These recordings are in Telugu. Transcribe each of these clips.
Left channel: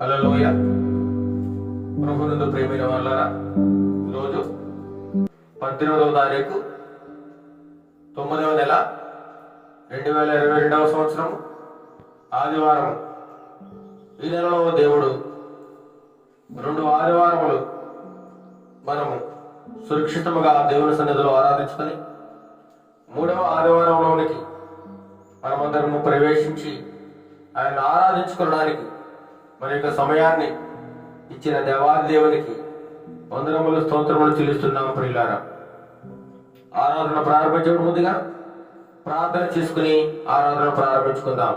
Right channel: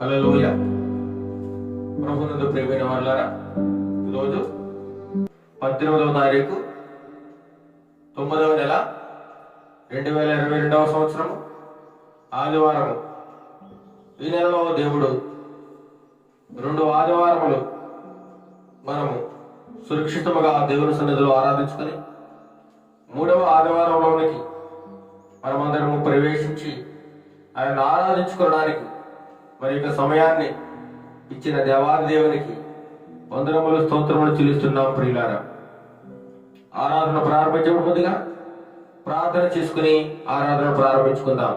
హల్లెలూయా. ప్రభునందు ప్రియమైన వాళ్ళారా, ఈరోజు 18వ తారీఖు 9వ నెల 2022వ సంవత్సరం ఆదివారం. ఈ నెలలో దేవుడు 2 ఆదివారములు మనము సురక్షితముగా దేవుని సన్నిధిలో ఆరాధించుకొని 3వ ఆదివారంలోనికి మనమందరము ప్రవేశించి ఆయన ఆరాధించుకోవడానికి మరి యొక్క సమయాన్ని ఇచ్చిన దేవాది దేవునికి వందనములు స్తోత్రములు చెల్లిస్తున్నాం. ప్రియులారా, ఆరాధన ప్రారంభించే ముందుగా ప్రార్థన చేసుకుని ఆరాధన ప్రారంభించుకుందాం.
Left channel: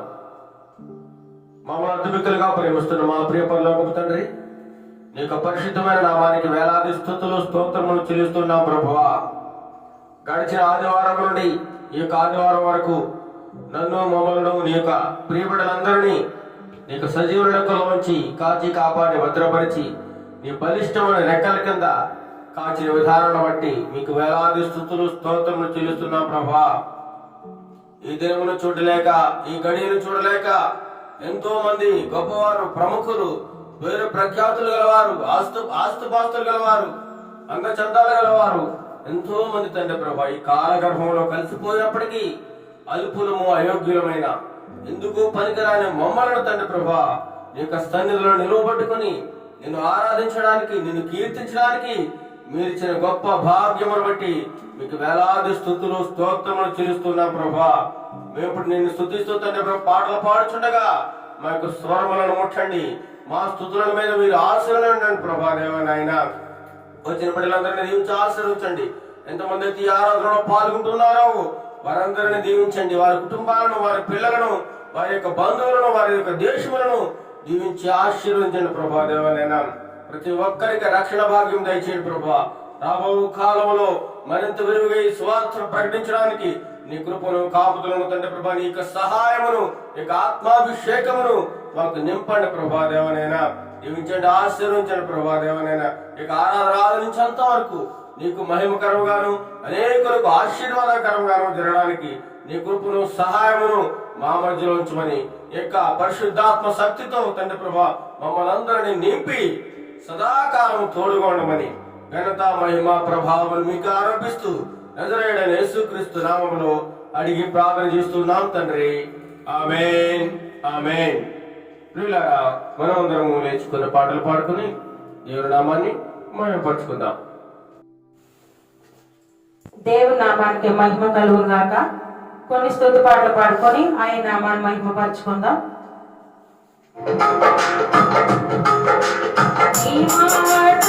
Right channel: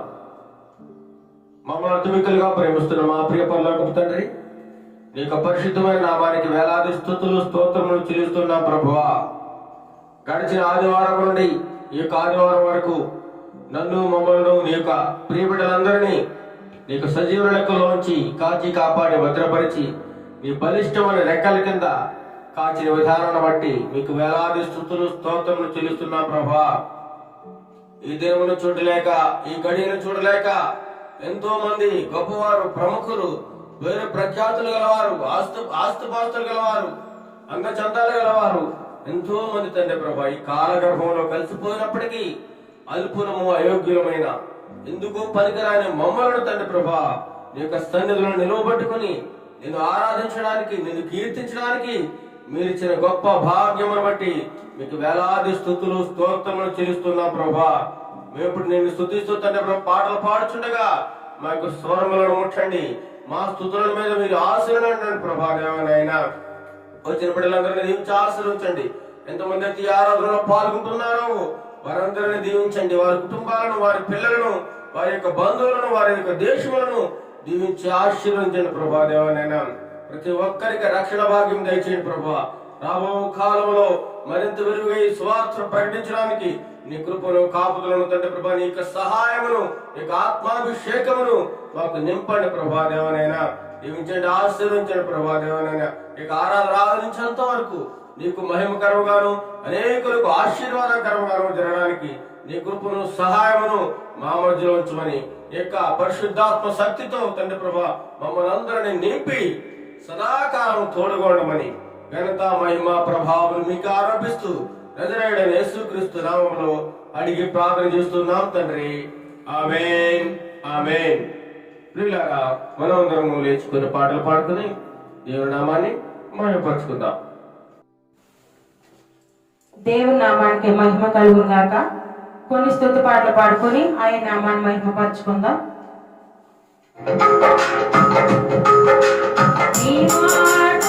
మమ్మల్ని అద్భుతులుగా ప్రేమిస్తున్న మా ప్రియ పరలోకపు తండ్రి, నీ యొక్క పరిశుద్ధమైన నామానికి వేలాది స్తుతులు స్తోత్రములు చెల్లిస్తున్నాం. ప్రభువా, గడిచిన ఆదివారం నుండి ఈ యొక్క ఆదివారం వరకు నన్ను మమ్మల్ని నీ యొక్క ప్రియబిడ్డలందరినీ నీకు సజీవుల లెక్కలోంచి కాచి కాపాడి భద్రపరిచి నీ బలిష్టమైన రెక్కల కింద కాచిన విధానాన్ని బట్టి మీకు వేలాది స్తుతులు స్తోత్రములు చెల్లిస్తున్నాం. ప్రభా, ఈ దినమును చూడలేక, ఈ గడియను చూడలేక ఎంతో మంది గొప్పవారు, ప్రముఖులు, వేరు ప్రఖ్యాతులు గలవారు, ఆస్తుపాస్తులు గలవారు, అంగచందాలు గలవారు ఎంతో మంది తండ్రి ప్రభా ఈ కాలగర్భంలో కలిసిపోయినప్పటికీ అల్పులము అయోగ్యులమైన ఎందుకు పనికిరాని మమ్మలను తండ్రి ప్రభా నీ యొక్క సన్నిధిలో నిలువబట్టుకుని నిన్ను ఆరాధించడానికి, నిన్ను కీర్తించడానికి మీరిచ్చిన గొప్ప భాగ్యమును బట్టి మీకు వేలాది స్తుతులు స్తోత్రములు చెల్లిస్తున్నా. ప్రభా, మేము ఇప్పుడు నిన్ను స్తుతిస్తూ తండ్రి ప్రభా పాటలు పాడుచుండగా మా యొక్క స్వరములను ముట్టండి, మా స్తుతుల మీద మీరు ఆశీర్వదించండి. ప్రభా దేవనాయన, వచ్చిన బిడ్డలందరినీ దీవించి ఆశీర్వదించండి. ఎంతమంది అయితే ఈ ఆరాధనలో పాల్గొంటున్నారో వారందరినీ దీవించండి. వారి కుటుంబాలను, వారి పిల్లలను, వారి యొక్క బంధువులను, వారి యొక్క దేశములను దీవించి ఆశీర్వదించండి. ప్రభా దేవనైనా ప్రతి ఒక్కరికి రక్షణ భాగ్యం దయచేయండి. ప్రభా, రాబో కాలంలో మరింత విరివిగా ఈ సువార్త ప్రకటించడానికి నీ కృపను, కాపుదలను తండ్రి ప్రభా, నీ యొక్క సహాయమును, నీ యొక్క ఆత్మాభిషేకమును మాకు నింపండి. ప్రభా దేవనైనా దీవించండి, ఆశీర్వదించండి. ప్రభా దేవనైనా ఇక ఆరాధించేంత వరకు నీకు మహిమకరంగాను అనేకులకు ఆశీర్వాదకరంగాను జరగడానికి నీ కృపను, సహాయమును మా మధ్యలో ఉంచమని యొక్క పరిశుద్ధాత్మ శక్తితో తండ్రి ప్రభా మమ్మల్ని అందరినీ నింపి సదాకాలం తోడుగొండమని ఘనత, మహిమ, ప్రభావం మీకు ఆరోపిస్తూ నజరేయుడైన యేసుక్రీస్తు నామములో అడిగి ప్రార్థన చేస్తున్నాం తండ్రి. ఆమేన్, ఆమేన్. ప్రియులారా, మనమందరం లేచుకున్న పాటలు పాడుకుని దేవుని నామాన్ని మహిమపరుచుకుందాం. దేవుని నామానికి మహిమ కలుగును గాక. కొన్ని స్తుతి పాటలు పాడుకొని ఆయన నామాన్ని మహిమపరచుకుందాం. నీ మాట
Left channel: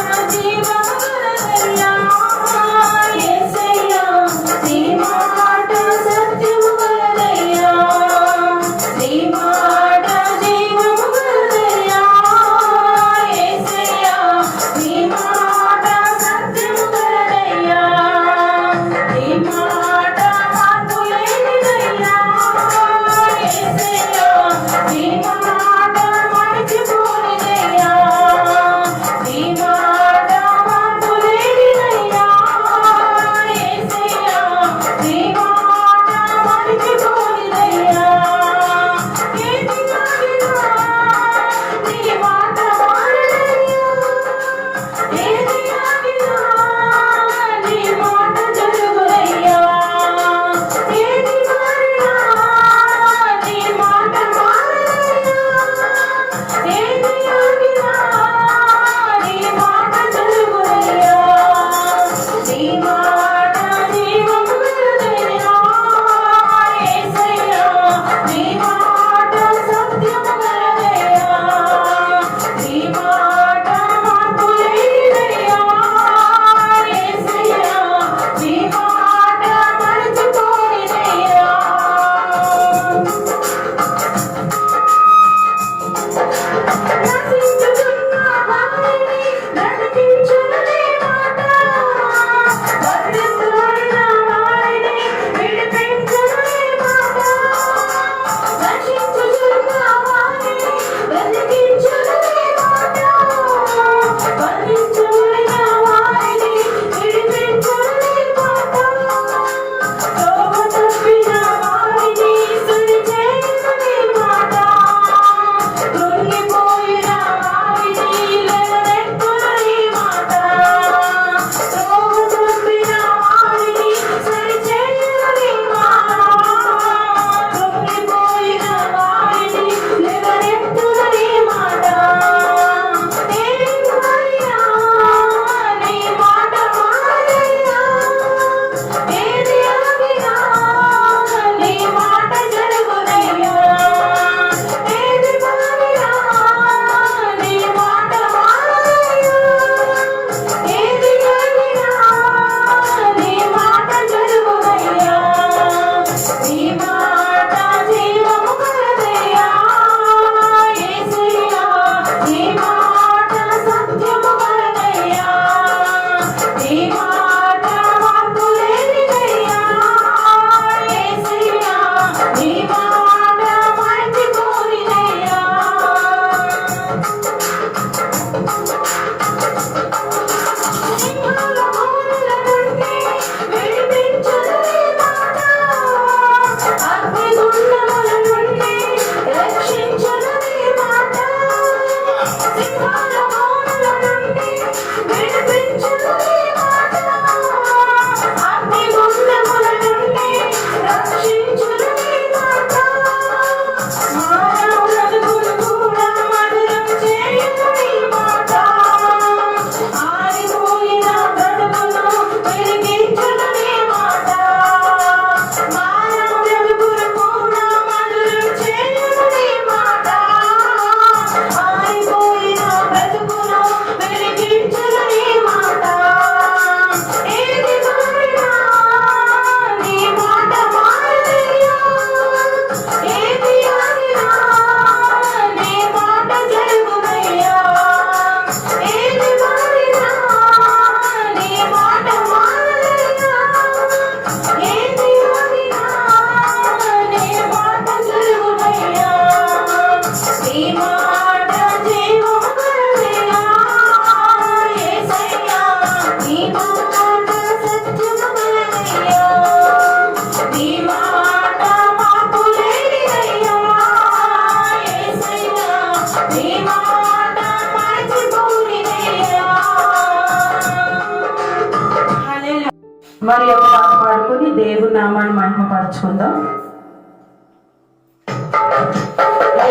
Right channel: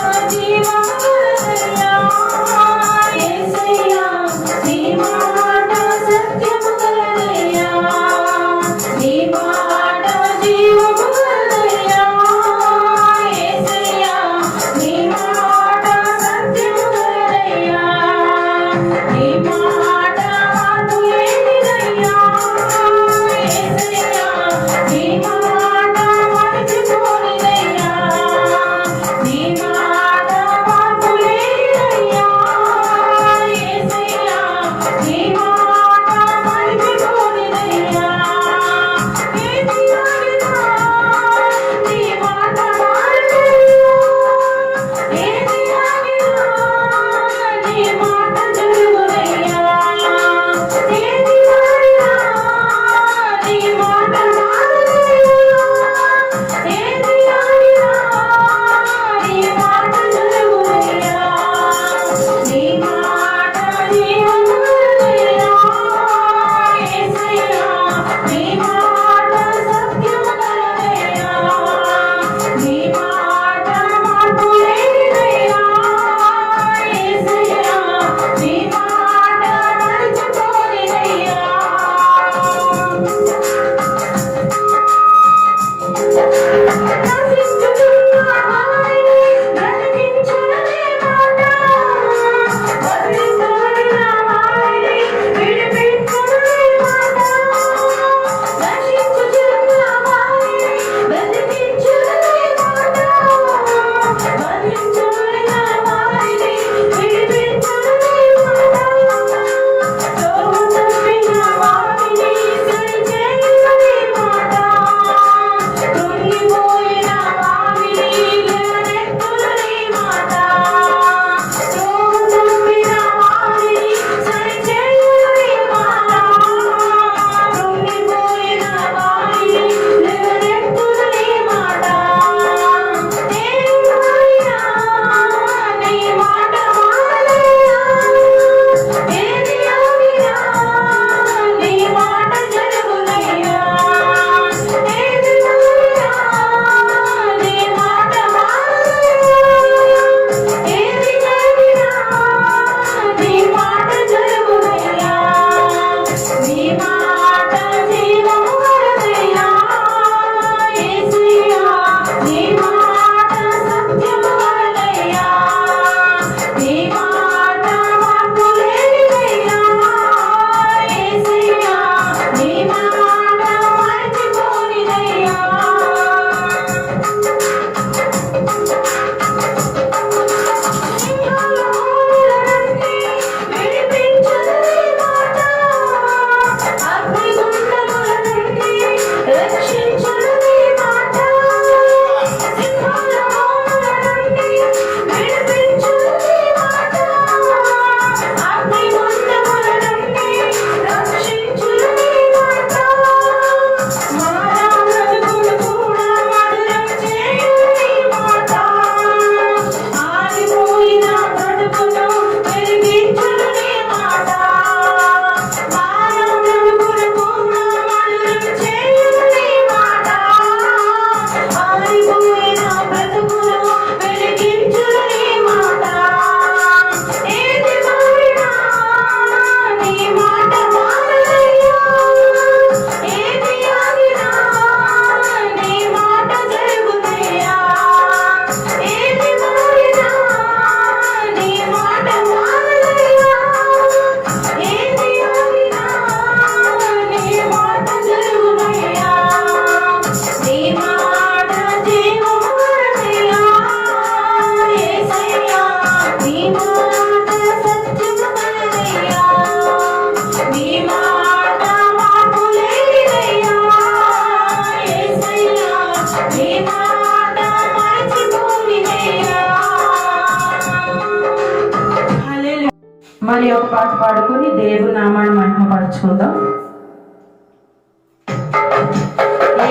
మరి ఒక పాట పాడుకొని దేవుని నామాన్ని మహిమపరచుకుందాం.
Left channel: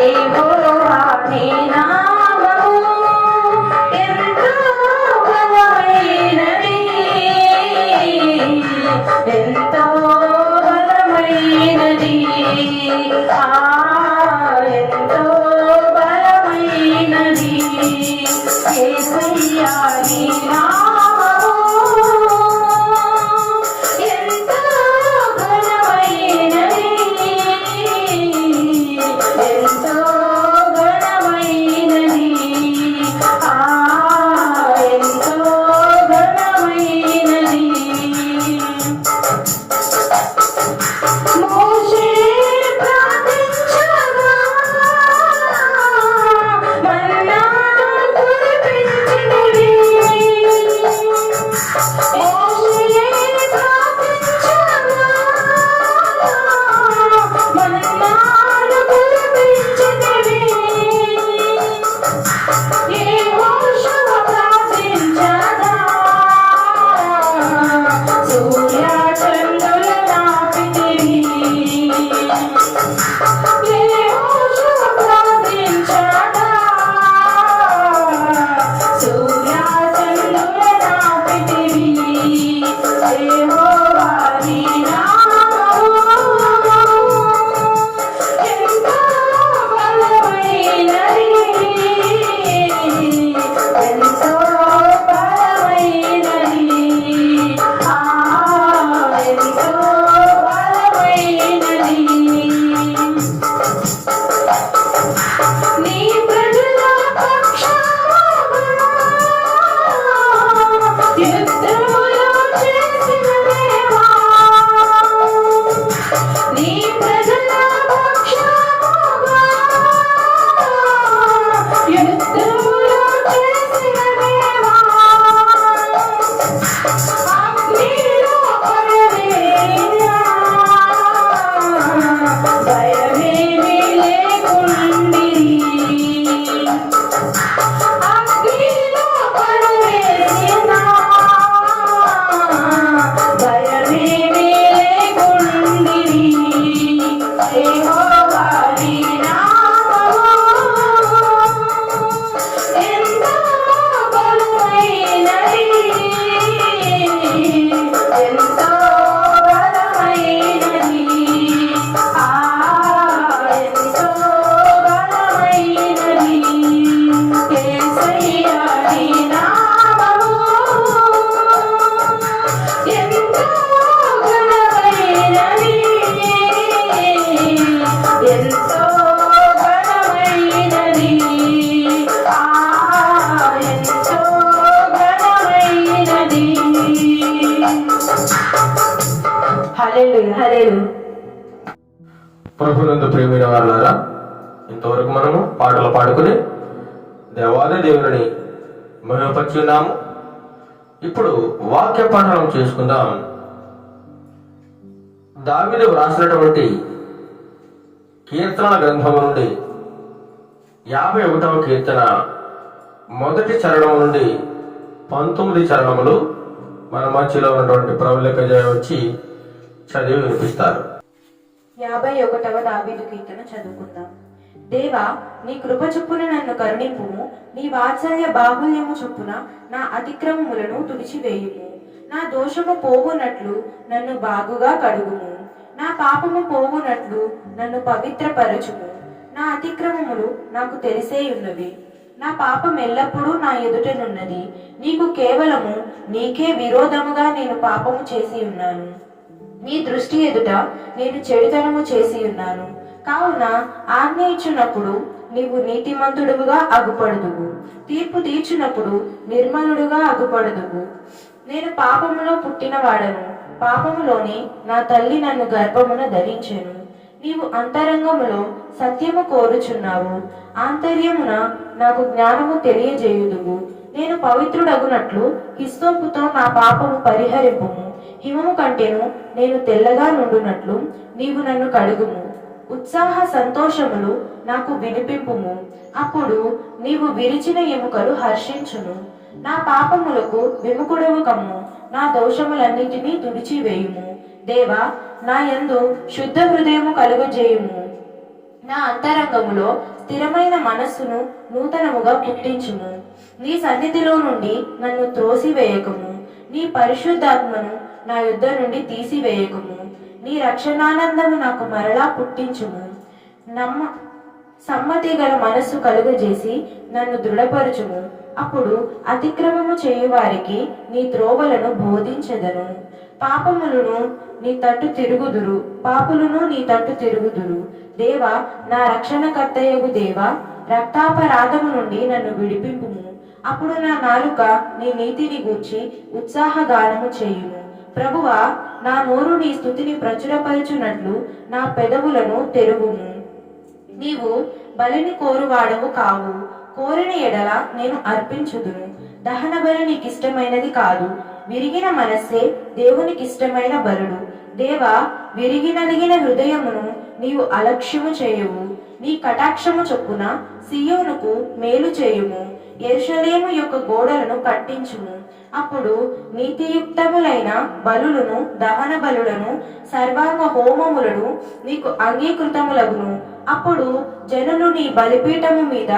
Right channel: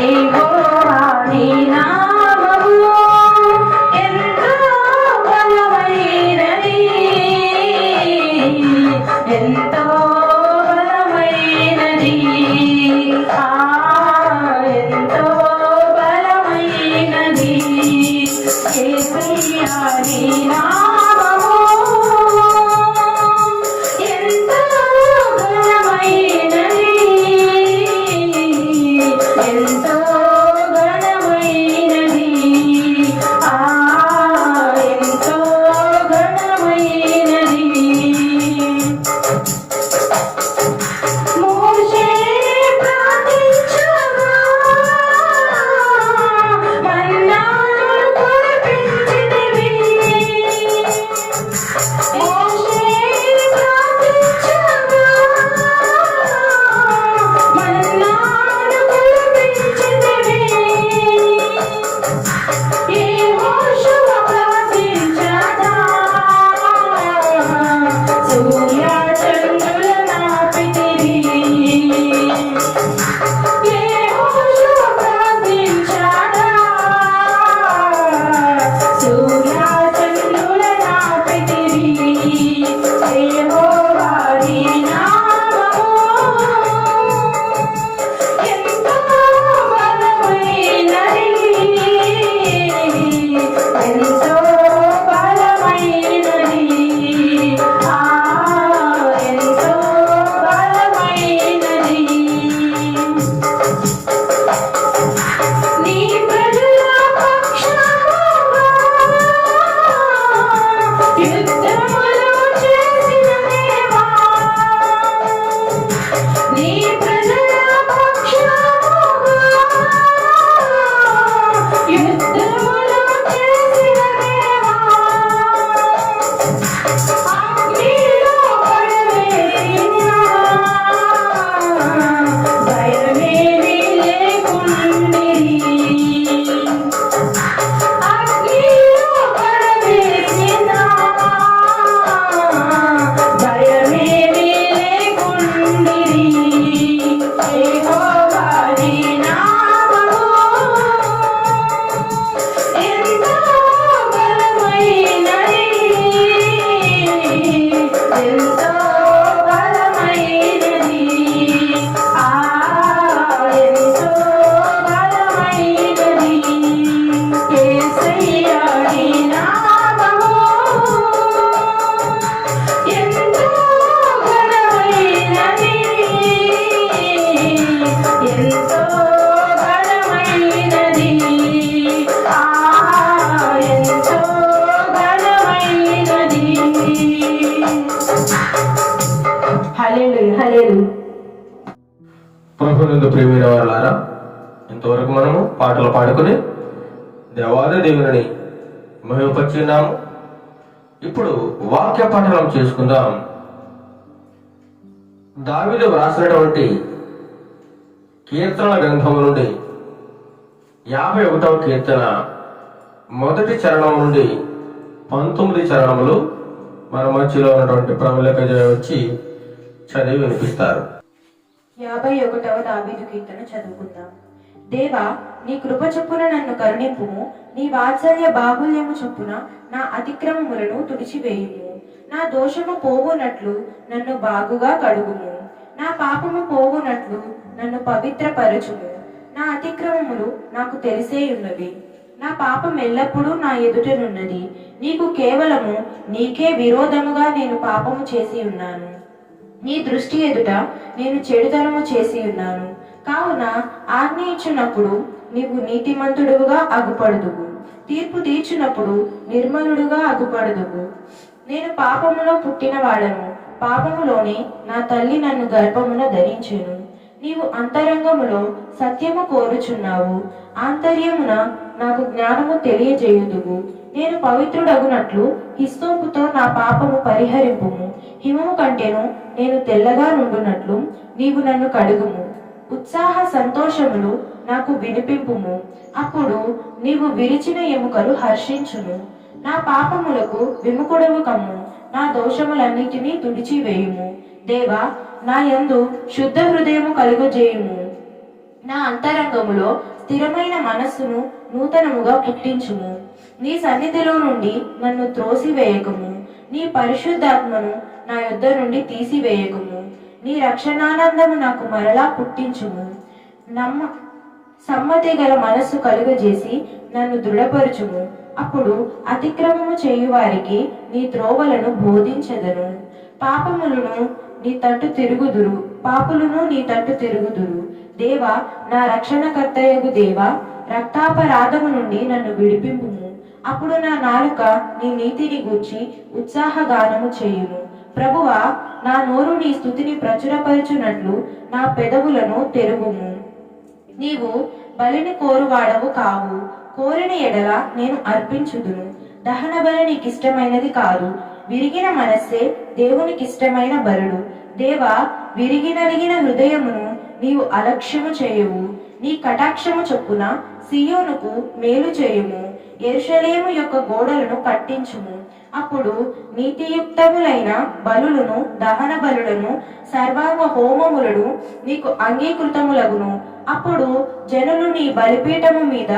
యెహోవా నీ నామము ఎంతో బలమైనది, ఎంతో బలమైనది, ఎంతో బలమైనది. యేసయ్యా నీ నామము ఎంతో ఘనమైనది, ఎంతో ఘనమైనది, ఎంతో ఘనమైనది. మోషే ప్రార్థించగా మన్నాను కురిపించితివి. మోషే ప్రార్థించగా మన్నాను కురిపించితివి. యెహోషువ ప్రార్థించగా సూర్య చంద్రుల నాపితివి. యెహోషువ ప్రార్థించగా సూర్య చంద్రుల నాపితివి. యెహోవా నీ నామము ఎంతో బలమైనది, ఎంతో బలమైనది, ఎంతో బలమైనది. నీ ప్రజల పక్షముగా యుద్ధములు చేసిన దేవా, నీ ప్రజల పక్షముగా యుద్ధములు చేసిన దేవా, అగ్నిలో పడవేసినా భయమేమీ లేకుండిరి. అగ్నిలో పడవేసినా భయమేమీ లేకుండిరి. యెహోవా నీ నామము ఎంతో బలమైనది, ఎంతో బలమైనది, ఎంతో బలమైనది. యేసయ్యా నీ నామము ఎంతో ఘనమైనది, ఎంతో ఘనమైనది, ఎంతో ఘనమైనది. హల్లెలూయా, హల్లెలూయా. ప్రభునందు ప్రియమైన వారులారా, ఇంతవరకు మనము పాటలు పాడుకుని దేవాది దేవుని మహిమపరిచి ఉన్నాము. ఇప్పుడు వాక్య పాఠనం చేసుకుందాం. దావీదు వ్రాసినటువంటి కీర్తనల గ్రంథము నుండి 51వ కీర్తన మొదటి చరణం నుండి 19 చరణములు మన మధ్యలో ఉన్నటువంటి ప్రవళిక వచ్చి చదివి వినిపిస్తారు. 51వ దావీదు కీర్తన చదువుకుందాం. దేవా, నీ కృప చొప్పున నన్ను కరుణింపుము, నీ వాత్సల్య బాహుల్యము చొప్పున నా అతిక్రమములను తుడిచివేయుము. నా దోషము పోవునట్లు నన్ను బాగుగా కడుగుము, నా పాపము పోవునట్లు నన్ను పవిత్రపరచుము. నా అతిక్రమములు నాకు తెలిసే ఉన్నవి, నా పాపం ఎల్లప్పుడూ నా ఎదుటనున్నది. నీకు కేవలము నీకే విరోధముగా నేను పాపము చేసి ఉన్నాను. నీ దృష్టి ఎదుట నేను చెడుతనము చేసి ఉన్నాను. కావున ఆజ్ఞ ఇచ్చినప్పుడు నీవు నీతిమంతుడుగా అగుపడదువు, తీర్పు తీర్చునప్పుడు నిర్మలుడుగా అగుపడదువు. నేను పాపములో పుట్టిన వాడను, పాపములోనే నా తల్లి నన్ను గర్భమున ధరించెను. నీవు అంతరంగములో సత్యము కోరుచున్నావు, ఆంతర్యమున నాకు జ్ఞానము తెలియజేయుదువు. నేను పవిత్రుడగునట్లు హిస్సోపుతో నా పాపము పరిహరింపుము, హిమము కంటేను నేను తెల్లగా నుండునట్లు నీవు నన్ను కడుగుము. ఉత్సాహ సంతోషములు నాకు వినిపింపుము, అప్పుడు నీవు విరిచిన ఎముకలు హర్షించును. నా పాపములకు విముఖుడవు కమ్ము, నా దోషములన్నిటినీ తుడిచివేయుము. దేవా, నా యందు శుద్ధ హృదయము కలుగజేయుము. నా అంతరంగములో స్థిరమైన మనస్సును నూతనముగా పుట్టించుము. నీ సన్నిధిలో నుండి నన్ను త్రోసివేయకము, నీ పరిశుద్ధాత్మను నా యుద్ధ నుండి తీసివేయకము. నీ రక్షణానందము నాకు మరలా పుట్టించుము. సమ్మతి గల మనస్సు కలుగజేసి నన్ను దృఢపరచుము. అప్పుడు అతిక్రమము చేయువారికి నీ త్రోవలను బోధించెదను. పాపులును నీ తట్టు తిరుగుదురు. దేవా, నా రక్షణకర్తయగు దేవా, రక్తాపరాధము నుండి నన్ను విడిపింపుము. అప్పుడు నా నాలుక నీ నీతిని గూర్చి ఉత్సాహగానము చేయును. ప్రభువా, నా నోరు నీ స్తుతిని ప్రచురపరచునట్లు నా పెదవులను తెరుగుము. నీవు బలిని కోరువాడవు కావు, కోరిన ఎడల నేను అర్పించుదును. దహన బలి నీకిష్టమైనది కాదు, విరిగిన మనస్సే దేవునికిష్టమైన బలుడు. దేవా, విరిగినలిగిన హృదయమును నీవు అలక్ష్యము చేయువు. నీ కటాక్షము చొప్పున సియోనుకు మేలు చేయుము. యెరూషలేము యొక్క గోడలను కట్టించుము. అప్పుడు నీతియుక్తములైన బలులను, దహన బలులను, సర్వాంగ హోమములను నీకు అంగీకృతములగును. అప్పుడు జనులు నీ బలిపీఠము మీద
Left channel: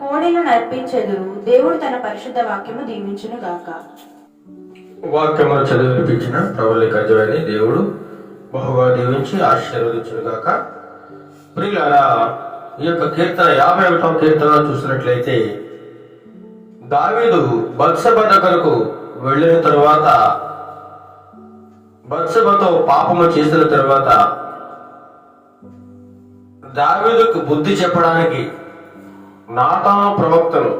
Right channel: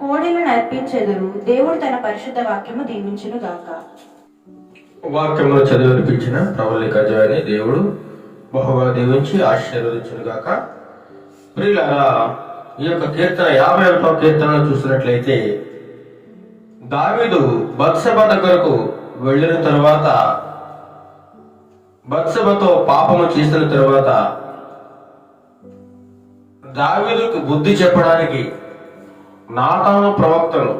కోడెలను అర్పించెదరు. దేవుడు తన పరిశుద్ధ వాక్యము దీవించును గాక. వాక్యమును చదివి వినిపించిన ప్రభుని కజవాని దేవుడు బహుగా దీవించి ఆశీర్వదించును గాక. ప్రియులారా, ఈ యొక్క కీర్తన 51వ కీర్తన చూసినట్లయితే దావీదు బత్షెబ దగ్గరకు వెళ్ళిన తరువాత, బత్షెబతో పాపము చేసిన తరువాత దావీదుకు బుద్ధి చెప్పడానికి నాతాను ప్రవక్తను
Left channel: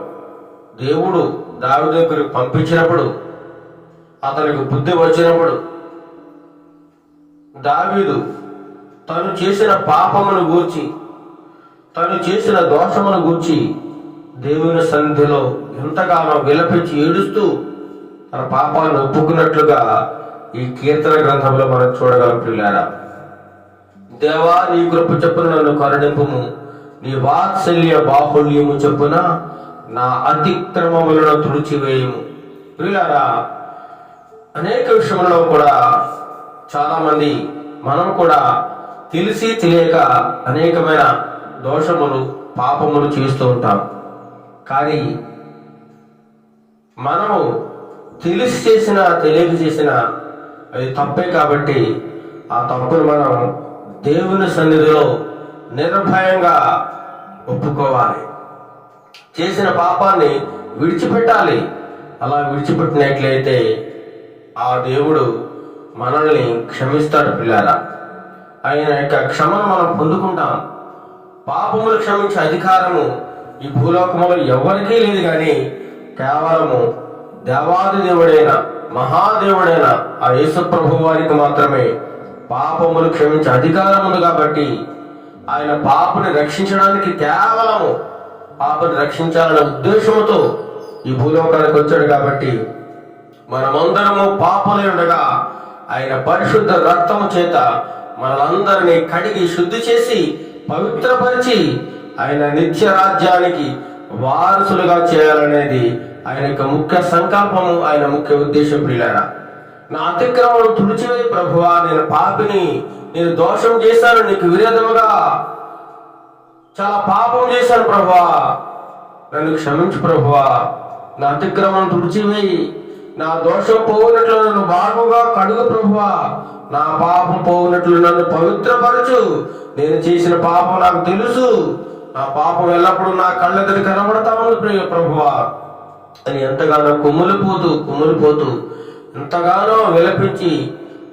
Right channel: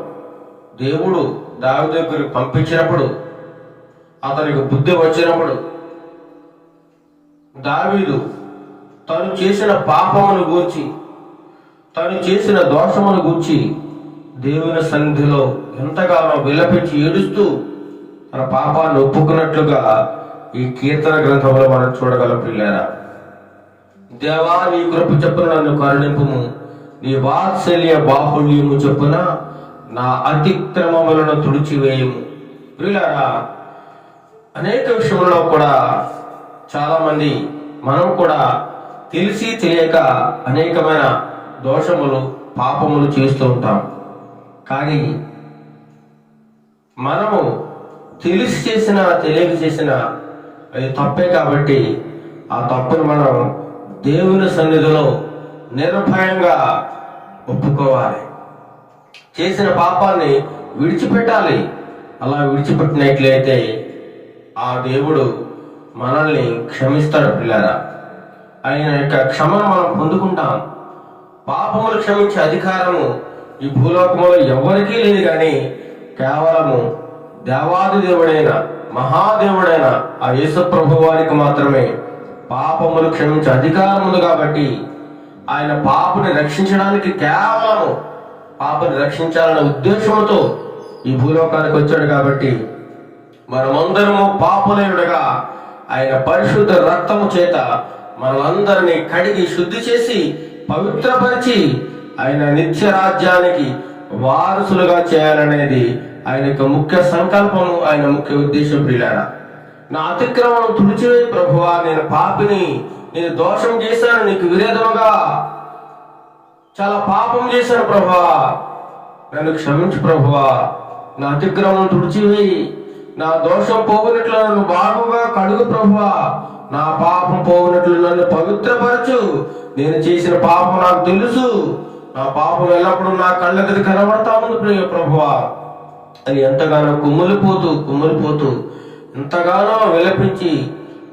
దేవుడు దావీదు దగ్గరికి పంపించినప్పుడు, అతనికి బుద్ధి వచ్చినప్పుడు దావీదు తను చేసిన పాపమును గూర్చి, తను చేసిన దోషమును గూర్చి దేవుని సన్నిధిలో ఎంతగానో విలపించి ఏడుస్తూ తన పాపాలను ఒప్పుకున్నట్లుగా ఈ కీర్తన గ్రంథంలో మనం చూడగలం. ప్రియులారా, దేవా, నీ కృప చొప్పున నన్ను కరుణింపుము, నీ వాత్సల్య బాహుళ్యము చొప్పున నా అతిక్రమములను తుడిచివేయము. ప్రియులారా, అనేక విషయంలో కూడా చాలా మంది మనం కూడా తెలిసి తెలియక అనేకమైన దోషములు, పాపములు చేస్తూ ఉంటాం. కానీ మనము తెలిసి చేసినా తెలియక చేసినా అది తప్పే. కాబట్టి ఆ తప్పును మనం దేవుని సన్నిధిలో నిర్భయంగా ఒప్పుకోవాలి. చేసిన పాపాన్ని విడిచిపెట్టాలి. అలా విడిచిపెట్టినట్లయితే ఆ దేవుడు మనల్ని క్షమిస్తాడు. పిల్లారా, ఆయన యొక్క క్షమను మనం పొందుకుంటాం. పాపములు క్షమించే అధికారము ఈ భూలోకములో ఎవరికీ లేదు, కానీ కేవలము దేవాది దేవుడైన మహాదేవుడైన ఆ యేసు ప్రభు వారికి మాత్రమే పాపములు క్షమించే అధికారం ఉంది. కాబట్టి ఆయన పాపని రక్షించడానికి, కేవలము పాపని రక్షించాలనే ఉద్దేశంతో ఈ భూలోకానికి వచ్చాడు. కాబట్టి మనమందరము పాపలై ఉండగా ఆయన పరిశుద్ధ రక్తము చేత మనలందరినీ కడిగి శుద్ధి చేసి పవిత్రపరిచి ఆయన నిత్య రాజ్యానికి వారసులుగా చేయాలనేది ఆయన యొక్క ముఖ్య సంకల్పము, ఆయన ముఖ్య ఉద్దేశం. ప్రియులారా, నా అతిక్రమం తుడిచివేయి ప్రభువా, నేను పాపిని, నేను దోషం చేశాను, నీకు విరోధముగా చాలా పాపం చేశాను ప్రభువా, నన్ను క్షమించు ప్రభువా, నా అతిక్రమం తుడిచివేయి, నా దోషం పోవునట్లు నన్ను బాగుగా కడుగు ప్రభువా, నా పాపం పోవునట్లు నన్ను పవిత్రపరచు, నేను చేసిన పాపం నాకు తెలుసు, నా పాపం ఎల్లప్పుడూ నా కళ్ళెదురు కనబడతా ఉంది ప్రియ ప్రభువా అని ఎంతగానో కుమ్ములిపోతూ ఎంతగానో విలపించి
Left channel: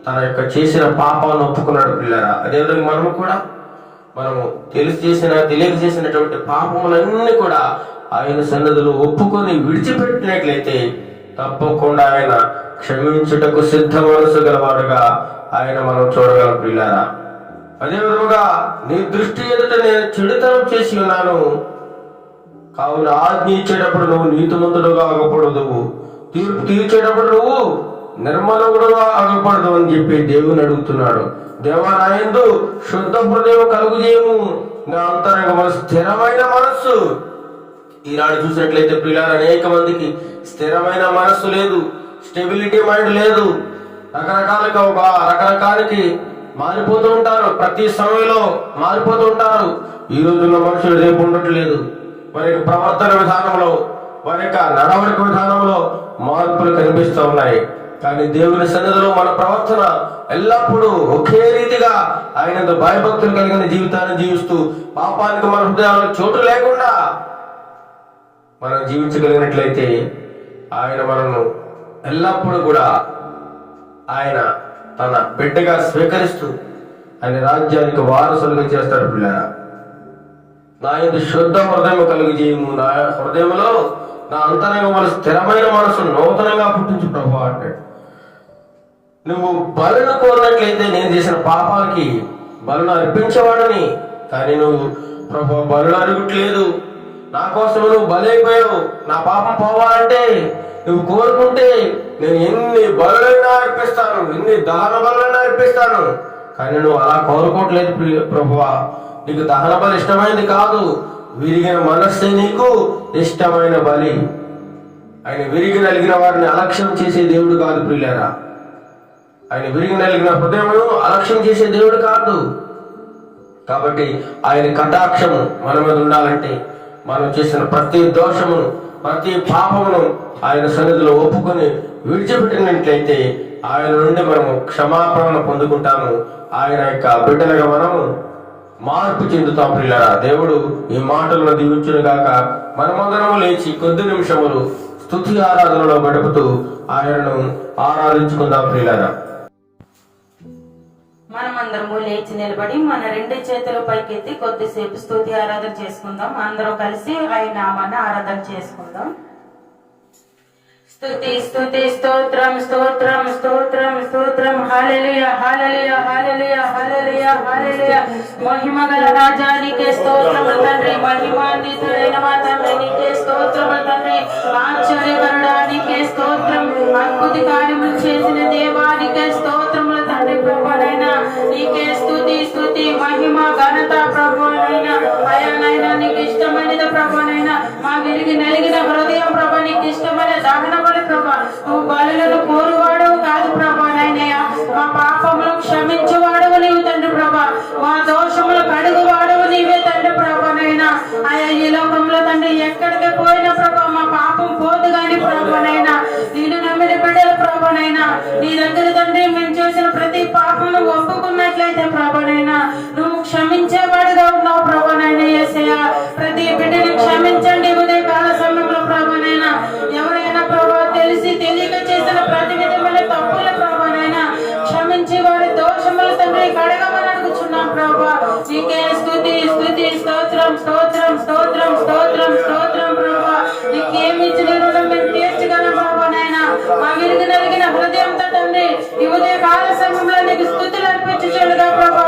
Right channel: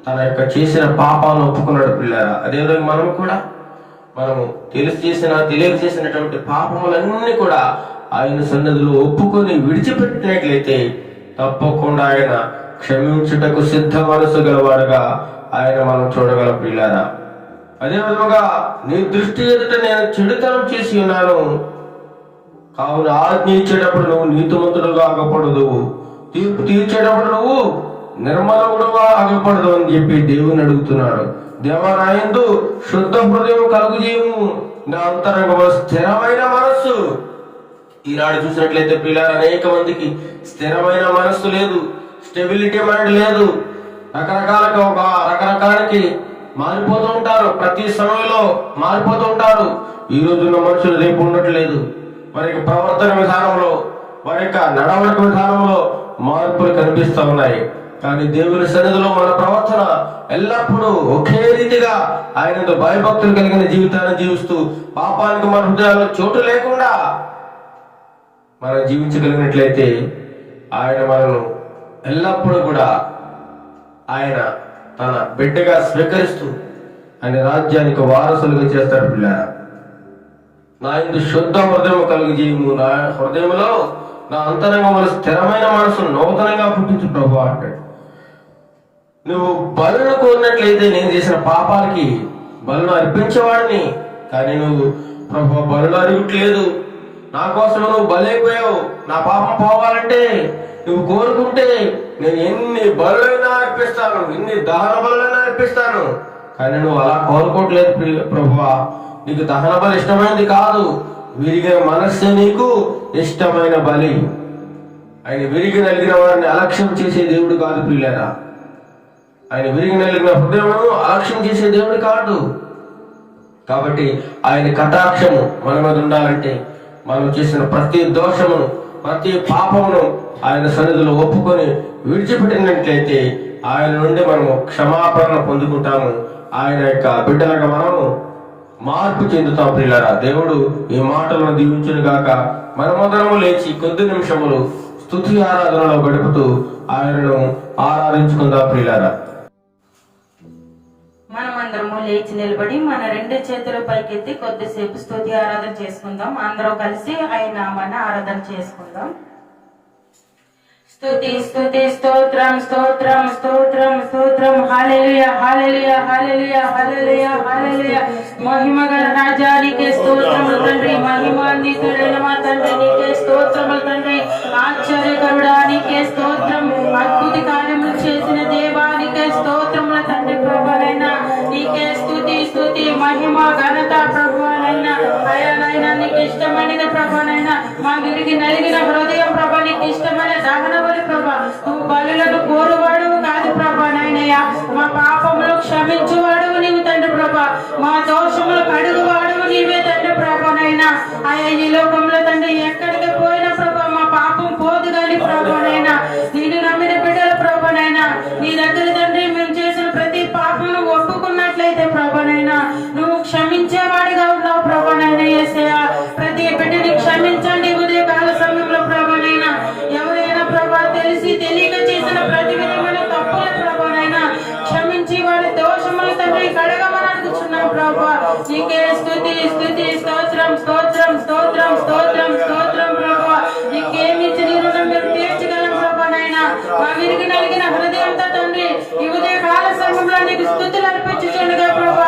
తన యొక్క చేసిన పాపాలను ఒప్పుకున్నాడు. పిల్లరా, అదేవిధంగా మనము తెలిసి చేసిన తెలియక చేసినటువంటి పాపములన్నీ కూడా ఆయన సన్నిధిలో ఒప్పుకొని విడిచిపెట్టినట్లయితే తప్పకుండా ఆయన క్షమించుటకు సిద్ధ మనసు గలవాడుగా ఆయన మనం చూడగలం. పిల్లారా, అదే విధముగా నీ దృష్టి ఎదుట నేను చెడుతనం చేసి ఉన్నాను, కావున ఆజ్ఞ ఇచ్చేటప్పుడు నువ్వు నీతిమంతుడుగా ఆగకూడదు, తీర్పు తీర్చేటప్పుడు నువ్వు నిర్మలగుడుగా ఆగకూడదు అని చెప్పి దేవుని అడుగుతున్నాడు. దేవా, నా యందు శుద్ధ హృదయం కలుగు చేయము, నా అంతరంగంలో స్థిరమైన మనస్సు ఈనాడు చూసినట్లయితే పిల్లలు అనేక మందికి స్థిరమైన మనస్సు లేదు, స్టెబిలిటీ మైండ్ లేదు. రకరకాలకి మారిపోతూ ఉంటారు, ప్రతి సమయంలో మారిపోతూ ఉంటారు. ఈ రోజుల్లో మనుషులు రేపు ఉండట్లేదు. వారి యొక్క ప్రవర్తన విధానంలో, వారి యొక్క నడవడిక విధానంలో మార్పులు కనిపిస్తూ ఉన్నాయి. కానీ దేవుని సన్నిధిలో మన ప్రవర్తన ఎల్లప్పుడూ ఒకే రీతిగా ఆయన భయభక్తులు కలిగిన జీవితాన్ని జీవిస్తూ పాపానికి మన హృదయాల్లో చోటు లేకుండా మనం జీవించగలిగినట్లయితే ఆయన మనను ఎల్లప్పుడూ కూడా ఆయన తన బిడ్డగా స్వీకరిస్తూ ఆయన రాజ్యానికి వారసులుగా చేస్తాడు. పిల్లరా, నా యందు శుద్ధ హృదయం కలిగి చేయము, నా హృదయంలో నా అంతరంగంలో స్థిరమైన మనసు నూతనంగా పుట్టించు ప్రభు అంటాడు. నువ్వు బలను కోరినట్లయితే నేను చేసిన పాపాలకి బలను అర్పించేవాడిని, కానీ నువ్వు ప్రభు బలు అరుగుట్లేదు. నా కోసం నువ్వు బలైపోయావు. నా పాపం పోవాలంటే నువ్వు కోరుకుంటే నేను ఎన్ని బలులైనా అర్పిస్తాను, ఎన్ని దహన బలులైనా అర్పిస్తాను. కానీ నువ్వు అలా కోరుకోవట్లేదు ప్రభువా. నీకు దహన బలి ఇష్టమైనది కాదు, విరిగిన మనస్సే నీకు ఇష్టమైన బలి. ఆయన విరిగి నలిగిన వారిని అలక్ష్యం చేసే దేవుడు కాదు ప్రియులారా. ఆయన విరిగి నలిగిన హృదయం అలక్ష్యం చేసే దేవుడు కాదు. కాబట్టి ఆయన కటాక్షము మన మీద ఉండాలంటే మనం చేసిన ప్రతి దోషమును, ప్రతి పాపమును ఆయన సన్నిధిలో ఒప్పుకొని విడిచిపెట్టినట్లయితే ఆయన నుండి మనము క్షమాపణ పొందుకుంటాము. ఆయన యొక్క బిడ్డలుగా మనము మార్పు చెందుతాం ప్రియులారా. దేవుడు ఈ మాటలను దీవించును గాక. మనమందరము లేచి కొద్ది నిమిషములు స్తుతి ఆరాధనలో గడుపుతూ ఆయనను ఆరాధించుకుందాం ప్రియులారా. మనమందరము లేచి నిలబడి మన రెండు చేతుల పైకెత్తి కొద్దిసేపు స్తుతి ఆరాధన చేసుకుందాం. అందరూ కలిసి ఆయన నామాన్ని ఆరాధన చేసుకుందాం. స్తుతి స్తుతి స్తోత్రం స్తోత్రం స్తోత్రం స్తోత్రం. హల్లెలూయా హల్లెలూయా హల్లెలూయా హల్లెలూయా హల్లెలూయా. మహిమగల రాజానికే స్తోత్రములు తండ్రి, మహిమాన్వితుడైన మా తండ్రి నీకే స్తోత్రములు తండ్రి. ఆశ్చర్యకరుడా నీకే స్తోత్రం, అద్భుత కార్యములు చేసిన దేవానికే స్తోత్రములు తండ్రి. ప్రభువైనా నీకే స్తుతి స్తుతి మహిమ ఘనత ప్రభువైనా. అయానైనా నీకు ఇష్టమైనది ప్రభువైనా. మా విరిగి నలిగిన హృదయం ప్రభు నీకు ఇష్టమైన దహన బలి ప్రభు. నువ్వు బలులను కోరువాడు కాదు ప్రభు నాయనయ్య. మా పాపములు క్షమించువాడువు నీవు తండ్రి ప్రభు. మా దోషములు కడుగువాడువు నీవే తండ్రి ప్రభునైనా. ఆయా ఈ లోకంలో తండ్రి ఎక్కడికి పోయినా ప్రభు మా పాపం పోదు గాని ప్రభునైనా. నేను నమ్మిన బిడ్డల ప్రభునైనా నీ దగ్గర తండ్రి మేము చేసిన ప్రతి పాపమును ఒప్పుకున్నట్లయితే ప్రభునైనా నువ్వు క్షమించేవాడిగా ఉన్నావు ప్రభునైనా. యేసయ్యా ప్రతి బిడ్డని క్షమించండి ఉదయ కాల సమయంలో ప్రభునైనా. ఎవరైనా ప్రభు తెలిసి తెలియక చేసిన ప్రతి విధమైన తప్పుల ప్రభునైనా క్షమించి వాడి దోషములు తండ్రి కడగమని అడుగుచున్నాం ప్రభు. నీకే స్తుతి స్తుతి స్తోత్రం స్తోత్రం స్తోత్రం స్తోత్రం స్తోత్రం ప్రభు. నీకేమి ఇచ్చిన రుణం మేము తీర్చగలం ప్రభునైనా. మా విరిగి నలిగిన హృదయంతో తండ్రి ఈ ఉదయ కాల సమయంలో నీకు స్తుతులు అర్పించుచుండగా ప్రభు.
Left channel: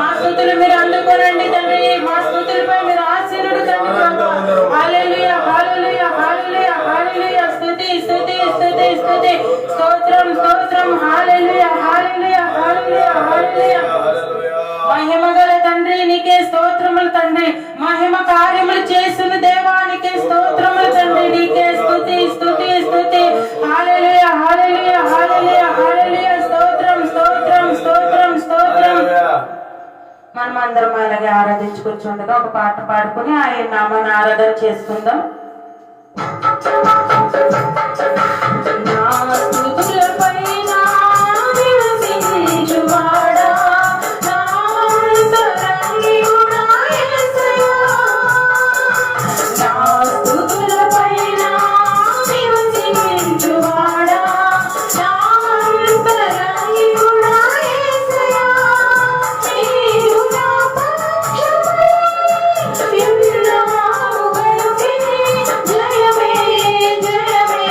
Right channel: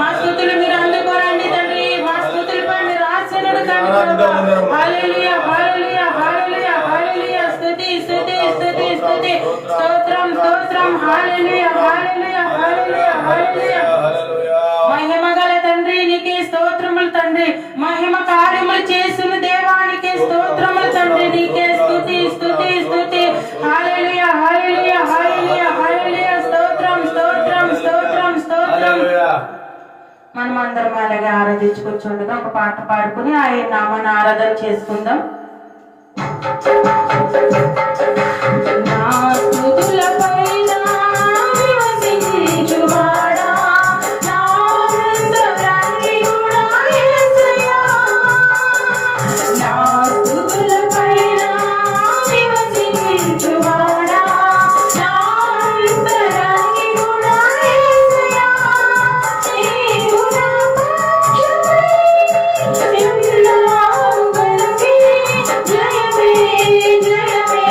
మా స్తుతులు మీరు అందుకోనండి తండ్రి. మా స్తుతులపై మీరు ఆశీనుడు తండ్రి ప్రభు. హల్లెలూయా హల్లెలూయా హల్లెలూయా హల్లెలూయా. స్తుతి స్తుతి స్తుతి స్తుతి స్తోత్రం స్తోత్రం. హల్లెలూయా హల్లెలూయా హల్లెలూయా హల్లెలూయా. మహిమగల తండ్రి నీకే స్తోత్రములు తండ్రి. మహిమ కార్యములు చేసిన దేవానికే స్తోత్రములు తండ్రి. నీకే స్తుతి స్తుతి స్తుతి. హల్లెలూయా హల్లెలూయా హల్లెలూయా హల్లెలూయా. స్తోత్రం స్తోత్రం స్తోత్రం స్తోత్రం. మనం అందరం అలాగే ఆరాధించుకుంటుండగా ఒక పాట పాడుకుని ఆయన నామాన్ని ఆరాధన చేసుకుందాం. నా స్తుతులపైన నివసించువాడా, నా అంతరంగికుడా యేసయ్యా. నా స్తుతులపైన నివసించువాడా, నా అంతరంగికుడా యేసయ్యా. నీవు నా పక్షమై నిన్నావు గనుకే జయమే జయమే.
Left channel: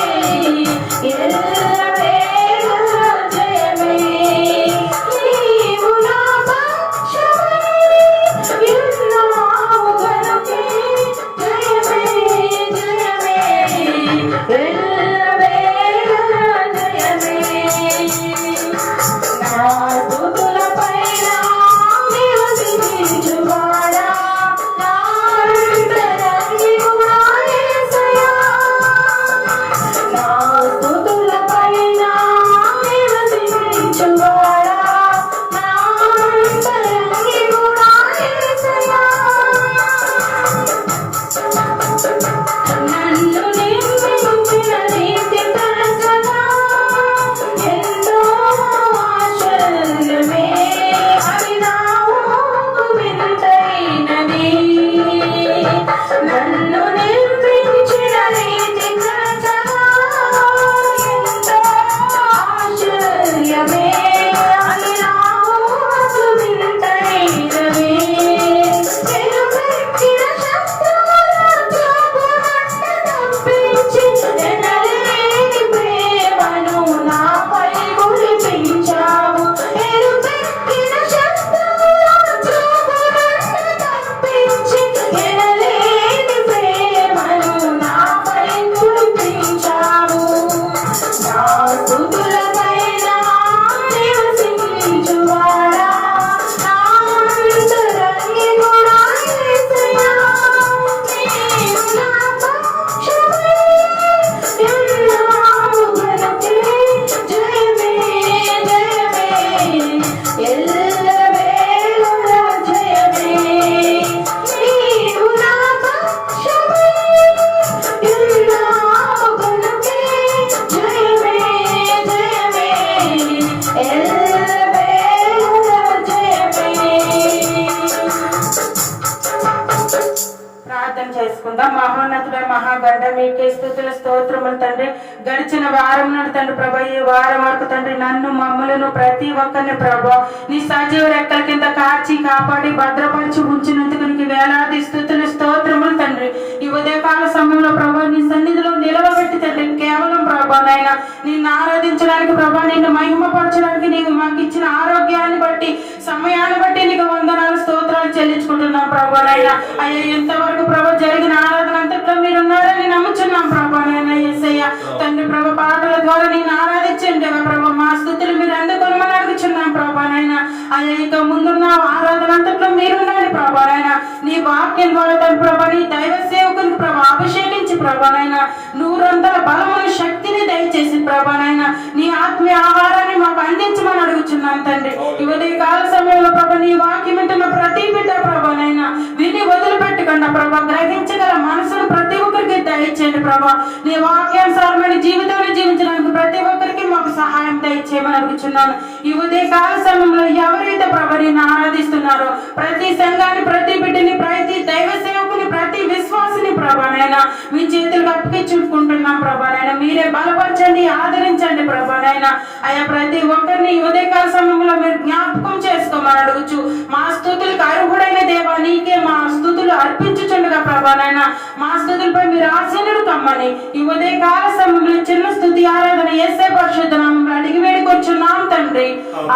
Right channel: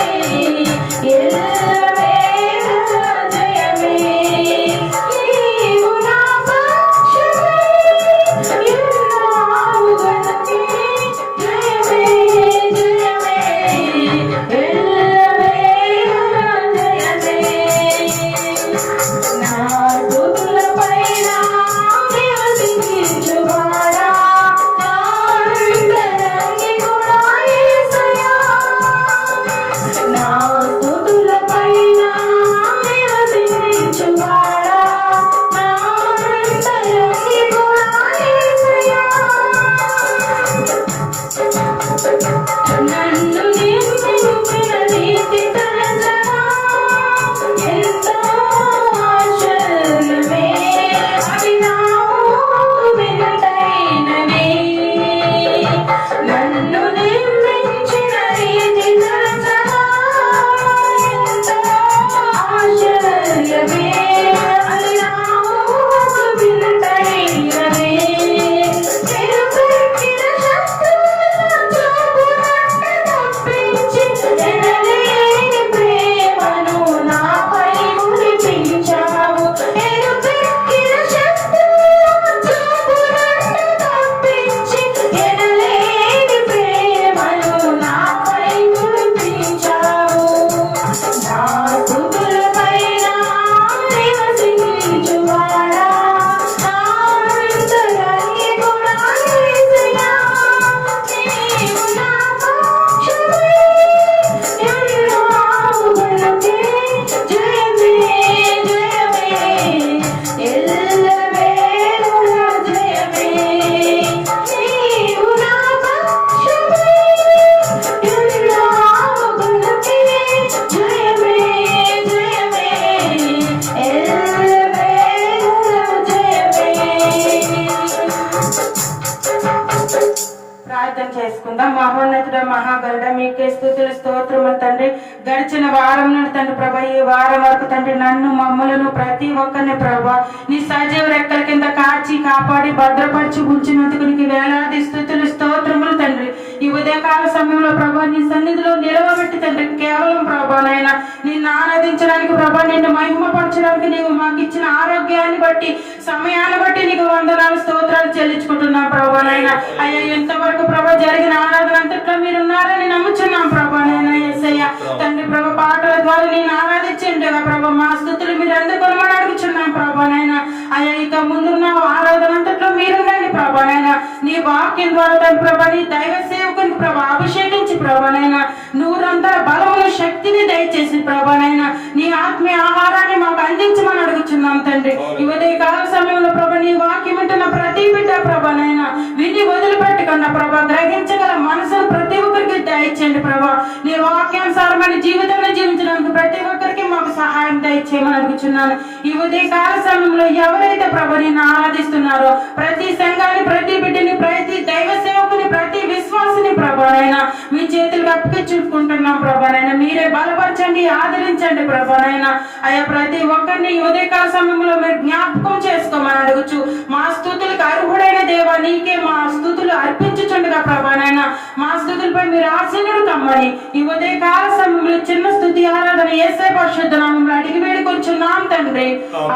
మహోన్నతుడ మహాగండ మీకే స్తుతుల స్తోత్రములు తండ్రి. గడిచిన వారం నుండి తండ్రి ప్రభా ఈ వారం వరకు తండ్రి నన్ను మమ్మలను ప్రతి ఒక్కరిని ప్రభా నీ సజీవ రెక్కల కింద కాచి కాపాడి భద్రపరిచి ఉంచినందుకు నీకు వేలాది స్తుతులు స్తోత్రములు తండ్రి. ఈ ఉదయకాల సమయంలో ప్రభా నీ సన్నిధిలో నిలవబెట్టి తండ్రి కేవలం ప్రభా నాయన నిన్ను ఆరాధించడానికి ప్రభా నిన్ను మహిమపరచడానికి నీవు మాకు ఇచ్చిన ఆరోగ్యాన్ని బట్టి సమయాన్ని బట్టి నీకు వందనాలు స్తోత్రాలు చెల్లించుకుంటున్నాం ప్రభా నాయన. అయ్యా ఎంతవరకు ప్రభా జరిగిన ఆరాధన అంతట్లో మీరు ఉన్నారని నమ్ముచున్నాం ప్రభా నాయన. యేసయ్య తండ్రి ప్రభా పాటల ద్వారా నేను ఆరాధించండి ప్రభా మా స్తుతులు మీరు అందుకోమని అడుగుచున్నాం ప్రభా నాయన. అయ్యా ఇక ముందున్న ఆరాధన అంతట్లో మీరుండండి ప్రభా నాయన. నీ వాక్యం ద్వారా తండ్రి ప్రభా నీ దైవ సేవకునికి ప్రభా అభిషేకించి ప్రభా నాయన నూరంతల బలమును శక్తిని దయచేసి ప్రభా నాయన నీ ఆత్మీయ ఆహారాన్ని మాకు అందించమని అడుగుచున్నాం తండ్రి. ఈ ఉదయ కాల సమయంలో ప్రభా నీ వాక్యం వింటున్న ప్రతి బిడ్డ ప్రభా నాయన విని వదిలిపెట్టకుండా ప్రభా గ్రహించగల మనసును ప్రతి ఒక్కరికి దయచేయండి ప్రభా. నీ వాక్యానుసారమైన జీవితాన్ని జీవించడానికి ప్రతి ఒక్కరికి మాకు సహాయం దయచేయమని అడుగుచున్నాను. ఈ ఉదయ కాల సమయంలో ఎవరైతే ప్రభా నిన్ను ఆరాధిస్తున్నారో ప్రతి సంఘాన్ని ప్రతి బిడ్డని ప్రతి దైవ సేవకుని ప్రతి విశ్వాసిని ప్రభానైనా మీ చేతులు అప్పగించుకుంటున్నాం ప్రభానైనా. మీరే బలపరచండి ఆదరించండి ప్రభానైనా. అయ్యా ప్రతి ఒక్కరిని ఈ ఉదయకాల సమయంలో మీరు జ్ఞాపకం చేసుకోమని అడుగుచు మా స్తుతులకు అర్హుడైన దేవా నీకే మా స్తుతులు అర్పించుచుండగా ప్రభానైనా మా స్తుతులపై మీరు ఆశీనుడు కమ్మని ఈ ఉదయకాల సమయంలో చిన్న స్తుతి ఆరాధన యేసయ్య పరిశుద్ధ నామములో అడిగి వేడుకొచ్చున్నాం తండ్రి.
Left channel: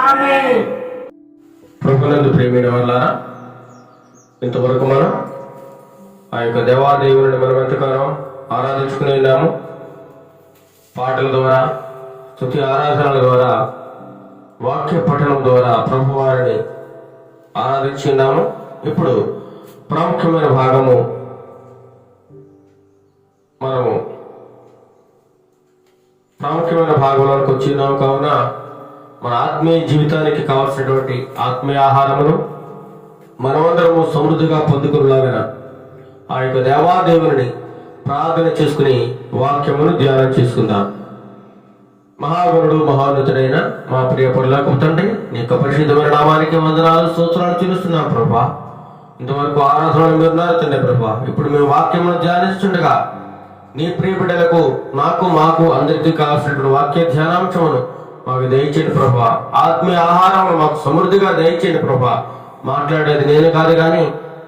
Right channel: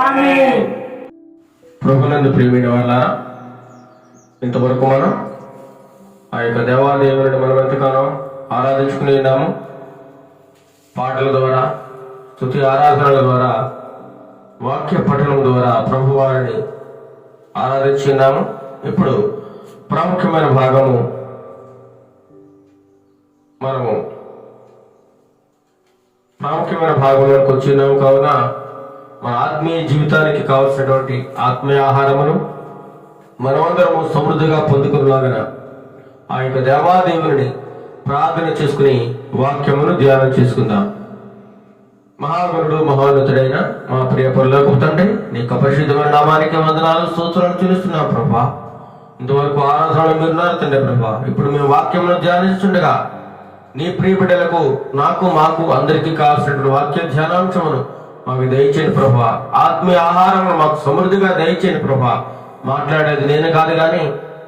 ఆమేన్. ప్రభునందు ప్రియమైన వాళ్ళారా, ఇంతవరకు మనం ఆ యొక్క దేవాదేవుని మనం ఎంతగానో ఆరాధించుకుని ఉన్నాము. పాటల ద్వారా, స్తుతి ఆరాధనల ద్వారా, వాక్య పఠనం ద్వారా ప్రభు వారిని ఆరాధించి ఉన్నాము. ఇప్పుడు ప్రాముఖ్యమైన భాగము మనము ప్రాముఖ్యమైన భాగంలోకి వచ్చి ఉన్నాము. కావున మన ఆత్మీయ జీవితానికి కావలసినటువంటి ఆత్మీయ ఆహారమును మనమందరము సమృద్ధిగా పొందుకునేలాగా ఆ యొక్క దేవాదేవుని ప్రార్థన చేసుకుని వాక్యమును ధ్యానం చేసుకుందాం. మహాగురుడు మహోన్నతుడైన మా ప్రియ పరలోకపు తండ్రి, నీ యొక్క పరిశుద్ధమైన నామానికి వందనాలు స్తోత్రాలు చెల్లిస్తున్నాం ప్రభా. ఇంతవరకు ఆరాధనలు మీరున్నారు తండ్రి ప్రభా. ఇప్పుడు మేము వాక్యమును ధ్యానిస్తుండగా నీ ప్రియ బిడ్డలకు నాకు మాకు అందరికీ కావాల్సినటువంటి వాక్య ధ్యానాంశమును మాకు దయచేయండి ప్రభా. ఆత్మీయ ఆహారం మాకు సమృద్ధిగా దయచేయండి ప్రభా. మాట్లాడేది నేను కాదు కానీ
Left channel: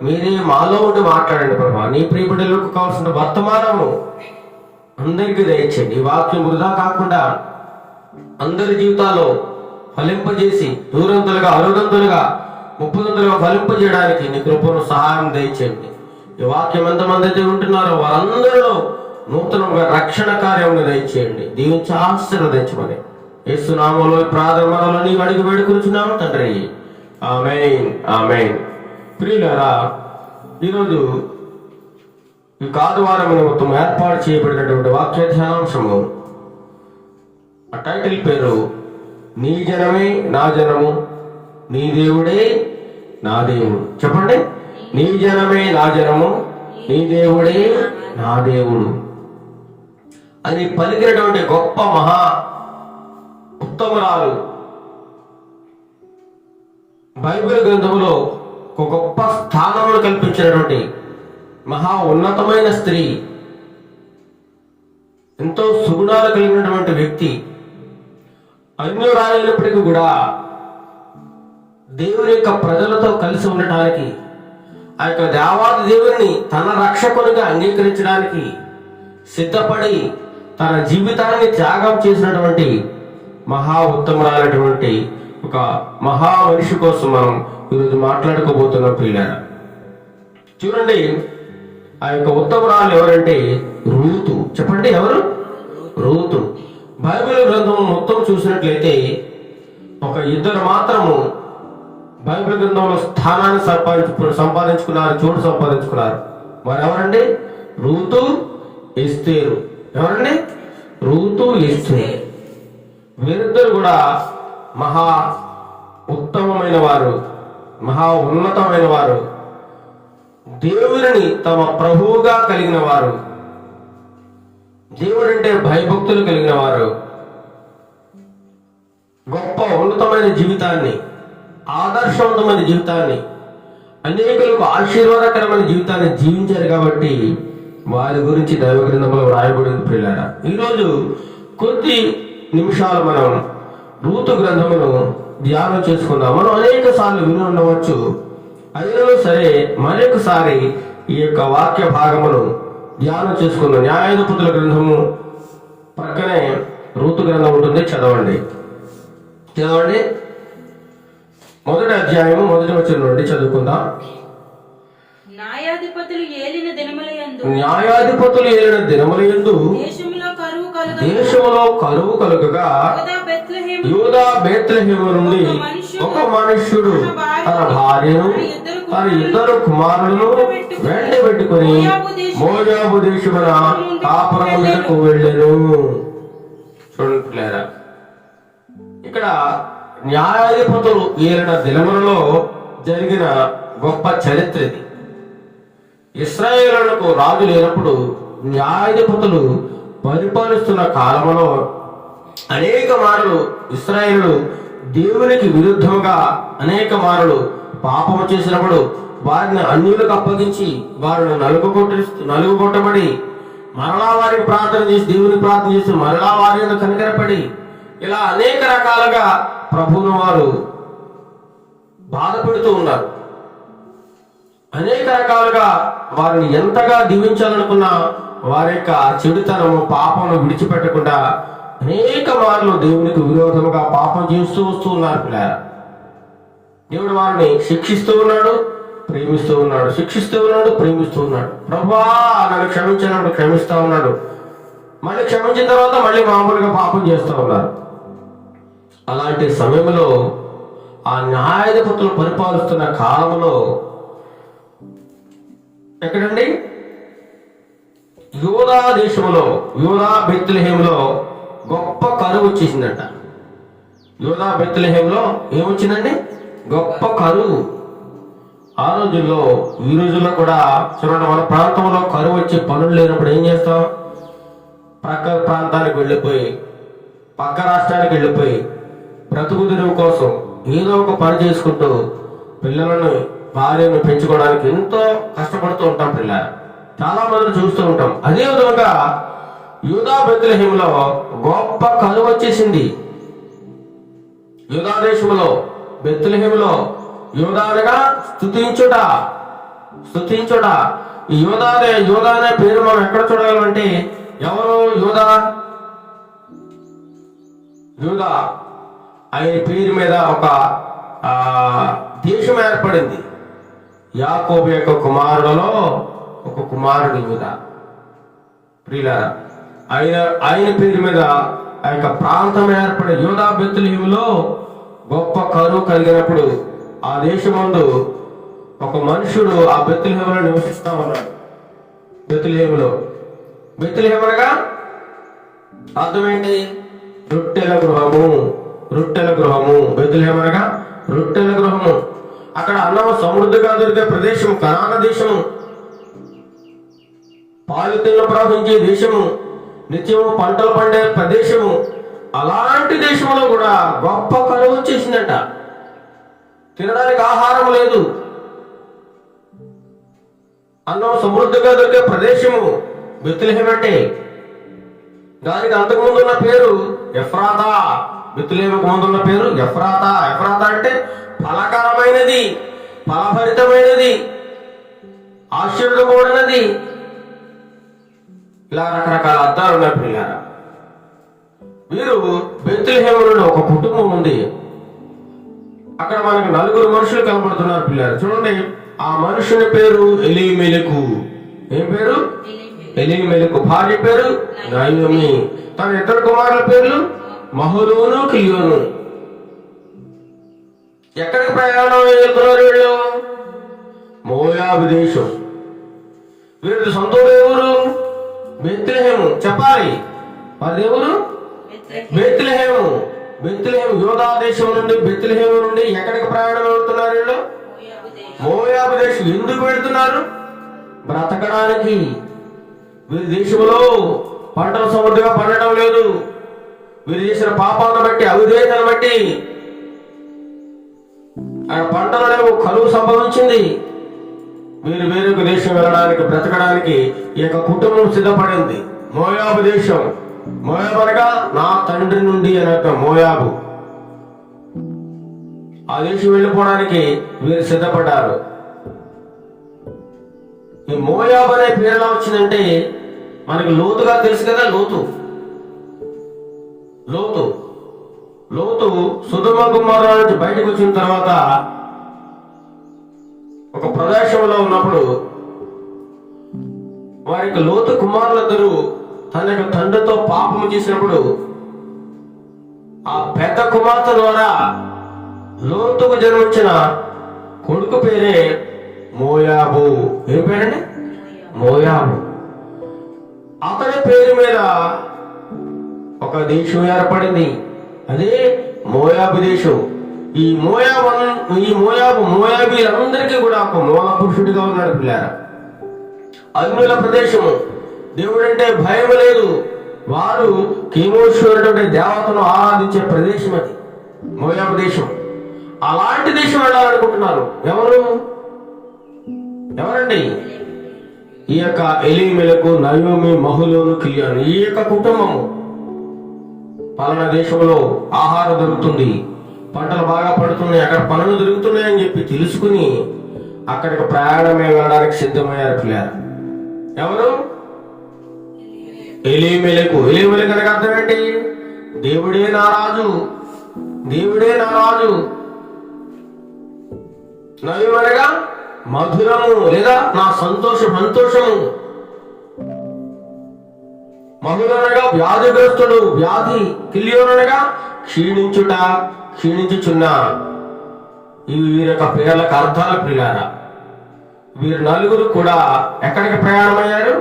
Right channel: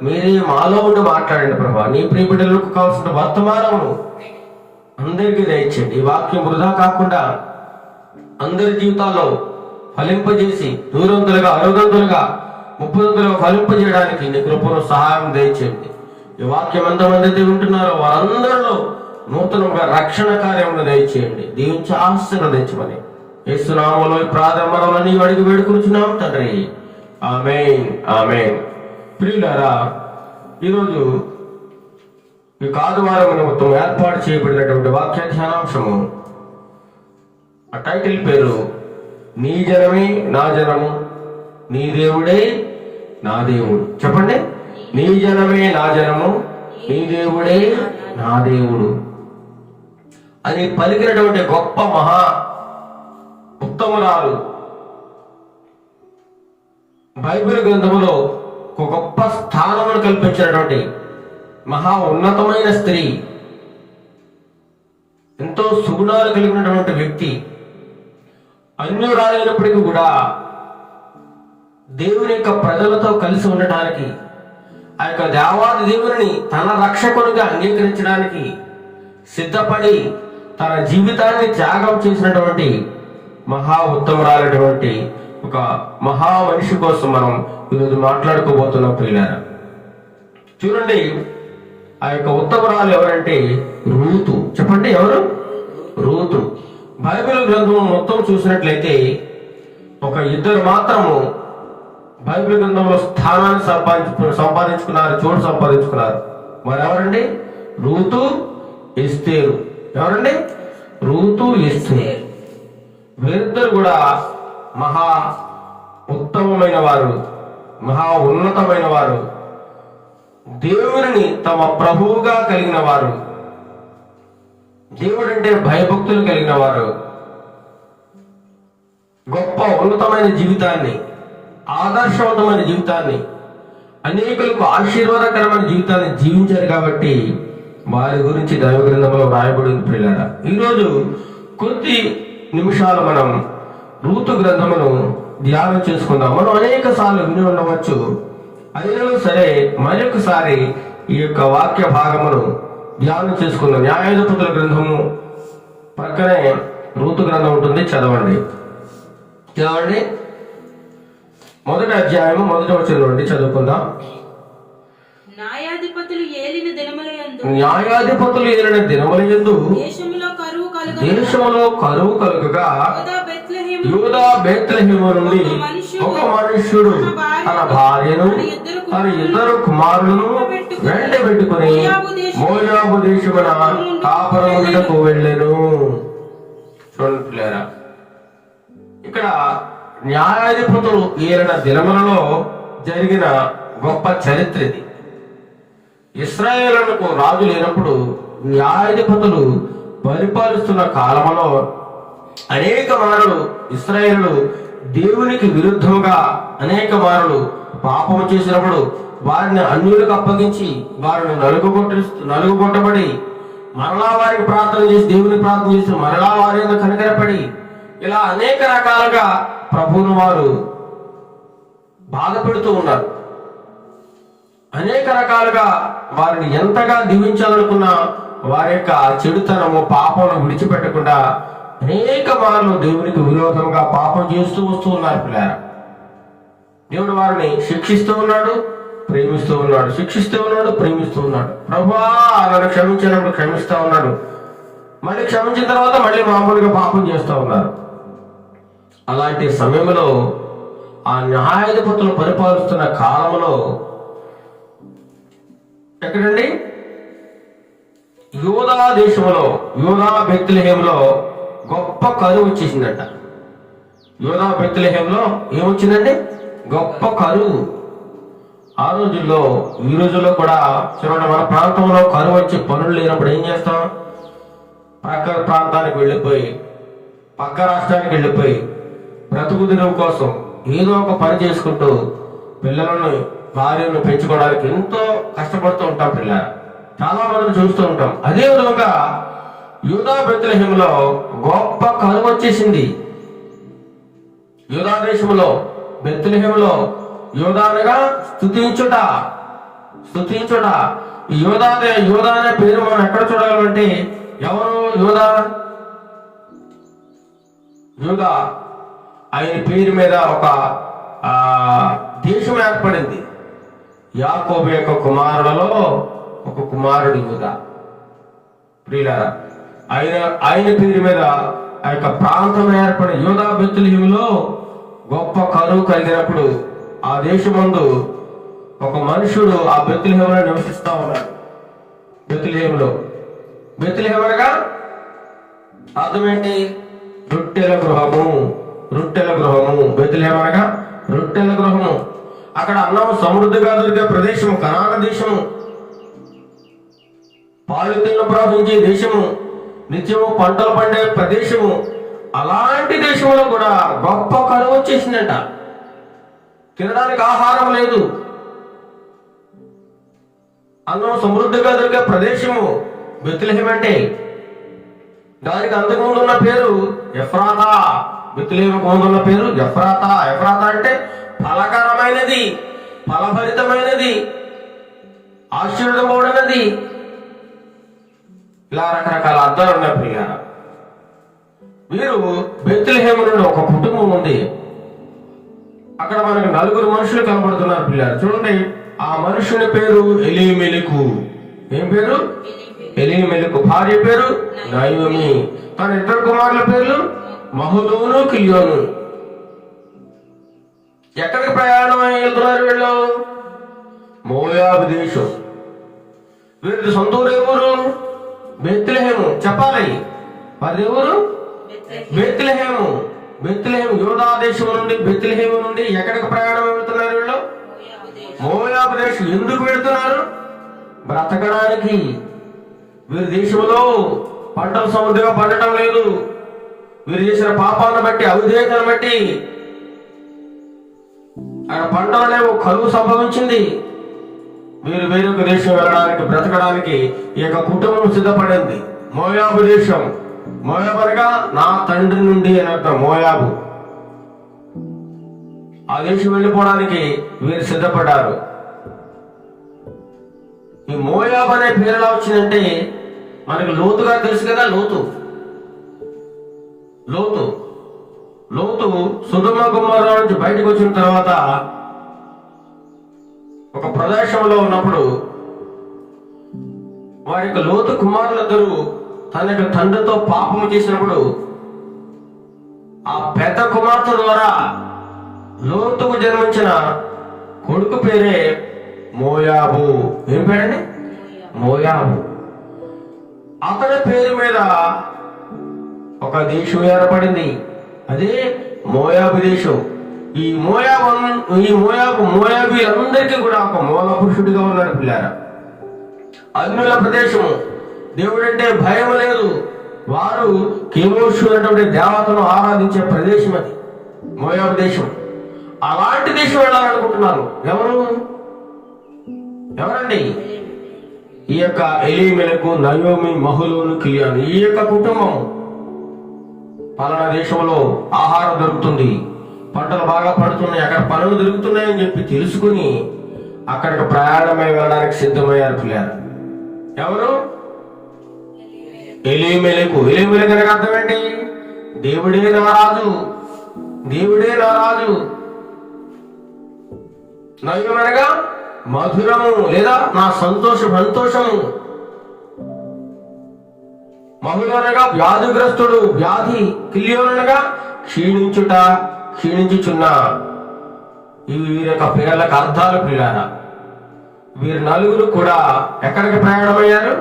మీరే మాలో ఉండి మాట్లాడండి ప్రభా. నీ ప్రియ బిడ్డలకు కావాల్సిన వర్తమానము అందరికీ దయచేయండి. ఈ వాక్యం వృధా కాకుండా అందరి జీవితాల్లో ఫలింపజేసి నూరంతులుగా, అరుదంతులుగా, ముప్పదంతులుగా ఫలింపజేయడానికి నీ కృపను సహాయం దయచేయండి. ఈ వాక్యం ఎంతమంది అయితే ఉంటున్నారో వారందరిలో నూతనంగా రక్షణ కార్యమును దయచేయండి. దీవించి ఆశీర్వదించమని యేసు నామములో ఈ ప్రార్థన నీవు అడిగి వేడుకొంచున్నాం తండ్రి. ఆమేన్, ఆమేన్. ప్రియులారా, ఈరోజు ఈ ఆదివారం నిమిత్తం ఏర్పాటు చేయబడినటువంటి వాక్య ధ్యానాంశము, ఆ టైటిల్ పేరు నీ జనమే నా జనము, నీ దేవుడే నా దేవుడు. చెప్పండి, నీ జనమే నా జనము, నీ దేవుడే నా దేవుడు అని పలికినటువంటి గొప్ప మహా ఉత్తమురాలు బైబిల్ గ్రంథంలో ఒక గొప్ప స్థానమును కల్పించినటువంటి మహా ఉన్నతమైన స్త్రీ, ఎంతో సుగుణాలు కలిగినటువంటి వ్యక్తి, అన్యురాలైనప్పటికీ కూడా దేవుని యొక్క ప్రజలతో కలిసి ఉండటానికి, ఆ యొక్క దేవాది దేవుని తన రక్షకునిగా అంగీకరించడానికి సిద్ధపడి తన జీవితాన్ని త్యాగం చేసినటువంటి మహా ఉత్తమరాలైనటువంటి ఒక మహా మనిషి కోసం మనం ఈరోజు మాట్లాడుకోబోతున్నాం ప్రియులారా. చూడండి, ఆ యొక్క ఉత్తమరాలు ఎవరంటే రూతు. చెప్పండి, ఎవరు? రూతు. బైబిల్ గ్రంథం మొత్తం చూసినట్లయితే ఒక ఇద్దరు మాత్రము బైబిల్ గ్రంథంలో స్థానాన్ని సంపాదించుకున్నారు, చోటు సంపాదించుకున్నారు. వారు ఎవరండి? రూతు, ఎస్తేరు. ఎవరండి? రూతు, ఎస్తేరు. వీరిద్దరు కూడా మహా ఉత్తమమైన వారు, మహా ఉన్నతమైన వారు, దేవుడిని తమ ప్రభువుగా కలిగిన వారు, దేవుడంటే భయభక్తులు కలిగిన వారు, గొప్ప ఉన్నతమైన జీవితాన్ని, ఆదర్శవంతమైన జీవితాన్ని, అనేకులకు ఆశీర్వాదకరమైన జీవితాన్ని జీవించారు. కాబట్టి వారి గురించి దైవ గ్రంథంలో వ్రాయబడింది పిల్లారా. ఈరోజు కొద్ది నిమిషాలు మనం రూతు గ్రంథమును ధ్యానం చేసుకుందాం. మనం అనేక సార్లు విని ఉండవచ్చు, అయినను సరే మరొకసారి ఈ యొక్క వాక్య భాగమును ధ్యానం చేసుకుందాం. న్యాయాధిపతుల గ్రంథము పక్కనే రూతు గ్రంథం ఉంటుంది, చదవండి. మొదటి అధ్యాయము మొదటి వచనం నుండి చదువుకుందాం. న్యాయాధిపతులు ఏలిన దినములయందు దేశములో కరువు కలుగగా యూదా బేత్లెహేము నుండి ఒక మనుష్యుడు తన భార్యను తన ఇద్దరు కుమారులను వెంట పెట్టుకుని మోయాబు దేశమున కాపురములకు వెళ్ళెను. చూడండి పిల్లారా, ఇక్కడ న్యాయాధిపతులు ఏలిన దినములలో జరిగిన గొప్ప చరిత్ర ఇది. ఇశ్రాయేలులకు రాజు లేనప్పుడు న్యాయాధిపతులు పరిపాలిస్తున్న కాలంలో అనేక మారులు ఇశ్రాయేలు దేవునికి విరుద్ధంగా అనేక మారులు పాపము చేసినప్పుడు వారిని అన్యులకు అప్పగించి వారిని నలుగుగొట్టబడి మరలా వారికి ప్రార్థన చేసి దేవునికి ప్రార్థన చేసి మరలా వారి ఎందుకు కనికరపడి ఇలా అనేక రకాలుగా ప్రభువును వారు బాధ పెడుతూ ఉన్నారు. అనేక రకాలుగా వారిని ఎంతగా దీవించాలనుకున్నా వారి యొక్క చెడుతనము పాపమును విడిచిపెట్టకుండా అనేక మార్లు దేవునికి విరోధంగా పాపం చేస్తూ వస్తూ ఉన్నారు పిల్లారా. దేవుడు వారిని శిక్షిస్తూ ఉన్నాడు, ప్రేమిస్తూ ఉన్నాడు, శిక్షిస్తూ ఉన్నాడు, ప్రేమిస్తూ ఉన్నాడు. ప్రభువా నన్ను క్షమించినప్పుడు క్షమిస్తూ ఉన్నాడు, మళ్ళీ క్షమించిన తర్వాత మళ్ళీ మామూలుగా పాపం చేస్తూ ఉన్నారు. అలాంటి సమయంలో ఆ న్యాయాధిపతులు పరిపాలిస్తున్న కాలంలో ఎక్కడండి, యూదా దేశంలో యూదా బెత్లెహేములో గొప్ప కరువు వచ్చేసిందట. యూదా బెత్లెహేములో ఏమొచ్చిందండి? గొప్ప కరువు. ఆ రోజుల్లో ఈ రోజుల్లో కూడా చూడండి, మన ప్రాంతంలో కరువు వచ్చి పనులు లేనప్పుడు ఏం చేస్తాం? ప్రక్క ప్రాంతానికి వెళ్ళిపోయి పక్క రాష్ట్రానికి వెళ్ళిపోయి బ్రతుకు తెరువు కోసం ఏదో ఒక పని చేసుకుంటూ పిల్లలను భార్యను పెంచుకోవడానికి ఎంతో కష్టపడుతూ ఉంటాం. పిల్లలు చాలా మందిని చూస్తూ ఉంటాం. అదే విధంగా యూదా బెత్లెహేములో గొప్ప కరువు వచ్చేసింది. యూదా దేశంలో బెత్లెహేములో యూదా అనగా స్తుతించుట. ఈ యూదా అనే పేరు మనం ఎక్కడ చూడగలమంటే, ఎవరు యూదా? యూదా ఆయన పేరు మీద ఒక దేశం ఏర్పడింది. యాకోబు యొక్క కుమారులలో ఒక కుమారుడు యూదా. ప్రియులారా, ఆయన పేరు మీద ఆ యొక్క ప్రాంతం ఏర్పడి యూదా బెత్లెహేములో గొప్ప కరువు కలిగినప్పుడు ఆ దేశమందు ఒక మనుషుడు ఆ బెత్లెహేములో నివసిస్తా ఉన్నాడు. బెత్లెహేము అనగా అర్థం ఏంటి? రొట్టెల గృహము. బెత్లెహేము అనగా రొట్టెల గృహము. అక్కడ అన్నం సమృద్ధిగా దొరికే ప్రదేశము, కనాన దేశము, పాలు తిన్న ప్రవహించే దేశము, నిత్యము పంటలు పండే ప్రదేశము. అలాంటి దేశంలో కూడా గొప్ప కరువు వచ్చేసిందంట. తినడానికి ఆహారం లేదు. అన్నం సమృద్ధిగా దొరికే ప్రదేశము బెత్లెహేము అంటే. దానికి అంతకుముందు ఉన్న పేరు ఎఫ్రాతా. బెత్లెహేముకు ముందు ఉన్న పేరు ఎఫ్రాతా. ఎఫ్రాతా అంటే ఫలకరమైనది, ఫలభరితమైనది, ఆశీర్వదమైనది. ఇలా రకరకాల అర్థాలు ఉన్నాయి పిల్లలు. వీరు బెత్లెహేము నుండి ఒక కుటుంబం ఉంది. అక్కడ మనకు 4 మనుషులు కనబడుతున్నారు పిల్లలు. చూడండి, ఆ మనుషుని పేరు ఎలీమెలెకు. ఏం పేరు? ఎలీమెలెకు. భార్య పేరు నయోమి. తన 2 కుమారుల పేర్లు మహలోను, కిలియోను. ఎక్కడికి ప్రయాణం వెళ్తున్నారు వీళ్ళు? మోయాబు దేశం. వీరి సొంతూరు ఎవరు? బెత్లెహేము. చెప్పాలి, వారి ఎవరు? బెత్లెహేము. యూదా దేశం నుండి బెత్లెహేము నుండి ఎక్కడికి ప్రయాణం వెళ్తున్నారు వీళ్ళు? మోయాబు దేశం. ఎందుకు వెళ్తున్నారు? బ్రతకడానికి. వీరి దేశంలో పంటలు సమృద్ధిగా పండటం లేదు. వీరు చేసిన పాపాలను బట్టి, అవిధేయతను బట్టి అక్కడ పంటలు లేవు, కరువు సంభవించింది. వీరు వేరొక దేశం వెళ్ళడానికి, బ్రతకడానికి ఈ యొక్క కుటుంబం సిద్ధపడింది. మోయాబు దేశం. మోయాబు అనగా నా తండ్రి నుండి అని అర్థం. మోయాబు ఆ దేశం వెళ్ళిపోవడానికి వీరు సిద్ధపడ్డారు. ఈ మోయాబు అనే పేరు ఎలా వచ్చిందంటే మనకి లోతుగా తెలుసు కదా. లోతు సొదొమ గొమొర్రా నుంచి బయటకు వచ్చిన తర్వాత ఒక ప్రదేశంలో ఉన్నప్పుడు వారి యొక్క లోతు కుమారులందరూ తన యొక్క తండ్రితో పాపము చేసినప్పుడు ఆ పెద్ద కుమార్తె ద్వారా లోతుకు జన్మించిన కొడుకు పేరే మోయాబు. ఏం పేరండి? మోయాబు. అతని పేరు మీద ఒక దేశం ఏర్పడింది. అదే మోయాబు దేశం. ఈ మోయాబీలందరికీ కూడా ఒక మూల పురుషుడిగా ఉన్నాడు పిల్లారా. అగ్నుల ప్రదేశము. దేవుడంటే భయం లేదు. వారు కేమోషు అనేటువంటి దేవతను ఆరాధించే ప్రదేశం అది మోయాబు దేశం. అలాంటి దేశం వెళ్ళాలనుకుంటున్నారు. ఎవరండి? ఈ యొక్క ఎలీమెలకు, నయోమి, మహులోను, కిలియాను, ఈ యొక్క కుటుంబము పలానా దేశంలో ఆహారం దొరుకుతుంది, పంటలు బాగా పడుతున్నాయి, అక్కడ పనులు దొరుకుతున్నాయని చెప్పి తెలుసుకుని అక్కడికి ప్రయాణమై వెళ్ళడానికి సిద్ధమయ్యారు పిల్లలు. ఎవరు? ఎలీమెలకు. ఎలీమెలకు అనగా అర్థం ఏంటి? దేవుడే నా రాజు. నయోమి అనగా మధురము లేదా నా సంతోషము. మహులోనగా వ్యాధిగ్రస్తుడు, వ్యాధి. కిలియోనగా క్షీణించుచున్న. ఇవి వీరి యొక్క పేర్లకు అర్థాలు ప్రియులారా. వీరు నలుగురు కూడా ఎక్కడికి ప్రయాణమయ్యారు?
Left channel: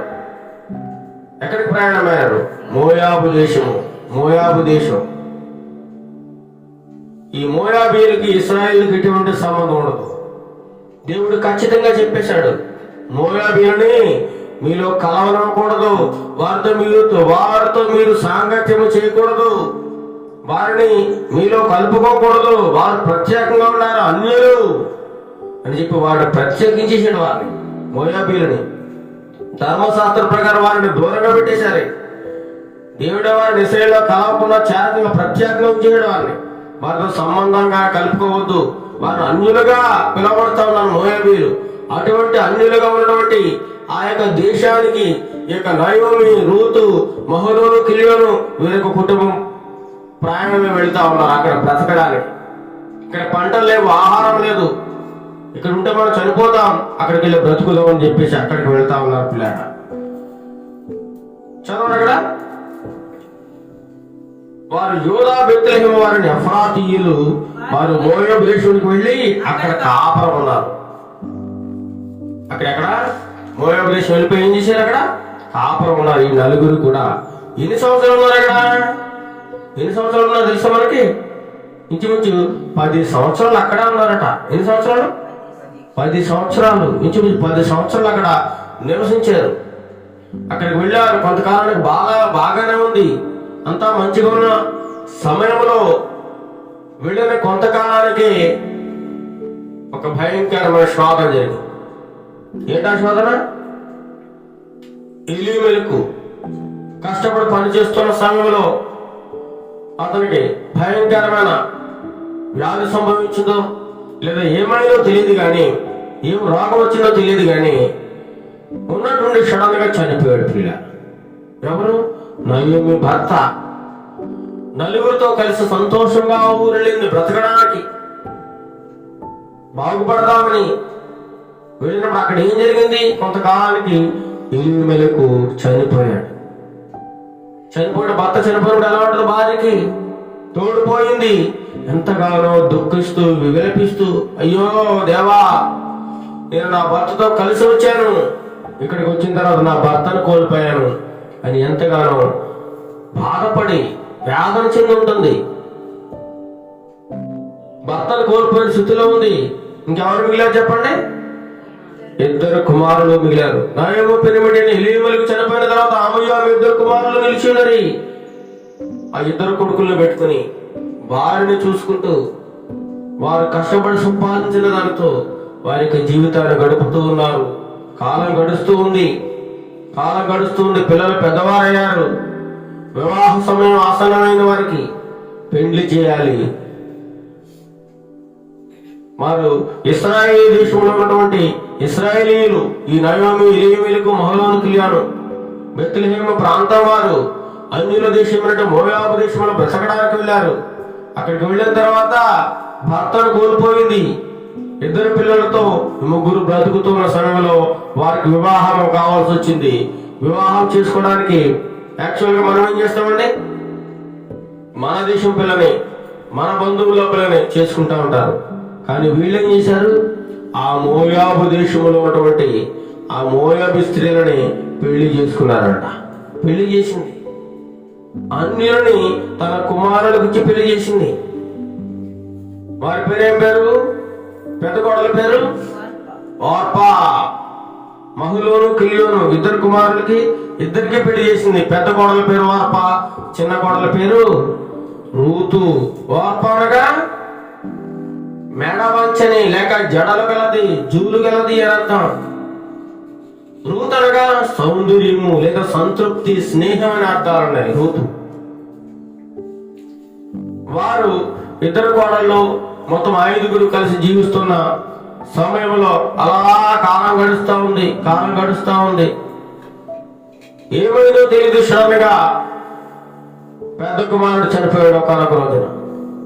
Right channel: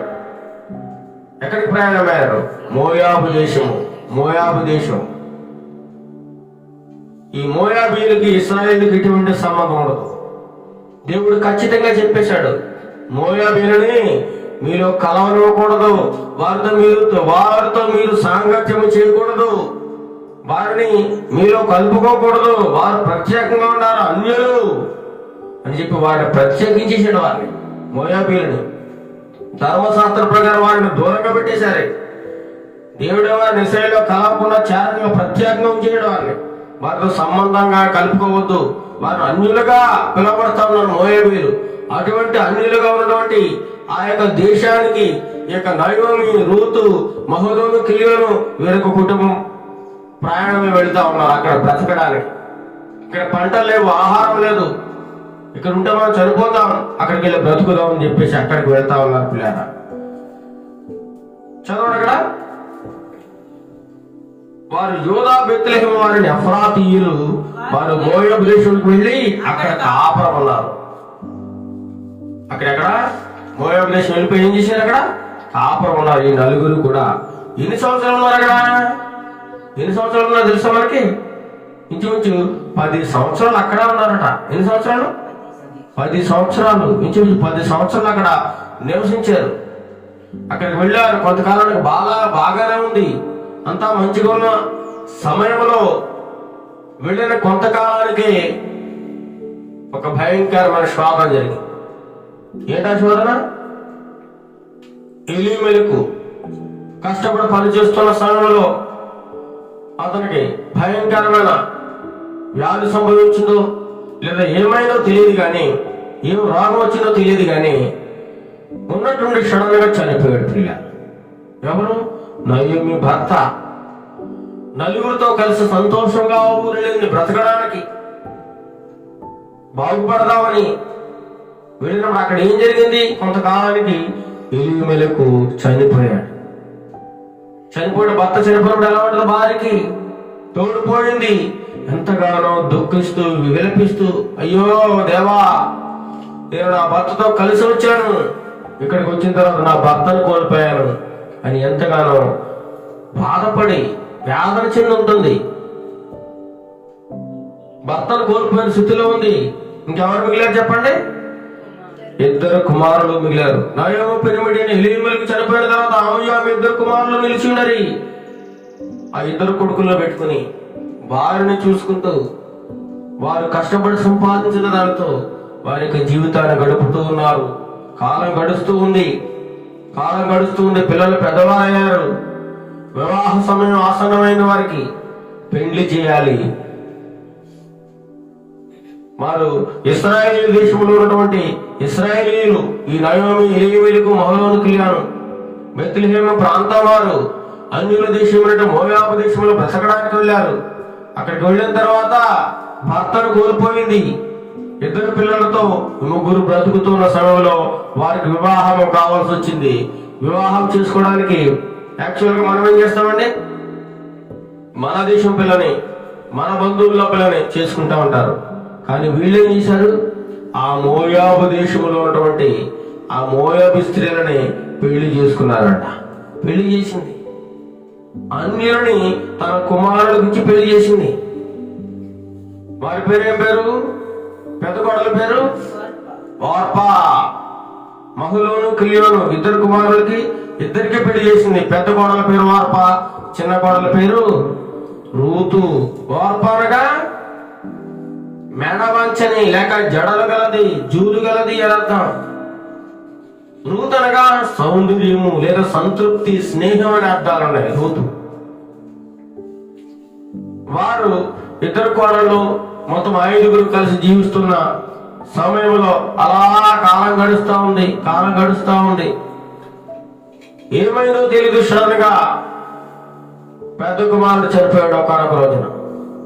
మోయాబు దేశం. ఈ మోయాబీయులకి ఇశ్రాయేలుకి ఎటువంటి సంబంధం ఉండదు. దేవుడు ఖచ్చితంగా చెప్పేశాడు, మోయాబీయులని మీలో కలవనివ్వకూడదు, వారితో మీరు సాంగత్యము చేయకూడదు, వారిని మీలో కలుపుకోకూడదు, వారు ప్రత్యేకంగా ఉన్నారు, అన్యులు అని చెప్పి వాడిని ప్రత్యేకించేసాడు. వారిని మోయాబీయులని ధర్మశాస్త్రం ప్రకారం వారిని దూరంగా పెట్టేశారు. దేవుడు వారిని ఇశ్రాయేలులో కలవకుండా చేరకుండా ప్రత్యేకంగా ఉంచేయడం. వారితో సంబంధంగా కలుపుకోవద్దు, వారు అన్యులుగా పిలువబడతా ఉన్నారు మోయాబీయులు. అటువంటి అన్యులుగా ఉన్నటువంటి ఆ యొక్క దేశానికి ఈ యొక్క నయోమి, రూతు, మహులోను, కిలియోను వీరొక కుటుంబం ప్రయాణమే వెళ్తా ఉన్నారు అక్కడ బ్రతకడానికి. ఇక్కడ పంటలు లేవు, ఆహారం లేదు, ఇక్కడ ఉంటే మనం చనిపోతాం, అక్కడికి వెళ్ళి బ్రతుకుదాం అని చెప్పేసి అక్కడికి వెళ్తా ఉన్నారు పిల్లల. చదవండి అక్కడ. వారు యోధా బెత్లెహేము వారిని ఎఫ్రాతీయులు, వారు మోయాబు దేశానికి వెళ్ళి అక్కడ కాపురం ఉన్నారు. అక్కడెక్కడ మోయాబు దేశం వెళ్ళిపోయి ఏం చేశారు? అక్కడ కాపురం ఉన్నారు. ఈ నలుగురు కూడా ఎన్ని సంవత్సరాలు ఉన్నారు అక్కడ? ఎన్ని సంవత్సరాలు ఉన్నారు తెలుసా మనకి? ఇంచుమించు 10 సంవత్సరాలు అక్కడే ఉన్నారట. ఎన్ని సంవత్సరాలు? 10 సంవత్సరాలు. ఇంచుమించు 10 సంవత్సరాలు అక్కడ నివసించారు. అక్కడికి వెళ్ళారు. కొంతకాలానికి బాగానే ఉంది, అంతా మంచిగా ఉన్న సమయంలో వెళ్ళిన కొంతకాలానికి ఒక భయంకరమైన శోధన జరిగింది. ఏంటా శోధన? ఎలీమెలకు కష్టపడి పనిచేస్తున్న సమయంలో అతనికి భయంకరమైన వ్యాధి సంభవించిందో లేదా ఏమైందో తెలియదు కానీ, ఏం రోగం వచ్చిందో తెలియదు కానీ ఉన్నటువంటి సడన్ గా చనిపోయాడు పిల్ల. ఎవరు? నయోమి భర్త. నలుగురితో కలిసి సంతోషంగా ఊరెళ్ళింది బ్రతకడానికి, బాగుపడదామని వెళ్ళినప్పుడు అక్కడ ఏం జరిగింది? కొంతకాలానికి ఎలీమెలకు చనిపోయాడు. భర్త చనిపోయినప్పుడు ఎలా ఉంటుంది? భార్యకి తోడిపోయింది. ఎంతగానో దుఃఖిస్తూ విలపిస్తూ, అయ్యో దేవా, నేను నా భర్తతో కలిసి వచ్చాను, ఇక్కడికి వచ్చిన తర్వాత నా భర్తను కోల్పోయాను అని ఎంతగానో బాధపడి వేదన చెంది ఉంటుంది. భర్తను కోల్పోయిన స్థితిలో ఉంది. ఇంకెవరు మిగిలారు చెప్పండి? 2 కుమారులు మిగిలారు. నయోమి పెనిమిటి ఎలీమెలకు చనిపోయిన తర్వాత ఆమె 2 కుమారులు నిలిచి ఉన్నారు. ఆ 2 కొడుకుల్లో పెట్టుకుని వారిని చూసుకుంటూ వారు కష్టపడి సంపాదించిన దానితో వారి యొక్క జీవితాన్ని గడుపుతూ ఉన్నారు. కాలం గడుస్తూ ఉంది. పిల్లలు పెద్దవారయ్యారు. వివాహ సమయం ఆసన్నమైన వారికి పెండ్లి చేయాలి. వారు ఇశ్రాయేలు దేశంలో ఉన్నటువంటి ఇశ్రాయేలీయులు ఈ నయోమి, ఎలీమెలకు, మహలోను, కిలియాను, బెత్లెహేము ప్రాంతం వారు అన్యుల దేశం మోయాబు దేశంలో బ్రతకడానికి వెళ్ళారు. అక్కడికి వెళ్ళిన తర్వాత భర్తను కోల్పోయింది. 2 పిల్లలతో 3 బ్రతుకుతున్న సమయంలో వారికి వివాహం కావాల్సి వచ్చింది. వివాహం చేసుకోవడానికి యాక్చువల్గా మనం ఏం చేస్తామండి, మన దేశం పిల్లని, మన బంధువుల పిల్లని చేసుకుంటా ఉంటారు. కానీ వీళ్ళేం చేశారు, ఆ మోయాబు దేశంలో ఉన్నటువంటి ఆ మోయాబు స్త్రీలని పెళ్లి చేసుకున్నారంట. పెళ్లి చేసింది, అన్యులని తన కుమారులకు ఇచ్చి పెళ్లి చేసింది. వారి పేరేం పేరు, పెద్ద కోడల పేరు ఓర్పా. మహలోను, కిలియోను 2 కుమారులకి 2కి పెళ్లి చేసింది. పెద్ద కోడల పేరు ఓర్పా, చిన్న కోడల పేరు రూతు. ఓర్పా అనగా మెడవంచని లేక జడలు గలది, జూలు గలది అని అర్థం. రూతు అనగా సౌందర్యము లేదా సంతృప్తి, స్నేహం అని అర్థాలు ఉన్నాయి. రూతు వారు 2 కోడళ్ళు మొత్తం 5 కలిసి జీవిస్తున్న సమయంలో అలా కాలం గడుస్తూ ఉంది. ఏమైందో తెలియదు. సడన్గా పెద్ద కుమారుడు చనిపోయాడు ఒకనొక రోజున.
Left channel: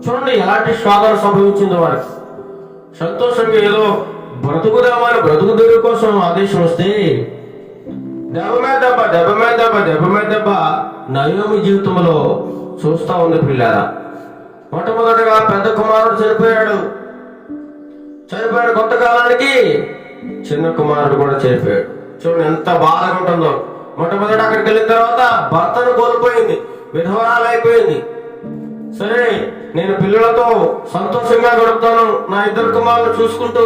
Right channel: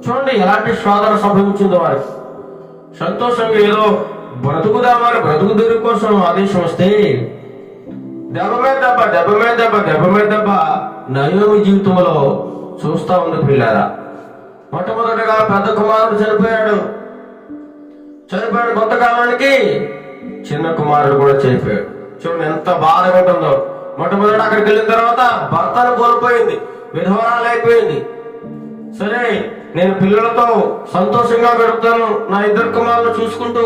చూడండి ఎలాంటి శోధన సంభవించిందో వారికి. సంతోషంగా ఏదో బ్రతుకు తెరువు కోసం ఆదేశం వస్తే దెబ్బ మీద దెబ్బ నయోమి జీవితంలో చూస్తా ఉంది పిల్లారా. మొట్టమొదటిగా పెద్ద కుమారుడు చనిపోయాడు. కొంతకాలానికి చిన్న కుమారుడు కూడా చనిపోయాడు. చూడండి ఎంత బాధగా ఉంటుందో. మొట్టమొదటి అక్కడికి వెళ్ళిన తర్వాత భర్తను కోల్పోయింది, విధవరాలైపోయింది. సరే, నేను పిల్లలతో సంతోషంగా గడుపుతాను, నా 2 కుమారులు చూసుకుంటూ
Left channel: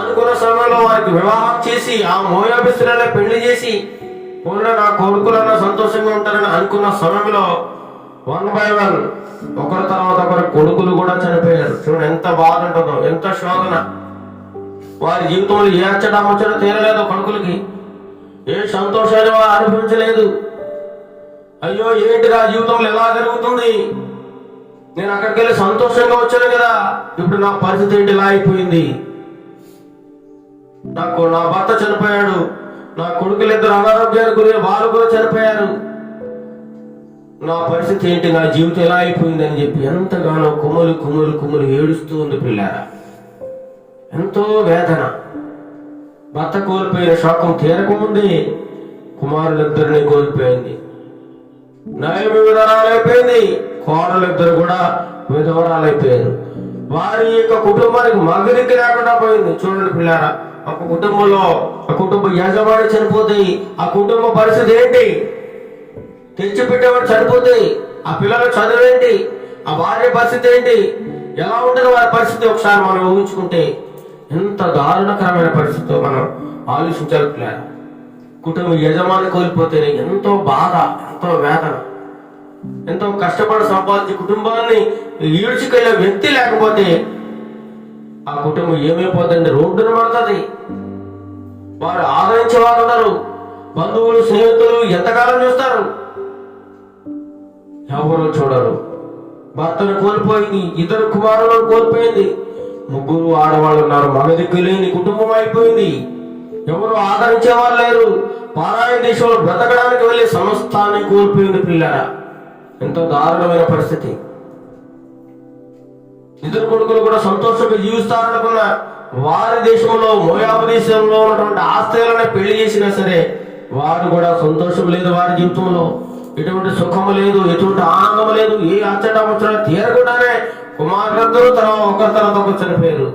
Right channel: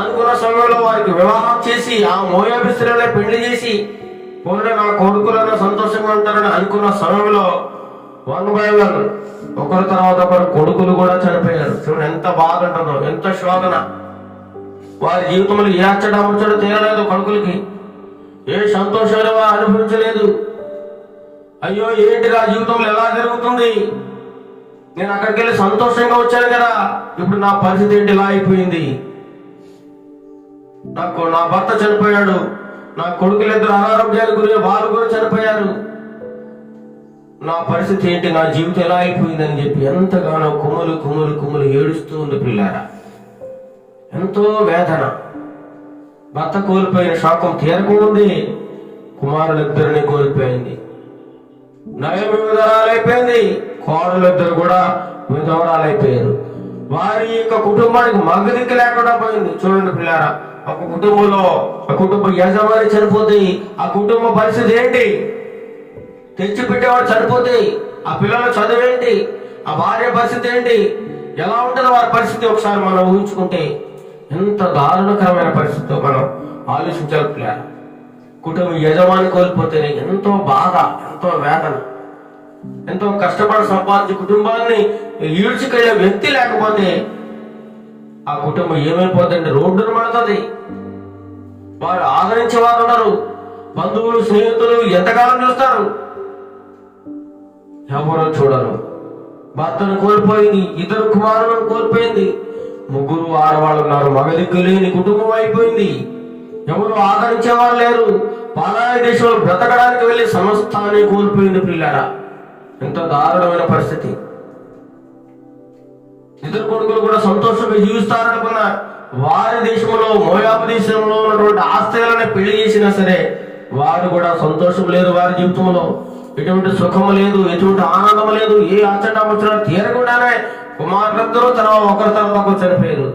అనుకున్న సమయంలో వారికి వివాహం చేసి ఆ మోయాబు స్త్రీలనే పెళ్లి చేసి పోయిన నా కొడుకులన్నా సంతోషంగా ఉంటారని అనుకున్న సమయంలో 1 by 1 ఒకరి తర్వాత ఒకరు కొడుకులు కూడా చనిపోయారు. చూడండి ఎంత బాధ ఉంటుందో, ఎంత శోధన. వారి జీవితంలో ఏ ముచ్చట తీరలేదు. కొడుకులకి ఏ సంతోషాలు అనిపించలేదు. అయ్యో ఏంటి నా జీవితంలో ఎలా జరుగుతుంది, నేను అక్కడికి వెళ్ళి సంతోషంగా వచ్చాను కదా, ఇప్పుడు నా పరిస్థితి ఏంటి ఇలా అయిపోయింది. నా భర్త చనిపోయాడు, నా కొడుకులు 2 అనారోగ్యాలు గురి, వాళ్ళు కూడా చనిపోయారు, నా పరిస్థితి ఏంటి, నా జీవితం ఎలా అయిపోయింది అని చెప్పి ఎంతగానో కుమ్ములు ఏడుస్తూ ఉంది పిల్లారా. ఎంతో వేదన. భర్త కోల్పోయిన శోకం తీరకముందే కుమారులిద్దరిని కోల్పోయింది. నయోమి విధవరాలైపోయింది, కోడలిద్దరు కూడా విధవరాలైపోయారు. వారి యొక్క కుటుంబానికి మగదిక్కు లేకుండా పోయింది. చూడండి పిల్లారా, ఒక కుటుంబంలో ఆ కుటుంబ యజమాని చనిపోతే ఆ కుటుంబ పరిస్థితి ఏంటి, తెచ్చిపెట్టేవాడు చనిపోతే ఆ పిల్లల చదువేంటి, ఆ భార్య పరిస్థితి ఏంటి, ఎలా ఉంటుంది వారి పరిస్థితి ఒకసారి మనం ఊహించుకుంటే ఎంత దారుణకరమైన పరిస్థితితో మనం ఆలోచించాలి పిల్లారా. కుటుంబ యజమాని కోల్పోతేనే ఎంతో బాధ, ఎంతో వేదన. ఎంతో కష్టపడి సంపాదించి కుటుంబాన్ని ఈడ్చుకెళ్లే వ్యక్తి లేకపోతే ఆ కుటుంబం ఏమైపోతుందంటే రోడ్డును పడుతుంది. వారు ఆదరించే వారు ఉండరు. బంధువులు, స్నేహితులు ఎంతకాలం చూస్తారు, ఎవరో చూడరు. భర్తను కోల్పోయింది, 2 కుమారులను కోల్పోయింది, 3 ఆడవాళ్ళు ఉన్నారు. మగదిక్కు లేని కుటుంబం అయిపోయింది. ఎవరు ఆదరించేవారు లేరు. పారాయి దేశంలో బ్రతకడానికి వెళ్ళి సమస్తాన్ని కోల్పోయింది పిల్లారా. ఎంత దారుణమైన పరిస్థితి. 2 కొడుకులు కూడా సంతోషంగా జీవిస్తారనుకున్న వారి దేశంలో, మోయాబు దేశంలో ఉన్నటువంటి ఆస్తిలను పెళ్లి చేసినా సరే వారు కూడా సంతోషం లేదు. వారి జీవితంలో ఎటువంటి సుఖము లేదు, ఎటువంటి ఆనందం లేదు. ఏ ముచ్చట తీరకుండానే కుమారులందరూ ఒకరి తర్వాత ఒకరు చనిపోయారు.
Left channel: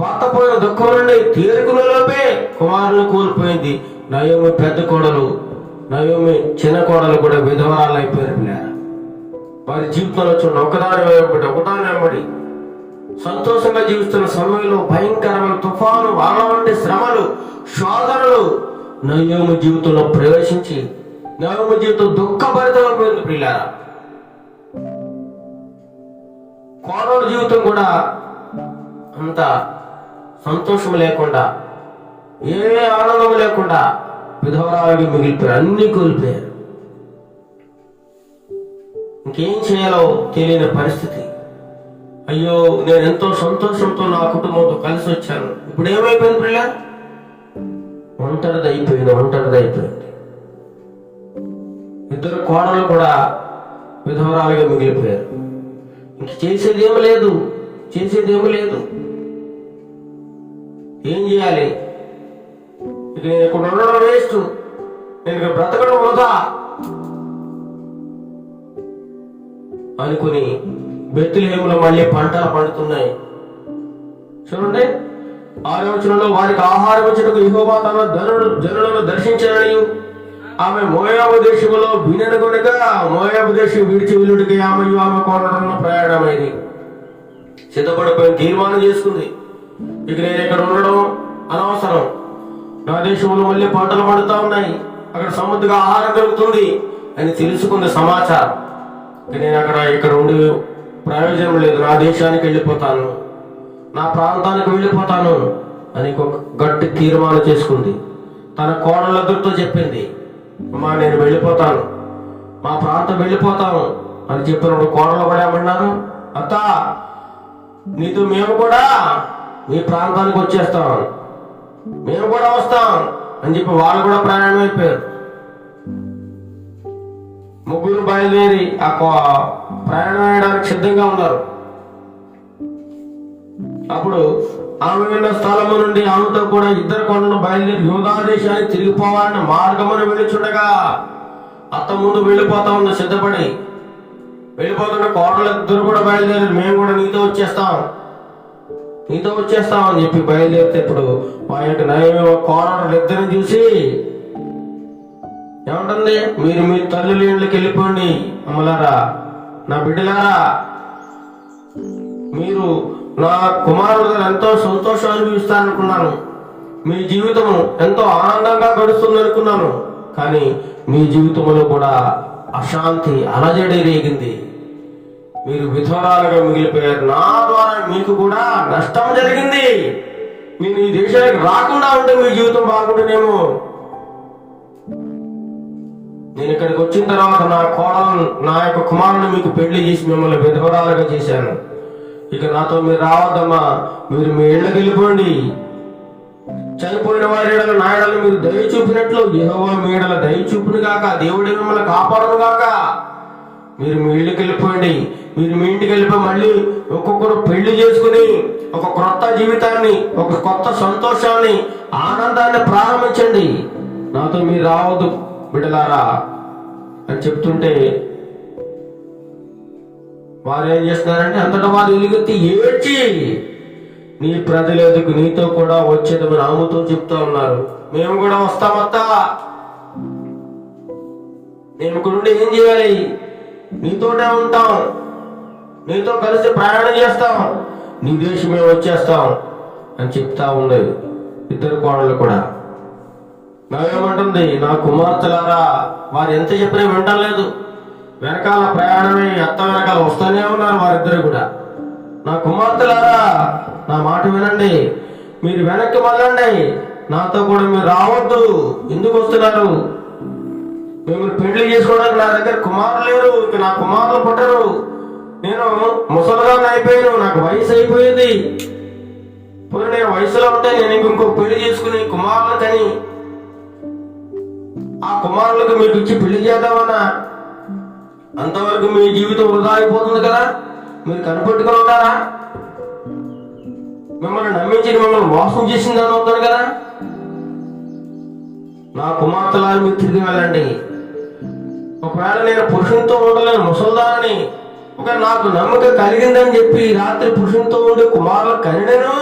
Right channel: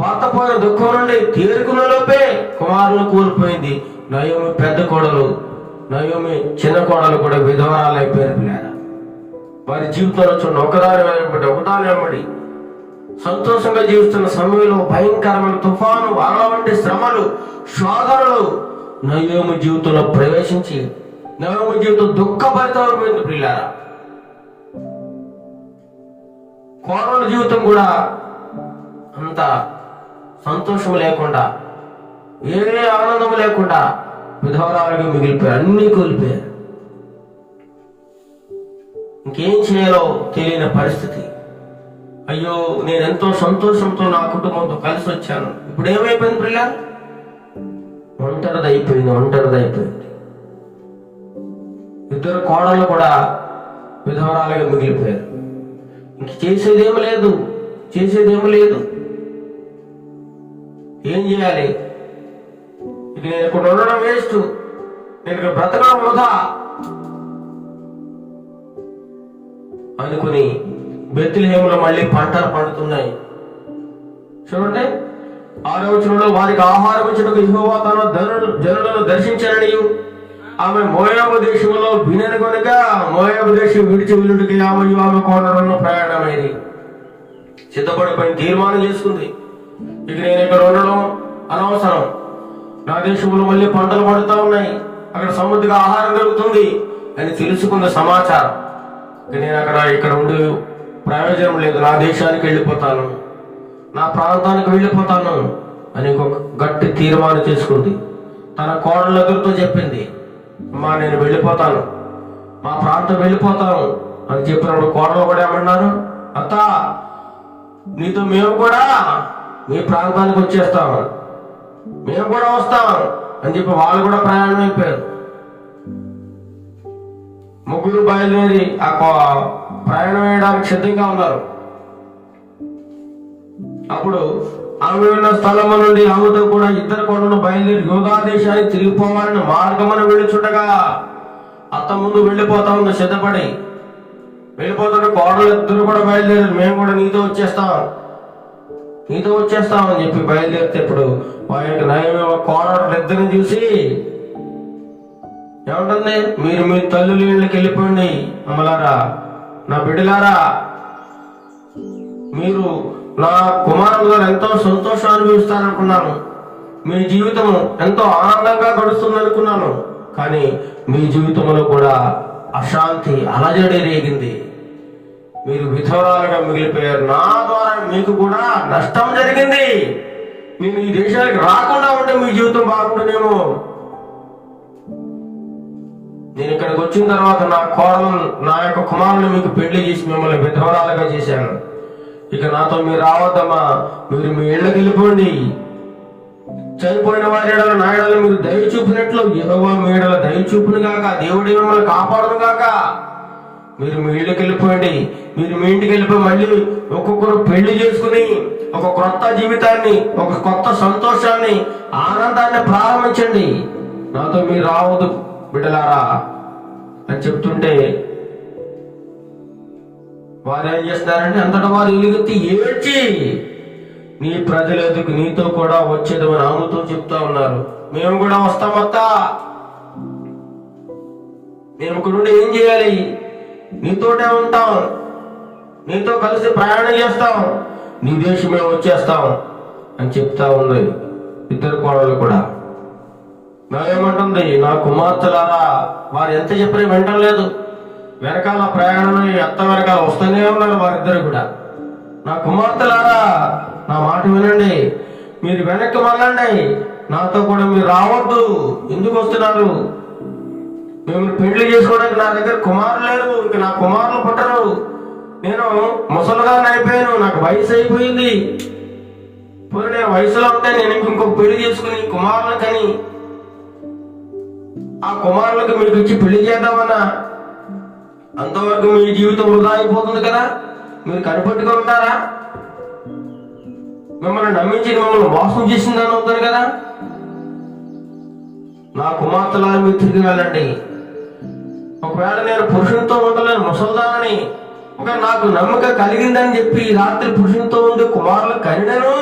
భర్త పోయిన దుఃఖం నుండి తీరుకున్న లోపే కుమారులు కోల్పోయింది. నయోమి పెద్ద కోడలు, నయోమి చిన్న కోడలు కూడా విధవరాలు అయిపోయారు పిల్లారా. వారి జీవితంలో చూడండి, ఒకదాని వెంబడి సంతోషంగా జీవిస్తున్న సమయంలో భయంకరమైన తుఫాను, అలా వంటి శ్రమలు, శోధనలు నయోమి జీవితంలో ప్రవేశించి నయోమి జీవితం దుఃఖభరితమైపోయింది పిల్లారా. కోడల జీవితం కూడా అంత సంతోషం లేకుండా, ఏ ఆనందం లేకుండా విధవరాలుగా మిగిలిపోయారు, అన్నీ కోల్పోయారు. ఇంకేం చేయాలో తెలియని పరిస్థితి. అయ్యో, నేను ఎంతో సంతోషంతో నా కుటుంబంతో కలిసి వచ్చాను, ఇప్పుడు ఏమైపోయింది ప్రియ? ఒంటరిదైపోయింది. ఇద్దరు కోడళ్ళు కూడా విధవరాలుగా మిగిలిపోయారు. ఇంక చేసేదేమీ లేదు. ఏం చేయాలి? ఇక నేను ఇక్కడ ఉండడం వేస్ట్, నేను ఇక్కడ బ్రతకడం వృధా అనుకుని బెత్లెహేములో మళ్ళీ పంటలు పండుతున్నాయి. చూడండి 6వ వచనంలో, వారికి ఆహారం ఇచ్చుటకు యెహోవా తన జనులను దర్శించారని ఆమె మోయాబు దేశంలో వినను గనుక మోయాబు దేశం విడిచి వెళ్ళుడికి ఆమె కోడలను ప్రయాణమైంది. సిద్ధపడిపోయి తీర్మానం చేసుకుంది, ఇక నేను ఇక్కడ ఉండడం అనవసరం, నా దేశంలో మళ్ళీ పంటలు పండుతా ఉన్నాయి, అక్కడ సమృద్ధిగా ఆహారం దొరుకుతుంది అని తెలుసుకుంది సమాచారం. నేను ఇక్కడ ఉండి ప్రయోజనం లేదు, నా దేశానికి వెళ్ళిపోతాను, నా ప్రాంతానికి వెళ్ళిపోతాను అని ఒక గట్టి తీర్మానం చేసుకుంది. తన కోడళ్ళ ఎదురుతో చెప్పింది, అమ్మా నేను వెళ్ళిపోతాను, మా ప్రాంతం వెళ్ళిపోతాను అని చెప్పినప్పుడు కోడలు కూడా ఏమన్నారు, అత్త నీతో మేము కూడా మీ ప్రాంతానికి వచ్చేస్తాం, మేము కూడా వస్తాం అని చెప్పి వాళ్ళు కూడా ప్రయాణం అయిపోయారు. ముగ్గురు బయలుదేరి ఆ ప్రయాణం వేయడానికి సిద్ధంగా ఉన్నారు. అప్పుడు ఆమె ఉన్న స్థలము నుండి ఆమెతో కూడా ఇద్దరు కొండను బయలుదేరి యూదా దేశానికి తిరిగిపోవాలని మార్గమును వెళ్ళిచుండగా అత్త ముందు వెళ్ళిపోతా ఉంది, సిద్ధపడి వెళ్ళిపోతున్న కోడలు ఇద్దరు కూడా బయలుదేరి మేము కూడా నీతో వచ్చేస్తాం అని చెప్పి బయలుదేరితే ఇప్పుడు వారికి నయమేమో కోడలు ఇద్దరిని చూసి ఏమంటుంది, మీరు మీ తల్లుల ఇళ్ళకి వెళ్ళిపోండి అమ్మలారా, నా బిడ్డలారా, మీరు నా కుమారుడు గారు ఎంతో సంతోషం అనుభవిస్తారనుకున్నాను, మీ జీవితము ఎంతో ఆనందంగా గడుస్తుంది అనుకున్నాను, కానీ మీ జీవితంలో కూడా అశాంతి అలజడి రేగింది, మీరు విధవరాలుగా మిగిలిపోయారు, నా ద్వారా మీకు కూడా నష్టం జరిగింది, నేను ఈ దేశానికి రాకుండా ఉంటే మీ జీవితం బాగుంటుందేమో, నేను ఇక్కడికి వచ్చిన తర్వాత నా యొక్క కుమారుని మీకు పెళ్లి చేసి మిమ్మల్ని విధవరాలుగా చేశాను, ఇక నాతో మీరు రావద్దమ్మా, మీరు మీ ఇళ్ళకి వెళ్ళిపోండి, చనిపోయిన వారి ఏడల నా ఏడల మీరు దయ చూపినట్లు యెహోవా మీ ఏడల దయ చూపును గాక, దేవుడే మిమ్మల్ని కాపాడును గాక, మీరు మీ ఇళ్ళకి వెళ్ళిపోండి, మీరు మీ ఇంటికి వెళ్ళిపోయి మళ్ళీ ఒక్కొక్కరు పెళ్లి చేసుకుని ఒక క్రొత్త జీవితాన్ని, ఒక కొత్త సంతోషాన్ని, ఆనందాన్ని ప్రారంభించండి, నాతో మీరు రావద్దు బిడ్డలారా అని చెప్తుంటే వారు ఏం చేస్తున్నారంటే అంతటా వారు ఎలుగెత్తి ఏడ్చి నీ ప్రజల ఎదుగు నీతో కూడా వచ్చేదమని ఆమెతో చెప్తా ఉన్నారు, మేము కూడా వస్తామత్తా, మేము ఇక్కడ నుండి ఏం చేయాలి, నీతోటే ఉంటాం, నీతో కలిసి ప్రయాణం చేస్తాం, నీ దేశమే వచ్చేస్తాం అని చెప్తా ఉంది ఇద్దరు కోడలు కూడా. నావేమంటుంది, నా కుమార్తెలారా, వారు ఎంత చెప్పినా వింటలేదు, వెనకాల ప్రయాణమే అత్త వెనకాల వస్తూనే ఉన్నారు వారిద్దరు కూడా. నా కుమార్తెలారా, నా మాట వినండి, మీరు వెనక్కి మళ్ళండి, నాతో కూడా మీరు రావద్దు, ఎందుకు వస్తున్నారు, మేము పెళ్లి చేసుకోవడానికి నా దగ్గర కుమారులు లేరు, ఇంక నా కుమారులు పుట్టరు, నేను ముసలిదాన్ని అయిపోయాను, నాకు వయసు అయిపోయింది, ఇప్పుడు నేను వయసులో ఉంటే నేను ఇంకొక పెళ్లి చేసుకుని కుమారులు కని ఆ కుమారులకు మీకు ఇచ్చి పెళ్లి చేద్దామన్నా, అంతవరకు మీ జీవితం వృధా అయిపోతుంది కదా, మీరు కనిపెట్టుకుని ఉంటారా, మిమ్మల్ని నమ్మించి మిమ్మల్ని మోసం చేసిందని అవుతారు కదా, నా కుమార్తెలా మీరు తిరిగి వెళ్ళండి, ఒకవేళ నేను పురుషునితో ఉండలేను ముసల్దానని, ఒక నాకు నమ్మకం కలిగిందని చెప్పి రాత్రి పురుషునితో ఉండే కుమారులు కనిడను,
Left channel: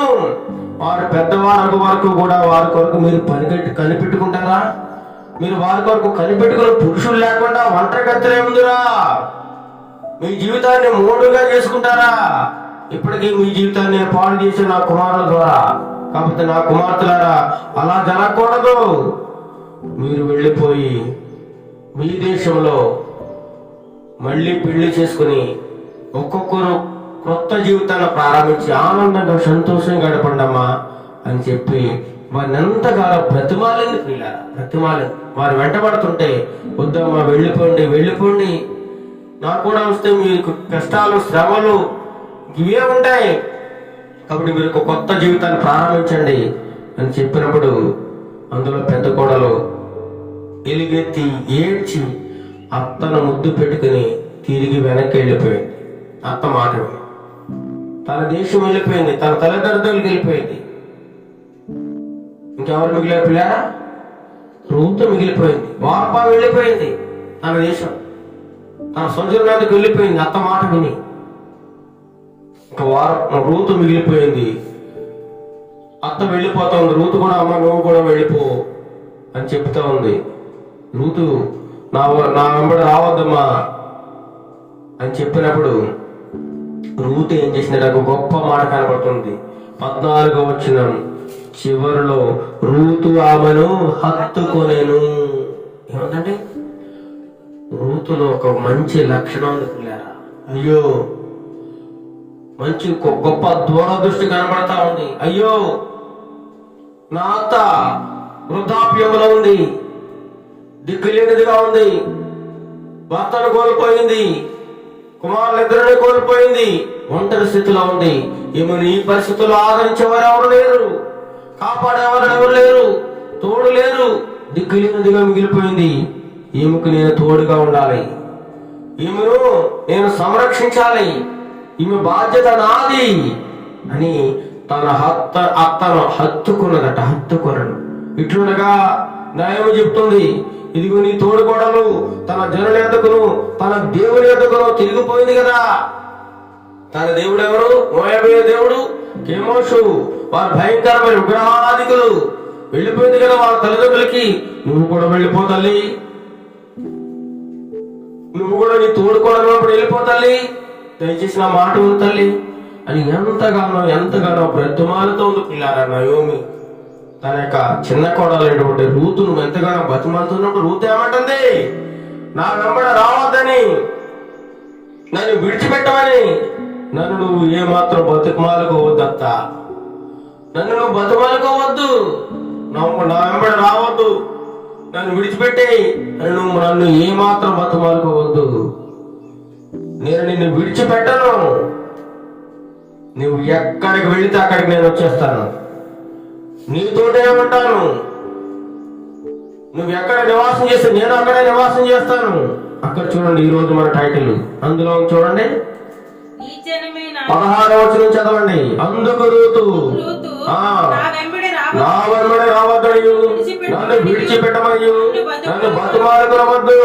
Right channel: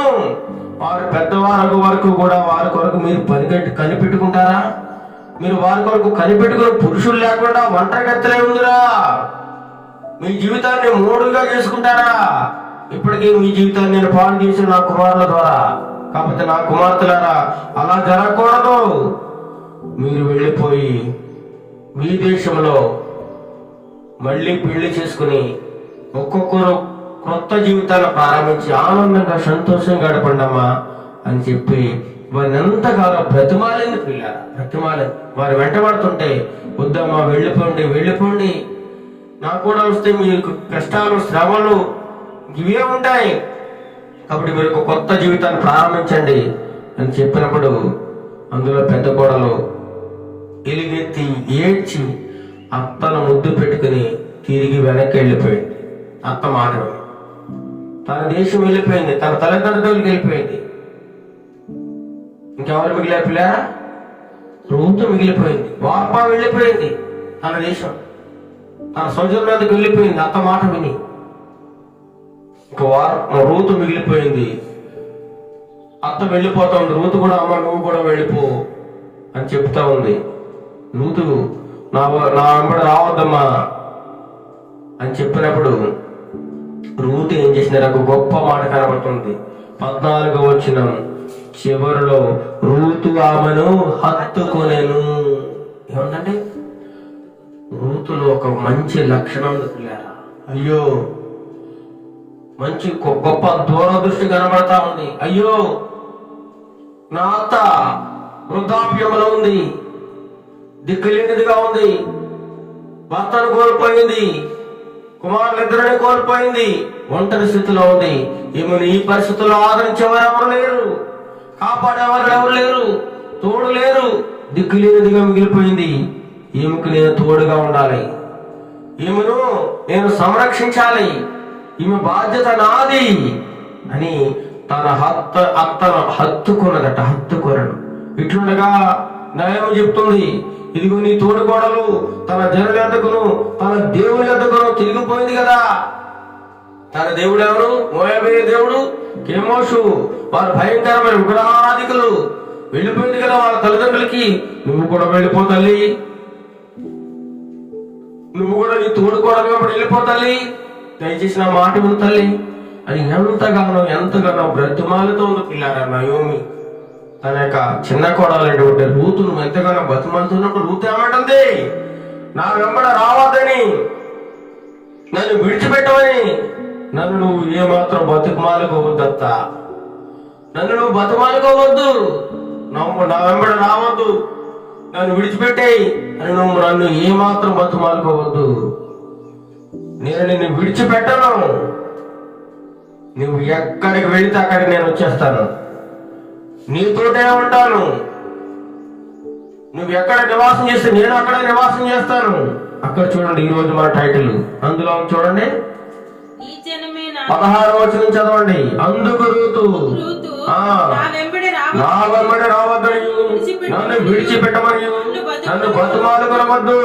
వారు పెద్దవారు వరకు కూడా వారి కొరకు మీరు కనిపెట్టుకుంటారా, మీరు వారి కొరకు కనిపెట్టుకుని పురుషులు లేకుండా ఒంటరి గత్తలే ఉందిరా, మీ జీవితాన్ని మూడుగా చేసుకుంటారా, ఇప్పటికీ మీ జీవితాన్ని నేను పాడు చేసి నా కుమారుల ద్వారా, కాకపోతే నా కుమార్తెలారా అలా జరగకూడదు, మీరు వెళ్ళిపోయి మీ దేశంలో మళ్ళీ పెళ్లి చేసుకుని ఒక్కొక్కరు కొత్త జీవితాన్ని ప్రారంభించి ఆనందంగా సంతోషంగా గడపండమ్మా అని చెప్పి వారిని ఎంతగానో బ్రతిమాలింది పిల్లలు, బ్రతిమాలింది. వారు వెంటబడుతుంటే వద్దమ్మా వెళ్ళిపోండి, నాకు కూడా వస్తే మీకు కష్టాలు శ్రమలు ఇవే ఉంటాయి, కాబట్టి మీరు ఒక కొత్త జీవితాన్ని ప్రారంభించండి అని చెప్పినప్పుడు అందులో పెద్ద కోడలు ఎలుగెత్తి ఏడ్చి అత్తను ముద్దు పెట్టుకుని తిరిగి వెనక్కి వెళ్ళిపోయింది. అత్త మాట విని తన దేశం వెళ్ళిపోయింది, తన తల్లిదండ్రులకు వెళ్ళిపోయింది. ఇంకెవరు మిగిలే పిల్లారా? రూతు మిగిలిపోయింది. వాప వెళ్ళిపోయింది తన దేశం, తన సొంత వెళ్ళిపోయింది అత్త మాట విని. రూతు మిగిలిపోయింది. అత్త వెళ్ళిపోతా ఉంది. రూతు కూడా అమ్మ నువ్వు కూడా వెళ్ళిపో అని చెప్తా ఉంది. రూతు నా వెంబడి రావద్దమ్మా అని చెప్పినప్పుడు రూతు ఏం చేసిన నాకు గొప్ప మాట కనబడుతుంది. 14వ వచనం చివరిలో రూతు ఆమెను హత్తుకొనెను. ఏమందండి? రూతులో ఒక మంచి లక్షణం ఉంది పిల్లారా. అయ్యో, మంచి గొప్ప దూరదృష్టి కనబడతా ఉంది. అయ్యో, నా అత్త వృద్ధాప్యంలో ఉంది, దిక్కులేనిదిగా ఉంది, భర్తను కోల్పోయింది, కుమారులిద్దరిని కోల్పోయింది, ఒంటరి స్థితిలో ఉంది. ఈమెను ఈ పరిస్థితుల్లో ఆదరించేవారు ఎవరు లేరు, కాపాడేవారు ఎవరు లేరు, తోడు లేరు, దిక్కులేనిదిగా మిగిలిపోయింది. ఈమెకు నేను తోడుగా ఉండాలి, ఈమెను నేను సంరక్షించాలి, ఈమె బాధ్యత నాది అని తన అత్తను హత్తుకొనను. ఇట్లుండగా న్యాయం చెప్తుంది, ఇదిగో నీ తోడుకోడలు తన జనుల యొద్దకును తన దేవుని యొద్దకును తిరిగిపోయింది కదా. తన దేవుడు ఎవరు? మోయాబీయ దేవుడు కెమోషు. వారు భయంకరమైన విగ్రహారాధికులు. వెళ్ళిపోయింది కదా వాళ్ళ తల్లిదండ్రులకి. నువ్వు కూడా వెళ్ళిపో తల్లి, నువ్వు కూడా నీ తోడుకోవడం వెళ్ళిపో తల్లి, దయచేసి నా మాట విను తల్లి అని ఎంతగానో బ్రతుమాలతో ఉంది పిల్లారా నయోమి. తన యొక్క చిన్న కోడలైనటువంటి రూతును ఎంతగానో బతుమంతున్నప్పుడు రూతు ఏమంటుంది? నా వెంబడ రావద్దని, నన్ను విడిచిపెట్టమని. నన్ను నువ్వు ఏమాత్రం బతుకుమాలుకోవద్దత్త, నన్ను నువ్వు బతుమాలుకోవద్దు, నా వెంబడ రావద్దు, నన్ను విడిచిపెట్టేయి అని నువ్వు నన్ను ఏమాత్రం బతుమాలుకోవద్దు. నేను నిన్ను విడిచిపెట్టను, నువ్వు ఎక్కడికి వెళితే అక్కడికి నేను వచ్చేస్తాను, నీతోటే ఉంటాను. నువ్వు ఎక్కడ నివాసం చేస్తే నేను అక్కడే నివాసం చేస్తాను. అక్కడ చూడండి, ఈ రోజు మన టైటిల్ అందులో చూడండి, 16వ వచనం చదవండి. అందుకు రూతు నా వెంబడి రావద్దనియు, నన్ను విడిచిపెట్టమని, నన్ను బతుమాలుకొనవద్దు,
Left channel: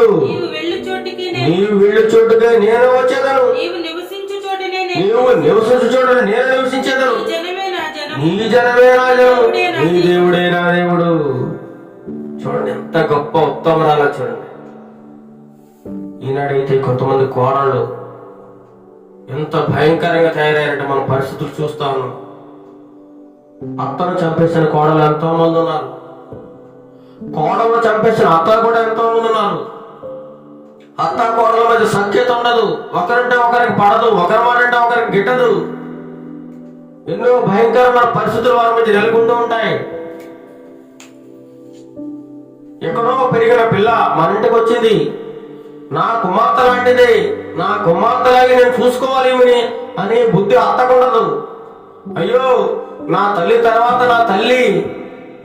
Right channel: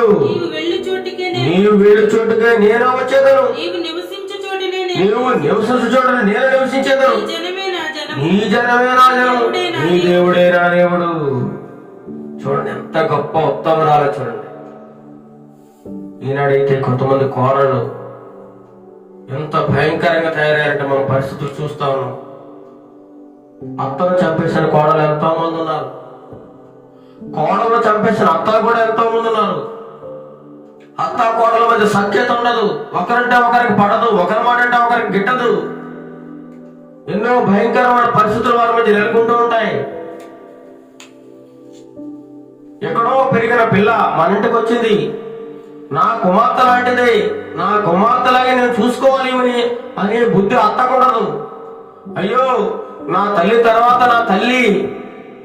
నీవు వెళ్ళు చోటుకే నేను వచ్చేదను, నీవు నివసించు చోటుని నేను నివసించేదను, నీ జనమే నా జనము, నీ దేవుడే నా దేవుడు. చూడండి ఎంత గొప్ప ఉత్తమరాలో చూడండి. ఈనాడైతే కొంతమంది కోరలు ఎంత భయంకరంగా తయారయ్యారంటే మన పరిస్థితులు చూస్తా ఉన్నాం. అత్తను చంపేసిన కోడలు ఎంతో మంది ఉన్నారు, కోడలను చంపేసిన అత్తలు కూడా ఎంతో మంది ఉన్నారు. అత్త కోడల మధ్య సఖ్యత ఉండదు, ఒకరంటే ఒకరికి పడదు, ఒకరి మాట అంటే ఒకరికి గిట్టదు. ఎన్నో భయంకరమైన పరిస్థితులు వారి మధ్య నెలకొంటూ ఉంటాయి. ఎక్కడో పెరిగిన పిల్ల మన ఇంటికి వచ్చింది, నా కుమార్తె లాంటిది, నా కుమార్తెలాగే నేను చూసుకోవాలి అనే బుద్ధి అత్తకూడదు. అయ్యో, నా తల్లి తర్వాత నా తల్లి,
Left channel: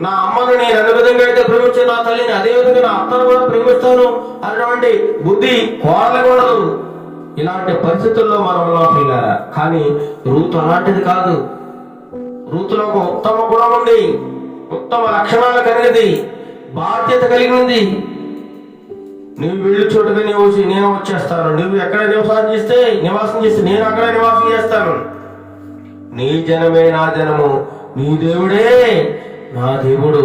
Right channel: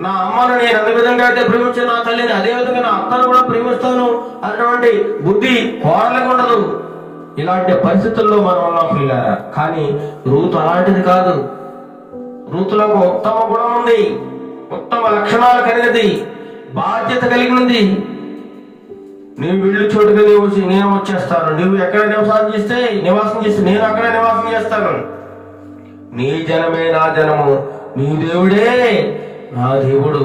నా అమ్మను నేను ఏ విధంగా అయితే ప్రేమించాను నా తల్లిని, అదే విధంగా నా అత్తను కూడా ప్రేమిస్తాను అన్నటువంటి బుద్ధి కోరలకూడదు. ఇలాంటి పరిస్థితుల్లో మనం ఉన్నాం పిల్లారా. కానీ రూతు అలాంటిది కాదు. రూతులో ఒక ఉత్తమ గుణం ఉంది, ఉత్తమ లక్షణాలు కలిగినది, బాధ్యత కలిగి ఉంది. నువ్వు వెళ్ళు చోటుగా నేను వచ్చేస్తాను, నువ్వు ఎక్కడ నివాసం చేస్తే నేను అక్కడ నివాసం చేస్తాను, నీ జనమే నా జనము, నీ దేవుడే నా దేవుడు,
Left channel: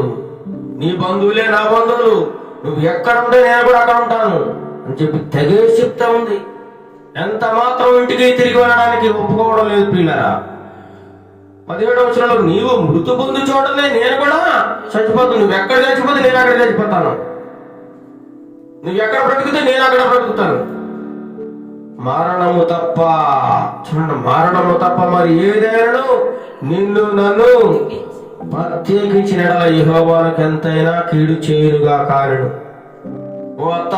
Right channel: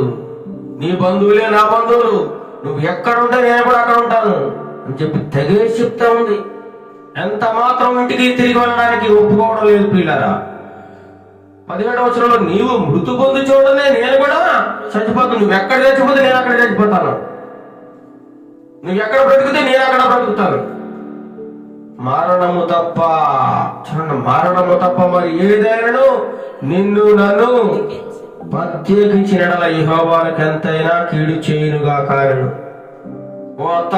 నీ బంధువులే నా బంధువులు, నువ్వు ఎక్కడ ఉంటే నేను కూడా అక్కడ ఉంటాను అని చెప్పి తెగేసి చెప్తా ఉంది. ఎంత మాత్రం ఇంటికి తిరిగి వెళ్ళడానికి ఒప్పుకోవడం లేదు పిల్లరా. 17వ వచనంలో నీవు మృతు పొంది చూడలే నేను కూడా చచ్చిపోతాను, నువ్వు ఎక్కడ చచ్చిపోతే నేను అక్కడ చచ్చిపోతాను, నువ్వు ఎక్కడ బ్రతికితే నేను అక్కడ బ్రతుకుతాను. మరణము తప్ప, చూడండి, మరణము తప్ప మరి ఏదైనాను నిన్ను నన్ను ప్రత్యేకించిన యెహోవాకు ఎంతైనా కీడు చేయునుగా కారణం. ఓ అత్త,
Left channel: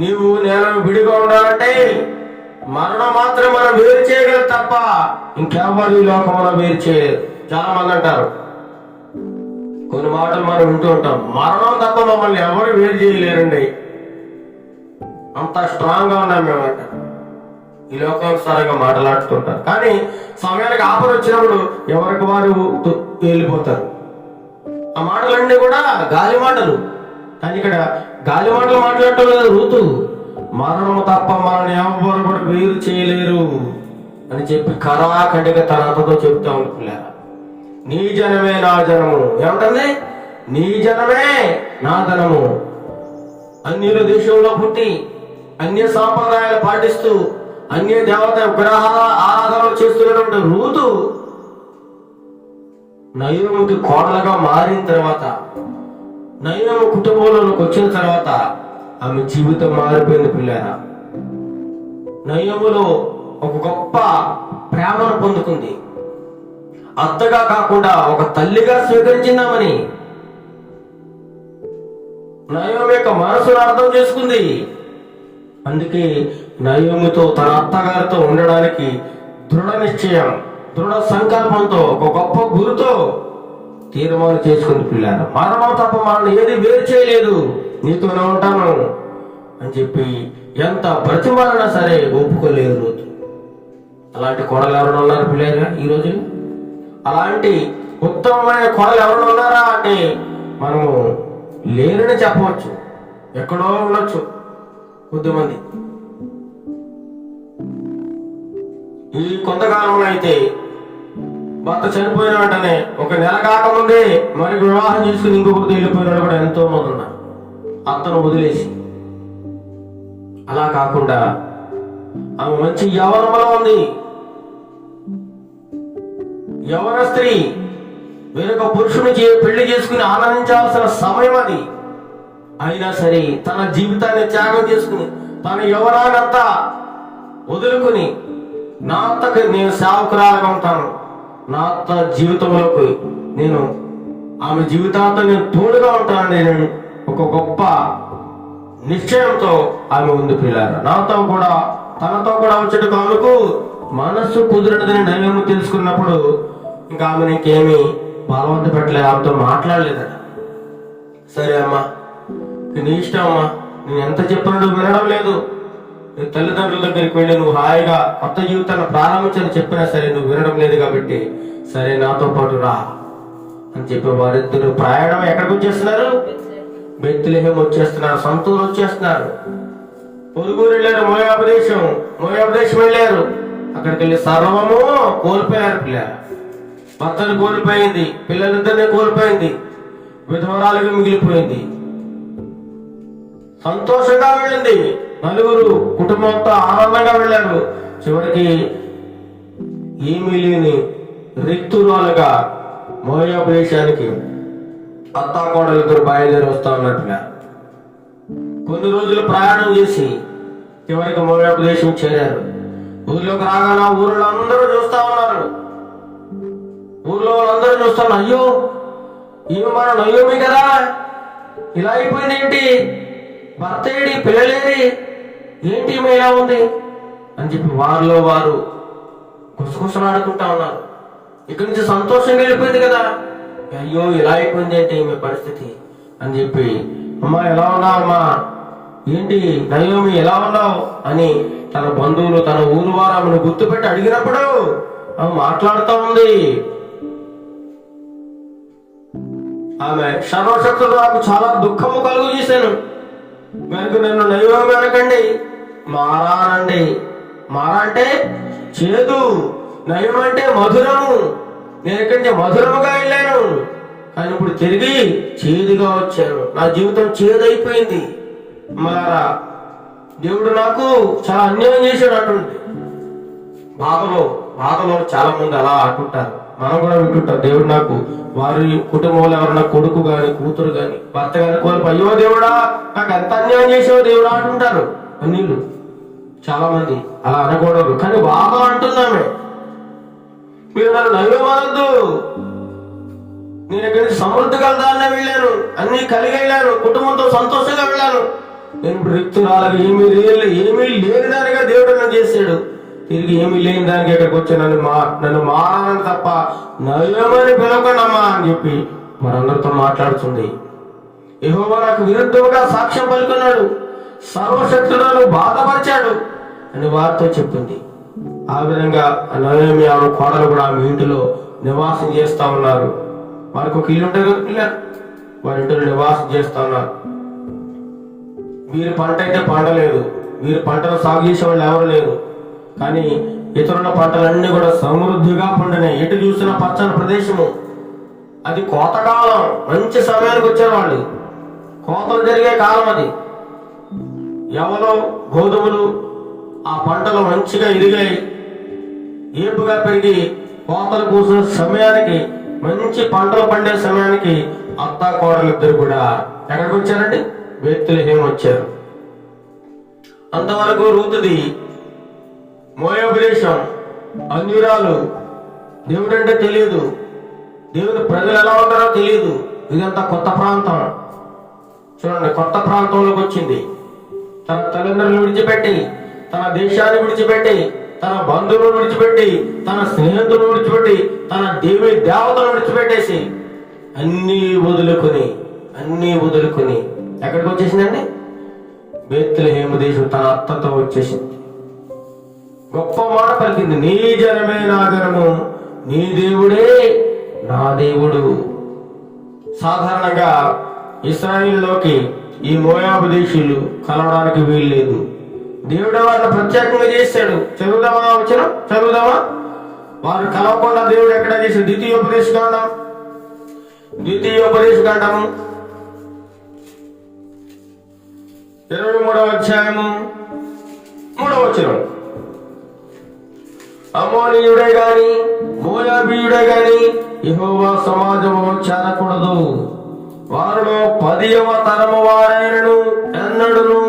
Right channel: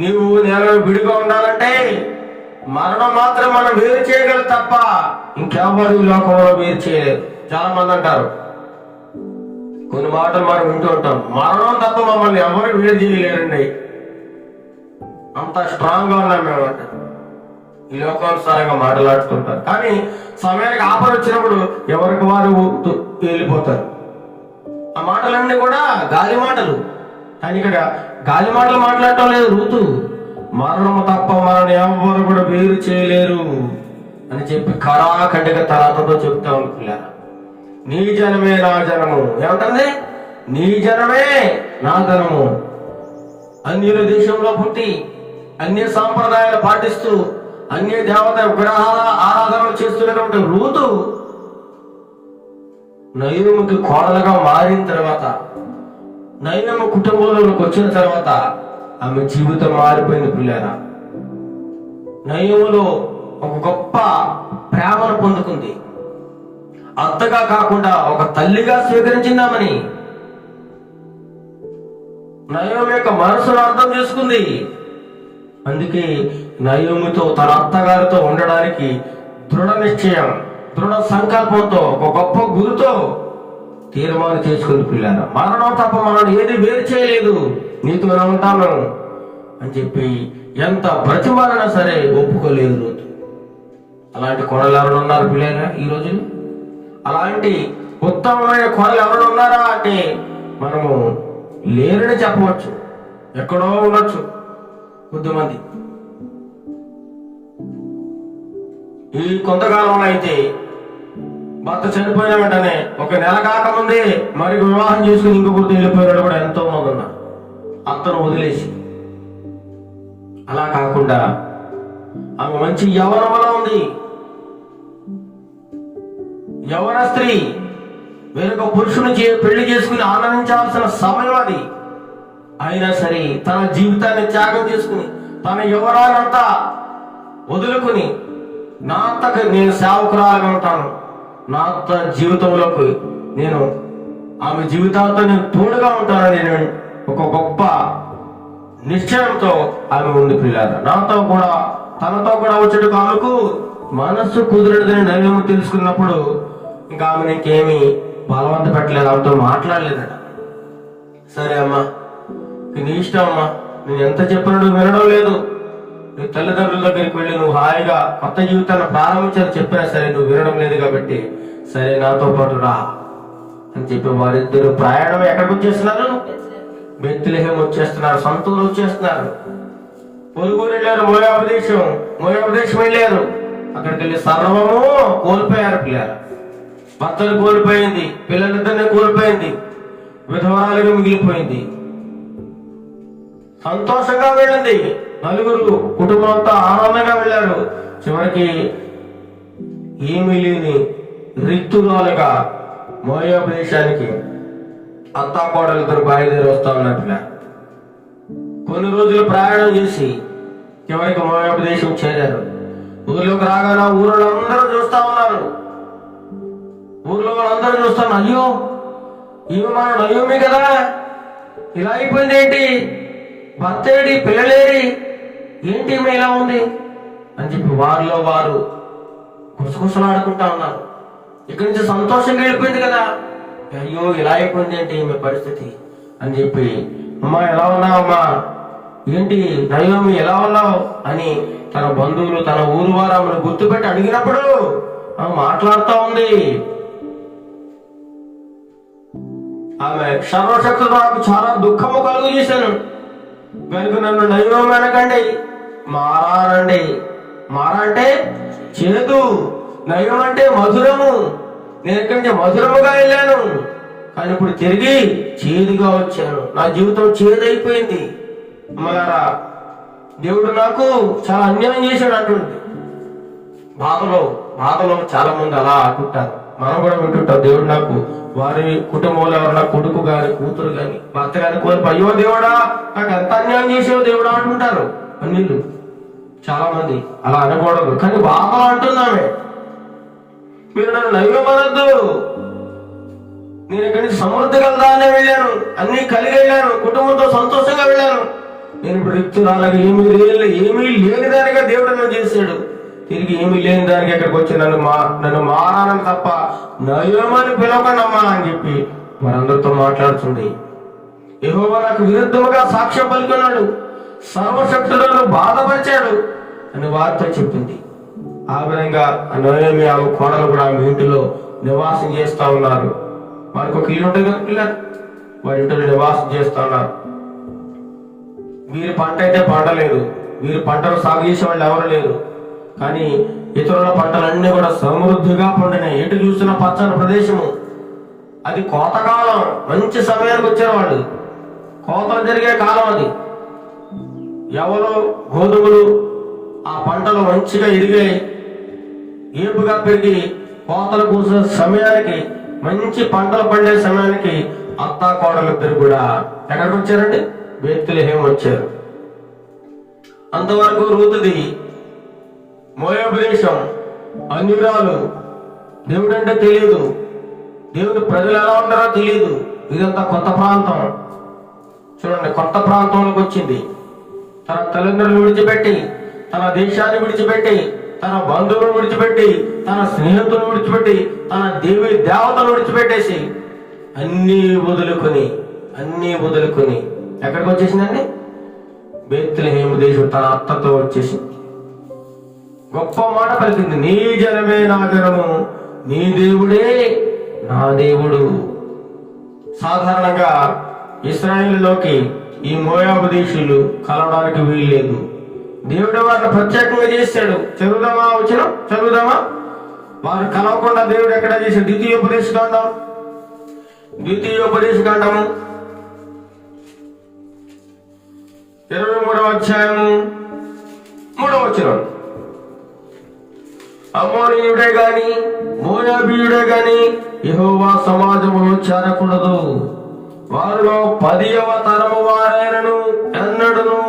నీవు నేను విడిగా ఉండాలంటే మరణం మాత్రం మనం వేరు చేయగలరు తప్ప ఇంకెవ్వరు ఈ లోకంలో వేరు చేయలేరు. చాలా మంది అంటారు, కొన్ని మాటలు మనం వింటూ ఉంటాం, మరణం తప్ప మమ్మల్ని ఎవరు వేరు చేయలేరండి, అంత స్ట్రాంగ్ గా ఉన్నాం మేము అంటారు. ఈ లోకానుసారంగా మాట్లాడుతుంటారు. కానీ సమయానికి ఆపద వచ్చినప్పుడు ఎవరికి వారు వెళ్ళిపోతారు. ఆ మాటలన్నీ కూడా గాలి మాటలు. కానీ ఇక్కడ గాలి మాటలు మాట్లాడటం లేదు రూతు. మరణము తప్ప మనల్ని ఎవరు కూడా వేరు చేయలేరు అని చెప్పి కరాఖండిగా తన అత్తతో చెప్తా ఉంటుంది. నీ జనమే నా జనము, ఏమంటుంది? నీ జనమే నా ధనము. అన్యుల దేశంలో పుట్టి అన్య సాంప్రదాయాలు పాటిస్తూ అన్య దేవత విగ్రహాల ఆరాధనలు చేస్తున్నటువంటి రూతు నయోమికి కోడలుగా మారిన తర్వాత, నయోమి కుటుంబంలోకి వచ్చిన తర్వాత ఆమె జీవితం మారిపోయింది పిల్లారా. నయోమిలో ఒక గొప్ప ప్రేమను పొందుకుంది. అత్తగా కాకుండా ఒక తల్లిగా స్వీకరించిందామని నయోమి యొక్క మనసును అర్థం చేసుకుంది. అందుకే నయోమితో తన అత్తగారితో ఉండడానికి దృఢ నిశ్చయం, దృఢ సంకల్పంతో, ఒక గొప్ప గురుతో తీర్మానం చేసుకుని పిల్లారు. మరణం తప్ప మనల్ని ఏది వేరు చేయలేదు, నీతోనే ఉంటాను అని చెప్పి ఎంత బ్రతిమాలైనా సరే ఒప్పుకోలేదు రోజు. అలాంటి కోడలు ఎవరైనా ఉన్నారు పిల్లారా ఈ రోజు? అలాంటి ఉత్తమమైన కోడలు ఎవరైనా ఉన్నారా అంటే మనము లేరని చెప్పవచ్చు. ఎక్కడో ఉండొచ్చు కొద్దిమంది. ఈ కొంతకాలంలో అయితే భర్త చనిపోయిన వెంటనే ఒక నెల కాకముందే మరి వివాహం చేసుకుని ఇంకొకరితో వెళ్ళిపోయినాడు కూడా ఎంతో మంది ఉన్నారు, అత్తను వదిలేసి. అలా కాకుండా ఆమె మంచి యవ్వనంలో ఉంది. యవ్వన స్త్రీ వేరొక పురుషుని పెళ్లి చేసుకుని ఆనందించాల్సిన సమయం అది. అయినా సరే తన జీవితాన్ని త్యాగం చేసుకుని తన యవ్వనాన్నంతా వదులుకుని, నా అత్తకు నేను సేవకురాలుగా ఉంటాను, నా అత్త జీవితంలోకి నేను ఆమె జీవితాంతో నేను తోడుగా ఉంటానని నేను ఒక గొప్ప నిశ్చయంతో ఆమె ఉంది పిల్లారా. నాతో కూడా తనతో కూడా వచ్చేటకు ఆమెకు మనస్సు కుదిరదని నైవేద్యం తెలుసుకున్నప్పుడు ఇంకా ఆమెను ఇంకేమీ బలవంత పెట్టలేదు, ఆమెతో మాట్లాడలేదట. సరే అమ్మా, నీ ఇష్టం అమ్మా, నేను ఎంత చెప్పినా నువ్వు వినడం లేదు, నీ తల్లిదండ్రుల దగ్గరికి వెళ్ళి నువ్వు హాయిగా కొత్త జీవితాన్ని ప్రారంభించాలని చెప్పినా సరే నువ్వు వినడం లేదు కాబట్టి సరే నాతో పాటు రా అని చెప్పి వారిద్దరు ప్రయాణం ఎక్కడికి వచ్చేస్తున్నారు? బెత్లెహేం వచ్చేస్తున్నారు, సొంతూరు వచ్చేస్తున్నారు. పొరుగురు వెళ్ళారు, మోయాబు దేశం వెళ్ళారు. అక్కడికి వెళ్ళి సర్వము కోల్పోయారు పిల్లలు. భర్తను కోల్పోయింది, పిల్లలిద్దరిని కోల్పోయింది, విధవరాలుగా మిగిలిపోయింది. సంతోషంగా వెళ్ళింది, నలుగురు కుటుంబంతో ఆనందంగా వెళ్ళారు. చివరికి ఏమీ లేని రిక్తురాలుగా మోయాబు దేశానికి అత్తా కోడలిద్దరు బయలుదేరి వస్తా ఉన్నట్టుగా కొన్ని రోజులు ప్రయాణం చేసి చివరికి మోయాబు దేశం చేరారు. ఊర్లోకి రాగానే ఊరిలో అందరూ చూస్తా ఉన్నారు. ఊర్లో వాళ్ళందరూ చూస్తాను, అయ్యో ఈమె మన నయోమి కదా, ఇలా అయిపోయింది ఏంటి, భర్త ఏంటి, పిల్లలేరి ఏంటి ఈమె ఇలా ఉంది అని చెప్పి వారిలో వారు గుసగుసలాడుకుంటా ఉన్నారు. ఇక్కడి నుంచి సంతోషంగా వెళ్ళిపోయింది కదా, అయ్యో ఇలా అయిపోయింది ఏంటి ఈమె పరిస్థితి అని చెప్పి, అమ్మా ఎలా ఉన్నావమ్మా, ఏంటి నయోమి ఎలా ఉన్నావు అని తన బంధువులు తన ఊరు వారు ఆమెను గుర్తుపెట్టి అడిగినప్పుడు ఆమె మాట్లాడుతూ ఉంది. ఆమె సర్వశక్తులు నాకు చాలా దుఃఖము కలుగు చేశాను కనుక నన్ను నయోమి అనకండి, మారా అనండి. మారా అంటే చేదు, నయం అంటే మధురము. నేను ఎక్కడి నుంచి మధురముగా వెళ్ళాను కానీ ఇప్పుడు తిరిగి చేదుగా వచ్చాను, నా జీవితం చేదైపోయింది. మళ్ళా దేవుడు నాకు చాలా అన్యాయం చేశాడు అంటుంది. బాధలో చాలా మంది అలా అంటుంటారు, మనం కూడా వింటుంటాం. దేవుడు నాకు వారి కుటుంబంలో ఎవరన్నా కొడుకు గాని కూతురు గాని భర్త గాని కోల్పోయి, అయ్యో దేవుడా నాకు ఎంత అన్యాయం చేసావు దేవుడా అంటుంటారు అన్యులు. చాలా మంది అలా అనకూడదు, కానీ బాగా అంటున్నామే. మీరు నన్ను నయ్యమనద్దు, నేను ఇక్కడి నుంచి సమృద్ధి కలదానే వెళ్ళాను, అన్ని కలిగి వెళ్ళాను, కుటుంబంతో సంతోషంగా వెళ్ళాను. నేను ఇప్పుడు రిక్తురాలగా ఏమీ లేని దానిగా దేవుడు నన్ను చేశాడు. తిరిగి ఏమీ లేని దానికి ఇక్కడికి వచ్చి నన్ను మారాలని తప్ప నయ్యమని పిలవకండమ్మా అని చెప్పి మనందరితో మాట్లాడుతుంది. యెహోవా నాకు విరుద్ధముగా సాక్ష్యం పలుకున్నాడు, సర్వశక్తులను బాధపరిచాడు అని వారితో చెప్పింది. ఆ విధంగా నయోమి ఆమె కోడలు కూడా ఆమె ఇంటిలో నివాసం చేస్తా ఉన్నారు. వారికి ఒక ఇల్లు ఉంటుంది కదా పిల్లలు, వారి ఇంటిలో నివాసం చేస్తా ఉన్నారు. వీరి పంట అయితే పండలేదు, వీరి పంటలు సాగు చేసే వాళ్ళు ఎవరు లేరు, కానీ ఇతరుల పంటలన్నీ కూడా సమృద్ధిగా పండినాయి. ఎటు చూసిన పచ్చని ప్రదేశము. అది కోతకాలం, మంచి సమయానికి వచ్చేవాళ్ళు, కోతలు జరిగే కాలం అది. ఎవరో గోధుమలు ఆ పంటలు మంచిగా ఎదిగాయి, ఏపుగా పెరిగి కోతలు కూసిన సమయానికి, మంచి పంటలు పండే సమయానికి అత్తా కోడలిద్దరు కూడా ఎక్కడికి వచ్చారండి? బేత్లెహేము వచ్చారు. అంతవరకు రూతుది మోయాబు దేశం, అన్యురాలు, దేవుడంటే తెలియదు, దేవుని ప్రజలు ఎలా ఉంటారో తెలియదు. ఇదంతా కొత్త ప్రాంతం. చూడండి, కొత్త ప్రాంతంలోకి వచ్చింది. తన తల్లిదండ్రులు విడిచిపెట్టి, తన దేశాన్ని విడిచిపెట్టి, తన బంధువులను విడిచిపెట్టి, తన స్నేహితులను విడిచిపెట్టి, తన దేవి దేవతను విడిచిపెట్టేసి అన్నీ వదులుకుని ఎక్కడికి వచ్చేసిందండి? బేత్లెహేము దేశం తన అత్తతో వచ్చేసింది. గొప్ప మాట పలికింది, నీ జనమే నా జనము, నీ దేవుడే నా దేవుడు. సాధారణంగా ఇశ్రాయేలులోకి ఈ మోయాబు దేశీయులు కలవడానికి వీల్లేదు. దేవుడు వారిని ప్రత్యేకంగా చేశాడు. చదువుదామా వారు కలవకుండా దేవుడు ఎక్కడ చేశాడు? ద్వితీయోపదేశకాండము 23వ అధ్యాయము 3వ వచనం. అమ్మోనీయుడే గాని మోయాబీయుడే గాని యెహోవా సమాజములో చేరకూడదు. వారిలో 10వ తరము వారైనను ఎన్నడను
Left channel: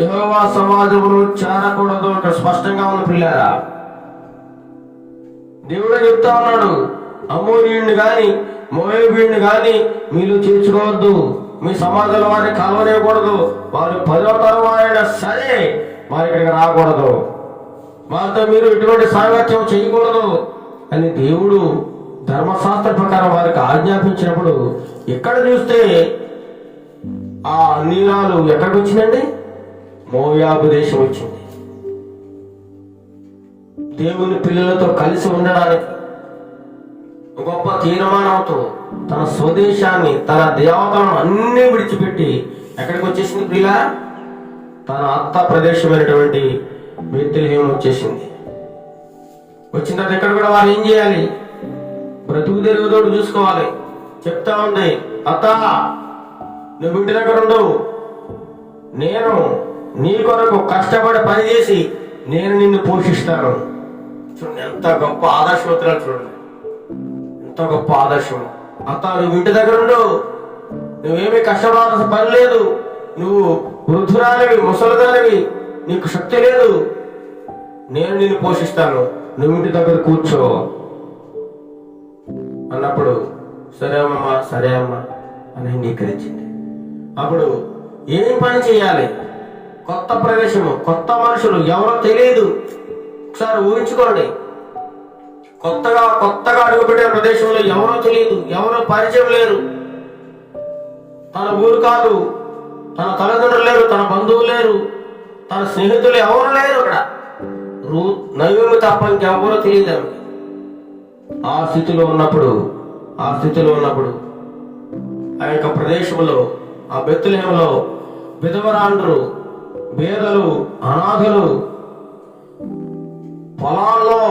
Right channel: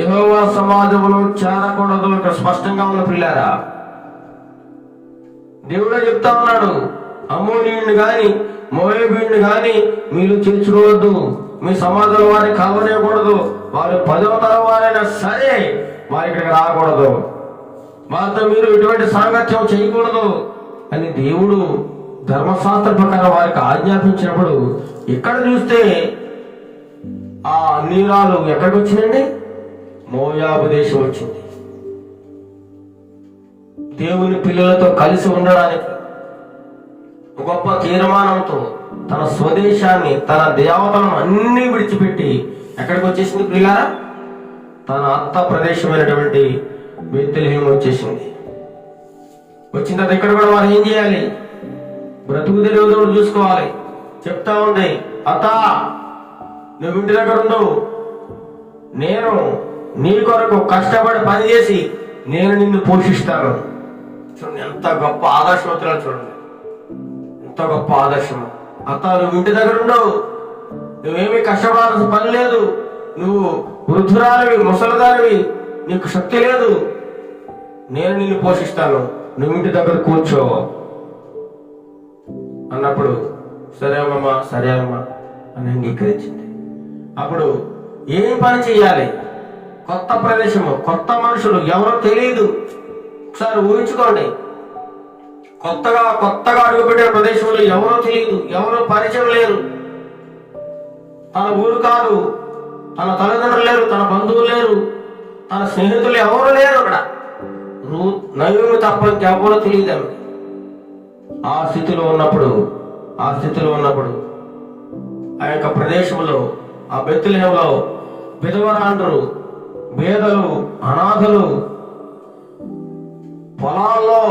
యెహోవా సమాజములో చేరకూడదు. ఇక్కడ స్పష్టంగా ఉన్న పిల్లారా, దేవుడే చెప్తా ఉన్నాడు, అమ్మోనీయుడిని గాని మోయాబీయుడిని గాని మీరు చేర్చుకోవద్దు, మీ సమాజంలో వారిని కలవనేయకూడదు. వారు 10వ తరం వారైనా సరే వారి ఇక్కడికి రాకూడదు, వారితో మీరు ఎటువంటి సాంగత్యం చేయకూడదు అని దేవుడు ధర్మశాస్త్ర ప్రకారం వారికి ఆజ్ఞాపించినప్పుడు ఇక్కడ చూస్తే ఆ నీరాలు ఎక్కడికి వచ్చిందండి? మోయాబు దేశం వచ్చింది. దేవుని పిల్లలతో కలిసి ఉండడానికి గొప్ప తీర్మానంతో తన స్వదేశాన్ని, తన దేవతలను అన్ని విడిచిపెట్టి ఎక్కడికి వచ్చేసింది పిల్లరా? తన అత్త ప్రదేశమైనటువంటి బేత్లెహేము వచ్చేసింది. వచ్చిన తర్వాత ఇక్కడ కూడా వారు ఏం చేయాలి? బ్రతుకు తెరుగుదోడు చూసుకోవాలి. చెప్తా ఉంది, అత్త నువ్వు ఇంటి దగ్గర ఉండవు, నేను నీ కొరకు కష్టపడి పనిచేసి నేను నిన్ను పోషిస్తాను. చూడండి ఎంత గొప్ప ఆదర్శవంతురాలు, చూడండి ఎంత గొప్ప ఆదర్శం. అత్త నువ్వు ఇంటి దగ్గర ఉండవు, నువ్వేమీ కష్టపడాల్సిన పని లేదు, నువ్వు వృద్ధురాలివి, ముసలిదానివి, నీకు శక్తి లేదు, నేను నిన్ను పోషిస్తాను, నువ్వు ఇంటి దగ్గర కూర్చో అన్నప్పుడు సరే అమ్మా అని అంగీకరించింది. అప్పుడు ఏం పని చెయ్యాలి? కొత్త ప్రదేశము, కొత్త మనుషులు, ఎవరో తెలియదు. ఒకసారి ఊహించుకోండి, కొత్తగా అడుగుపెట్టే ప్రదేశంలో ఎవరో తెలియదు, ఎవరో పరిచయం లేరు, తన ఊరు కాదు, తన తల్లిదండ్రులు లేరు, తన బంధువులు లేరు, తన స్నేహితులు ఎవరు లేరు. అక్కడ నయోమి తప్ప ఇంకెవరో తెలియదు ఆమె. ఆ స్థితిలో ఉన్నప్పుడు ఆ యొక్క ప్రదేశంలో, ఆ బెత్లెహేములో విధవరాండ్రు, పేదలు, అనాథలు పొలాల్లో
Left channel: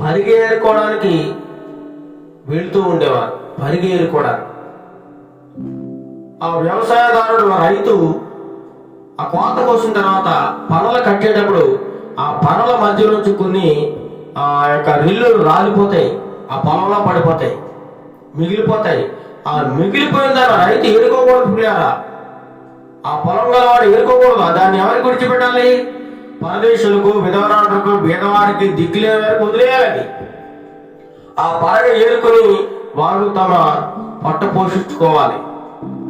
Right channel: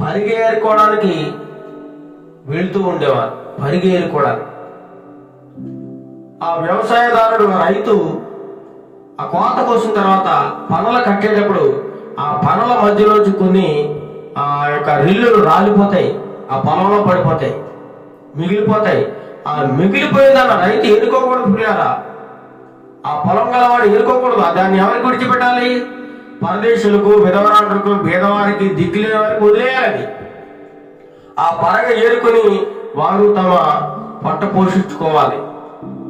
పరిగేరుకోవడానికి వెళ్తూ ఉండేవారు. పరిగేరుకోవడానికి ఆ వ్యవసాయదారుడు, రైతు ఆ కోత కోసిన తర్వాత పనలు కట్టేటప్పుడు ఆ పనల మధ్యలోంచి కొన్ని ఆ యొక్క రిల్లులు రాలిపోతాయి, ఆ పొలంలో పడిపోతాయి, మిగిలిపోతాయి. ఆ మిగిలిపోయిందన్న రైతు ఏరుకోకూడదు పిల్లారా, ఆ పొలం గలవాడు ఏరుకోకూడదు. దాన్ని ఎవరికి విడిచిపెట్టాలి? పరదేశులకు, విధవరాలకు, భేదవారికి, దిక్కులే వారికి వదిలేయాలి. ఆ పరగ ఏరుకుని వారు తమ పొట్ట పోషించుకోవాలి.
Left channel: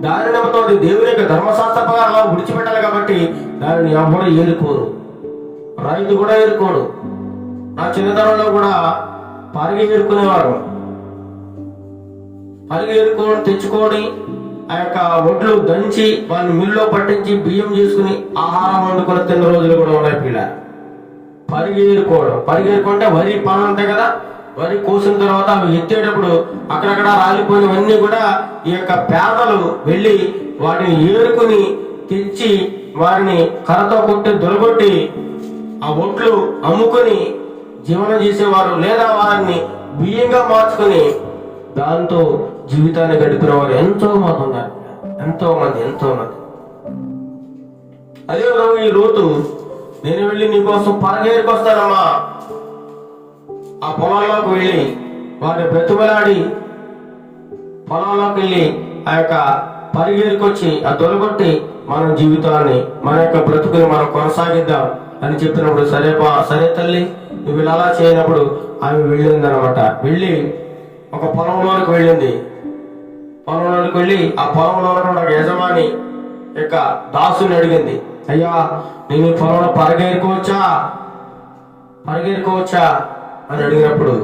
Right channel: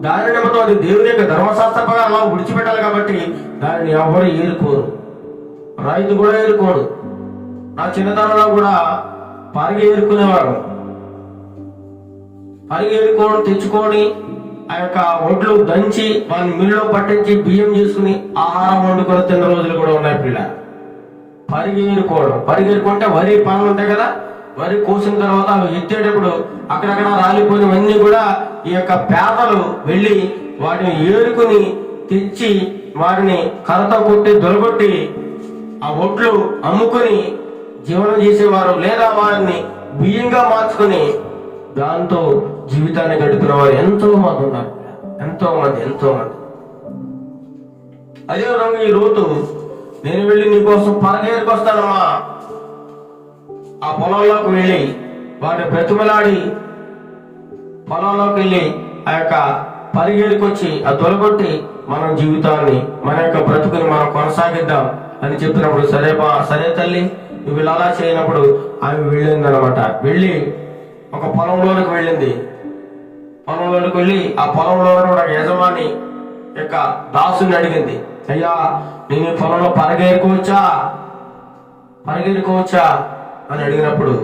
దాని నిమిత్తం అది దేవుని యొక్క ధర్మశాస్త్ర ప్రకారం విడిచిపెట్టాలి కాబట్టి దానిని ఎవరు ఏరుకోరు. రైతు కూడా ఏరుకోడు. నా చిన్నతనంలో కూడా పరిగె ఏరుకునేవారు. పరిగె ఏరుకోవడం తెచ్చుకొని ఆ యొక్క ఒడ్లు దంచి వాళ్ళని మిల్లులో పట్టించి బియ్యం చేసుకుని ఆహారం వండుకొని తిన్న రోజులు కూడా ఉన్నాయి. పిల్ల పరిగె ఏరుకోవడం, పరిగె ఏరుకుంటే వరి పనులు ఉంటాయి కదా, వరి కోసిన తర్వాత అవి ఎత్తేటప్పుడు అక్కడక్కడ రాలిపోయినవన్నీ కూడా ఈ యొక్క పేదలు వెళ్ళి వాటిని ఏరుకుని తెచ్చి వారిని కర్రతో కొట్టి దొరగొట్టి ఆ ఒట్లు అమ్ముకొని జీవనం చేసేవారు, లేదా వారిని బియ్యంగా మార్చుకుని దాంతో జీవితాన్ని గడిపిన వారు ఎంతో మంది ఉన్నారు. ఎంతో మంది. అదే ఈ రోజు నేను వెళ్ళి నీకోసం పరగేరుకు వస్తానమ్మా, ఆ పొలంలోకి వెళ్ళి వారిని బ్రతిమలాడి పొలంలోకి వెళ్ళి ఆ యొక్క పరిగేరుకొచ్చి ఆ దొరగొట్టి మన జీవితాన్ని, మన యొక్క బ్రతుకుని మనం కొనసాగిద్దాం అని చెప్పినప్పుడు సరే తల్లి నువ్వు ఇలా అలా చేయనప్పుడు ఆమె వెళ్ళింది అనమాట. వెళ్ళి ఒక పొలంలోనికి వెళ్ళింది. పొలంలోనికి వెళ్ళి ఆ పొలంలో కూడా యజమాని యొక్క దాసుని అడిగింది, అయ్యా నేను ఈ పొలంలో పరిగెరుకోవచ్చా అని అడిగినప్పుడు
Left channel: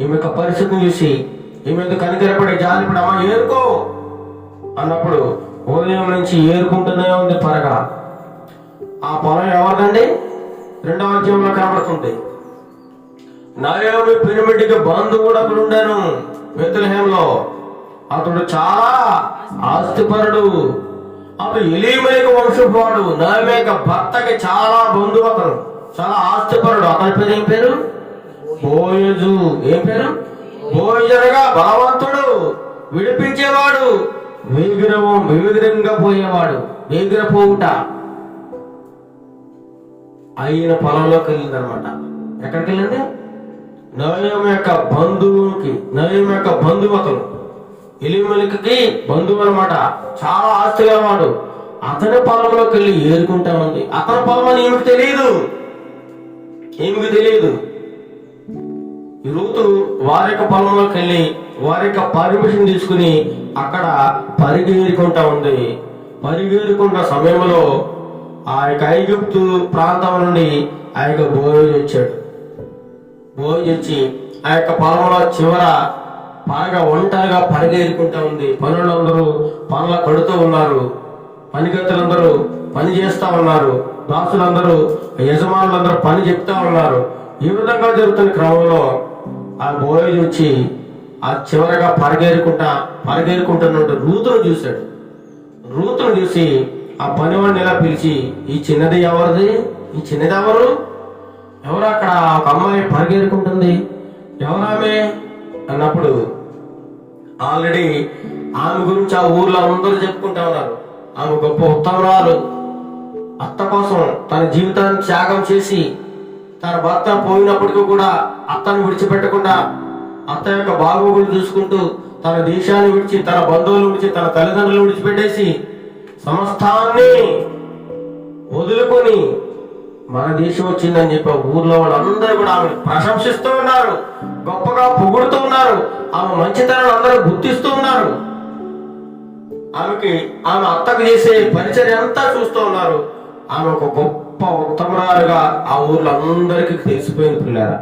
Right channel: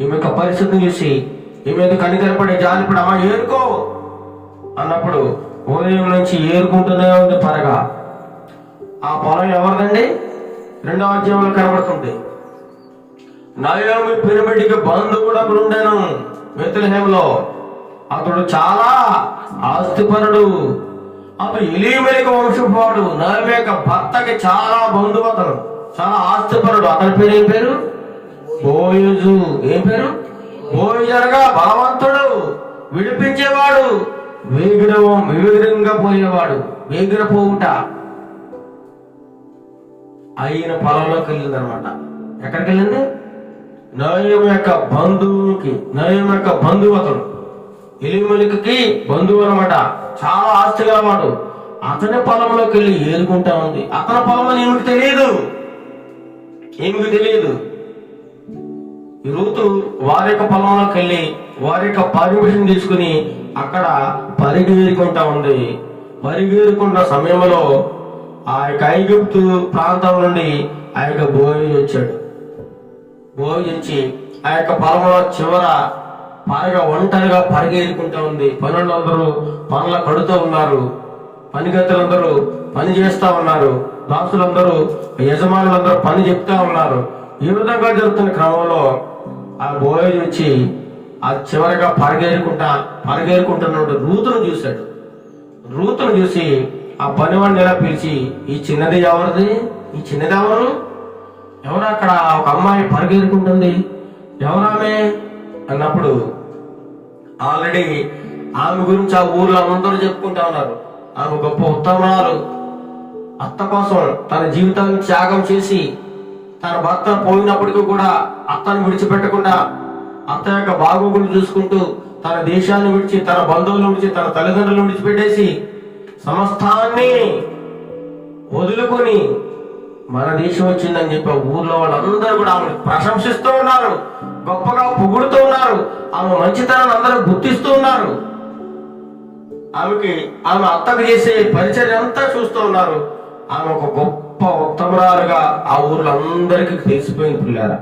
ఈమె యొక్క పరిస్థితిని చూసి ఈమె కనికరపడి జాలిపడి అమ్మ ఏరుకో అన్నప్పుడు ఉదయం నుంచి ఏరుకుంటూనే ఉంది పరగ. ఆ పొలం ఎవరిదండి? 2వ అధ్యాయంలో కనబడుతుంది. నయోమి పిరమిడ్కి బంధువుడు అప్పుడు ఉండేను బెత్లెహేంలో. అతడు చాలా ఆస్తిపరుడు. అతడు ఎలీమెలెకు వంశపువాడు. నయోమి యొక్క భర్తకి చాలా బంధువు, అతను చాలా ఆస్తిపరుడు. అతని పేరు ఏం పేరు? బోయజు. ఏం పేరు? బోయజు అనగా బలవంతుడు, విడిపించేవాడు, వేగిరంగా పోయేవాడు. వేగిరపోవుట. ఆయన పొలంలోకి వెళ్ళింది అనమాట. ఎక్కడికి వెళ్ళింది? నయోమి యొక్క బంధువు అతను. ఎలీమెలెకుకి బంధువు అనమాట. చాలా ఆస్తి గలవాడు. అతని పొలంలోకి వెళ్ళి ఏరుకుంటా ఉంది. అతని పొలం అని ఏమికి తెలియదు. ఈ రూతు వారి యొక్క పొలంలోకి వెళ్ళి వారి యొక్క పర్మిషన్ తీసుకుని అక్కడ పరిగెరుకుంటా ఉంది. పరిగెరుకున్న సమయంలో ఆ యొక్క ఐగుప్తు ప్రాంతం నుండి ఆ యొక్క బోయజు వచ్చాడు. బోయజు వచ్చి ఆ యొక్క పొలంలో చివర బాగా ఒంటరిగా పరిగెరుకుంటా ఉంది. పనులందరూ పనుల కడుతూ ఉన్నారు. పనిగత్తులందరూ పని చేస్తా ఉన్నారు. దాసులందరూ, యజమానులందరూ పని చెప్తా ఉన్నారు. ఈ విధంగా జరుగుతున్న క్రమంలో ఆ బోయజు వచ్చి ఆ చివరగా పరిగెరుకుంటున్న రూతును చూశాడు. రూతును చూసి ఆ పనివాడిని ఎలా పిలిచి, ఈ చిన్నది ఎవరిది? ఈ చిన్నది ఎవరు అక్కడ ఒక అమ్మాయి పరిగెరుకుంటుంది, ఎవరామె అన్నప్పుడు ఆల్రెడీ ఆమె గురించి ఆ ఊర్లో అందరూ చెప్పుకుంటా ఉన్నారు. ఆమె గొప్ప ఉత్తమరాలు. అత్త కోసం తన జీవితాన్ని త్యాగం చేసి తన భర్త పోయినప్పటికీ కూడా అత్తను విడిచిపెట్టకుండా అత్త యొక్క బాగోగులు చూసుకుంటూ తన దేశాన్ని విడిచి, తన బంధువులను విడిచి, తన తల్లిదండ్రులను విడిచిపెట్టేసి సమస్తాన్ని వదులుకొని మన దేశం వచ్చిందని చెప్పి ఊర్లో వాళ్ళందరూ కూడా ఆమె ప్రశంసిస్తూ ఉన్నారు, గొప్పగా పొగుడుతూ ఉన్నారు. ఆమె మంచితనాన్ని అందరూ గుర్తిస్తూ ఉన్నారు. ఆమె అత్తకు చేసే పరిచర్య అంతా చూస్తూ ఉన్నారు. ఆమె ఒక గొప్ప ఉత్తమరాలుగా ఆ ఊర్లో అందరికీ తెలిసిపోయింది. పిల్లారా,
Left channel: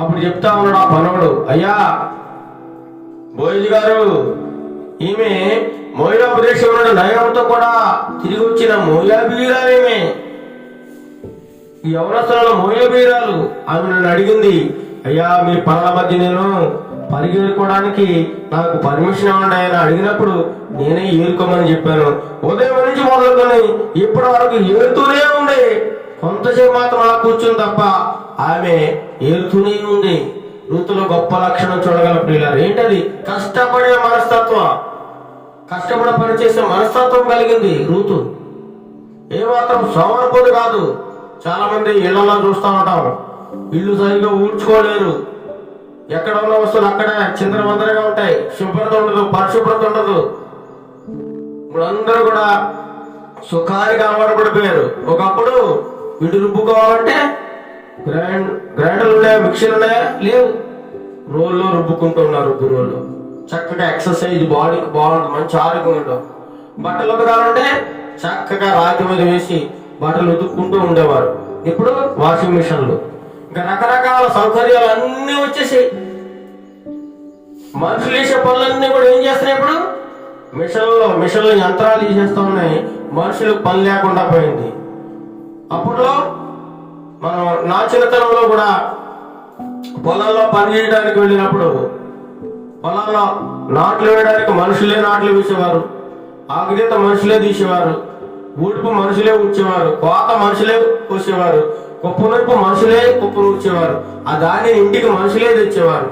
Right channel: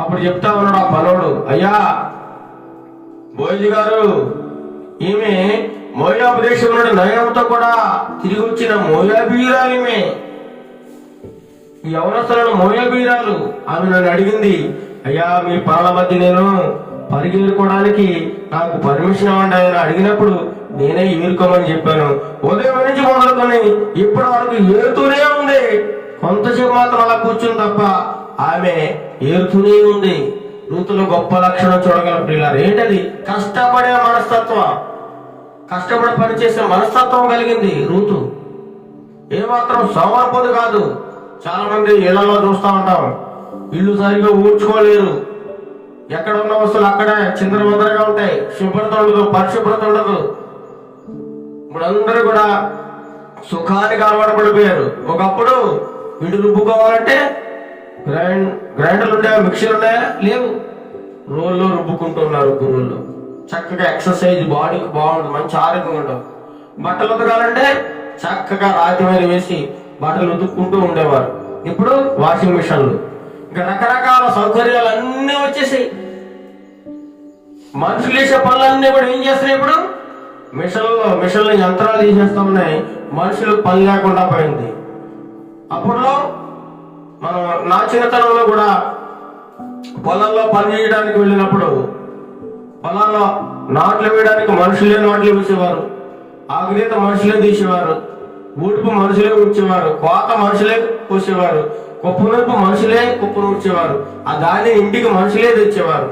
అప్పుడు చెప్తా ఉన్నాడు ఆ పనుడు, అయ్యా బోయజు గారు, ఈమె మోయాబు దేశంలో నయోమితో కూడా తిరిగి వచ్చిన మోయాబీరాలు. ఈమె ఈ యవనస్తులలో మోయాబీరాలు. ఆమె నన్ను అడిగింది, అయ్యా మీ పనుల మధ్య నేను పరిగెరుకోవడానికి నాకు పర్మిషన్ ఇవ్వండి ఆయన అడిగినప్పుడు నేనే ఏరుకోమని చెప్పాను. ఉదయం నుంచి మొదలుకొని ఇప్పటి వరకు ఏరుతూనే ఉంది. కొంతసేపు మాత్రం అలా కూర్చుంది తప్ప ఆమె ఏరుతూనే ఉంది. రూతులో గొప్ప లక్షణం చూడగల పిల్లలు ఏంటది? కష్టపడే మనస్తత్వం, కష్టపడి పనిచేసే మనస్తత్వం కలిగింది రూతు. ఏమాత్రం సోమరిపోతు కాదు. చాలా మంది ఇళ్లలో చూస్తూ ఉంటాం, ఇల్లు సరిగా ఊడ్చుకోలేరు. ఎక్కడ ఉన్న వస్తువులు అక్కడే చిందరవందరగా ఉంటాయి. శుభ్రత ఉండదు, పరిశుభ్రత ఉండదు. ఇప్పుడు అందరూ కూడా సుఖానికి అలవాటు పడిపోయారు. ఒకప్పుడు పిండి రుబ్బుకోవాలంటే గ్రైండర్లు ఉన్నాయా, మిక్సీలు ఉన్నాయా? లేవు. రోల్లో రుబ్బుకుంటున్నారు. రోల్లో చక్కగా ఎక్సర్సైజ్, బాడీకి బాగుంటుంది, మంచి ఆరోగ్యం ఉండవు. బట్టలు ఉతకాలంటే చక్కగా రాతి మీద వేసి బట్టలు ఉతుక్కుంటూ ఉండేవారు. ఇప్పుడు వాషింగ్ మిషన్లు, ఇంకా రకరకాల సౌకర్యాలు అన్నీ వచ్చేసాయి. మనుషులు చేసే పనులన్నీ కూడా ఏం చేస్తున్నాయి? ఇప్పుడు మిషన్లు యంత్రాలు తీసేస్తూ ఉన్నాయి. మనుషులకు పని లేకుండా పోయింది. అప్పట్లో మనం నా చిన్నతనంలో కూడా పొలాల్లో పని చేయడానికి వెళ్ళినప్పుడు పొలాల్లో నాట్లు వేయడానికి మనుషులే నాట్లు వేసేవారు, ఆకుదీత మనుషులే తీసేవారు, ఊడుపు మనుషులే ఊడ్చేవారు, కోత మనుషులే కోసేవారు, కుప్పనొప్పు మనుషులే కుప్పను ఊడ్చేవారు, ఆ దాన్ని ఇంటికి మనుషులే తెచ్చేవారు.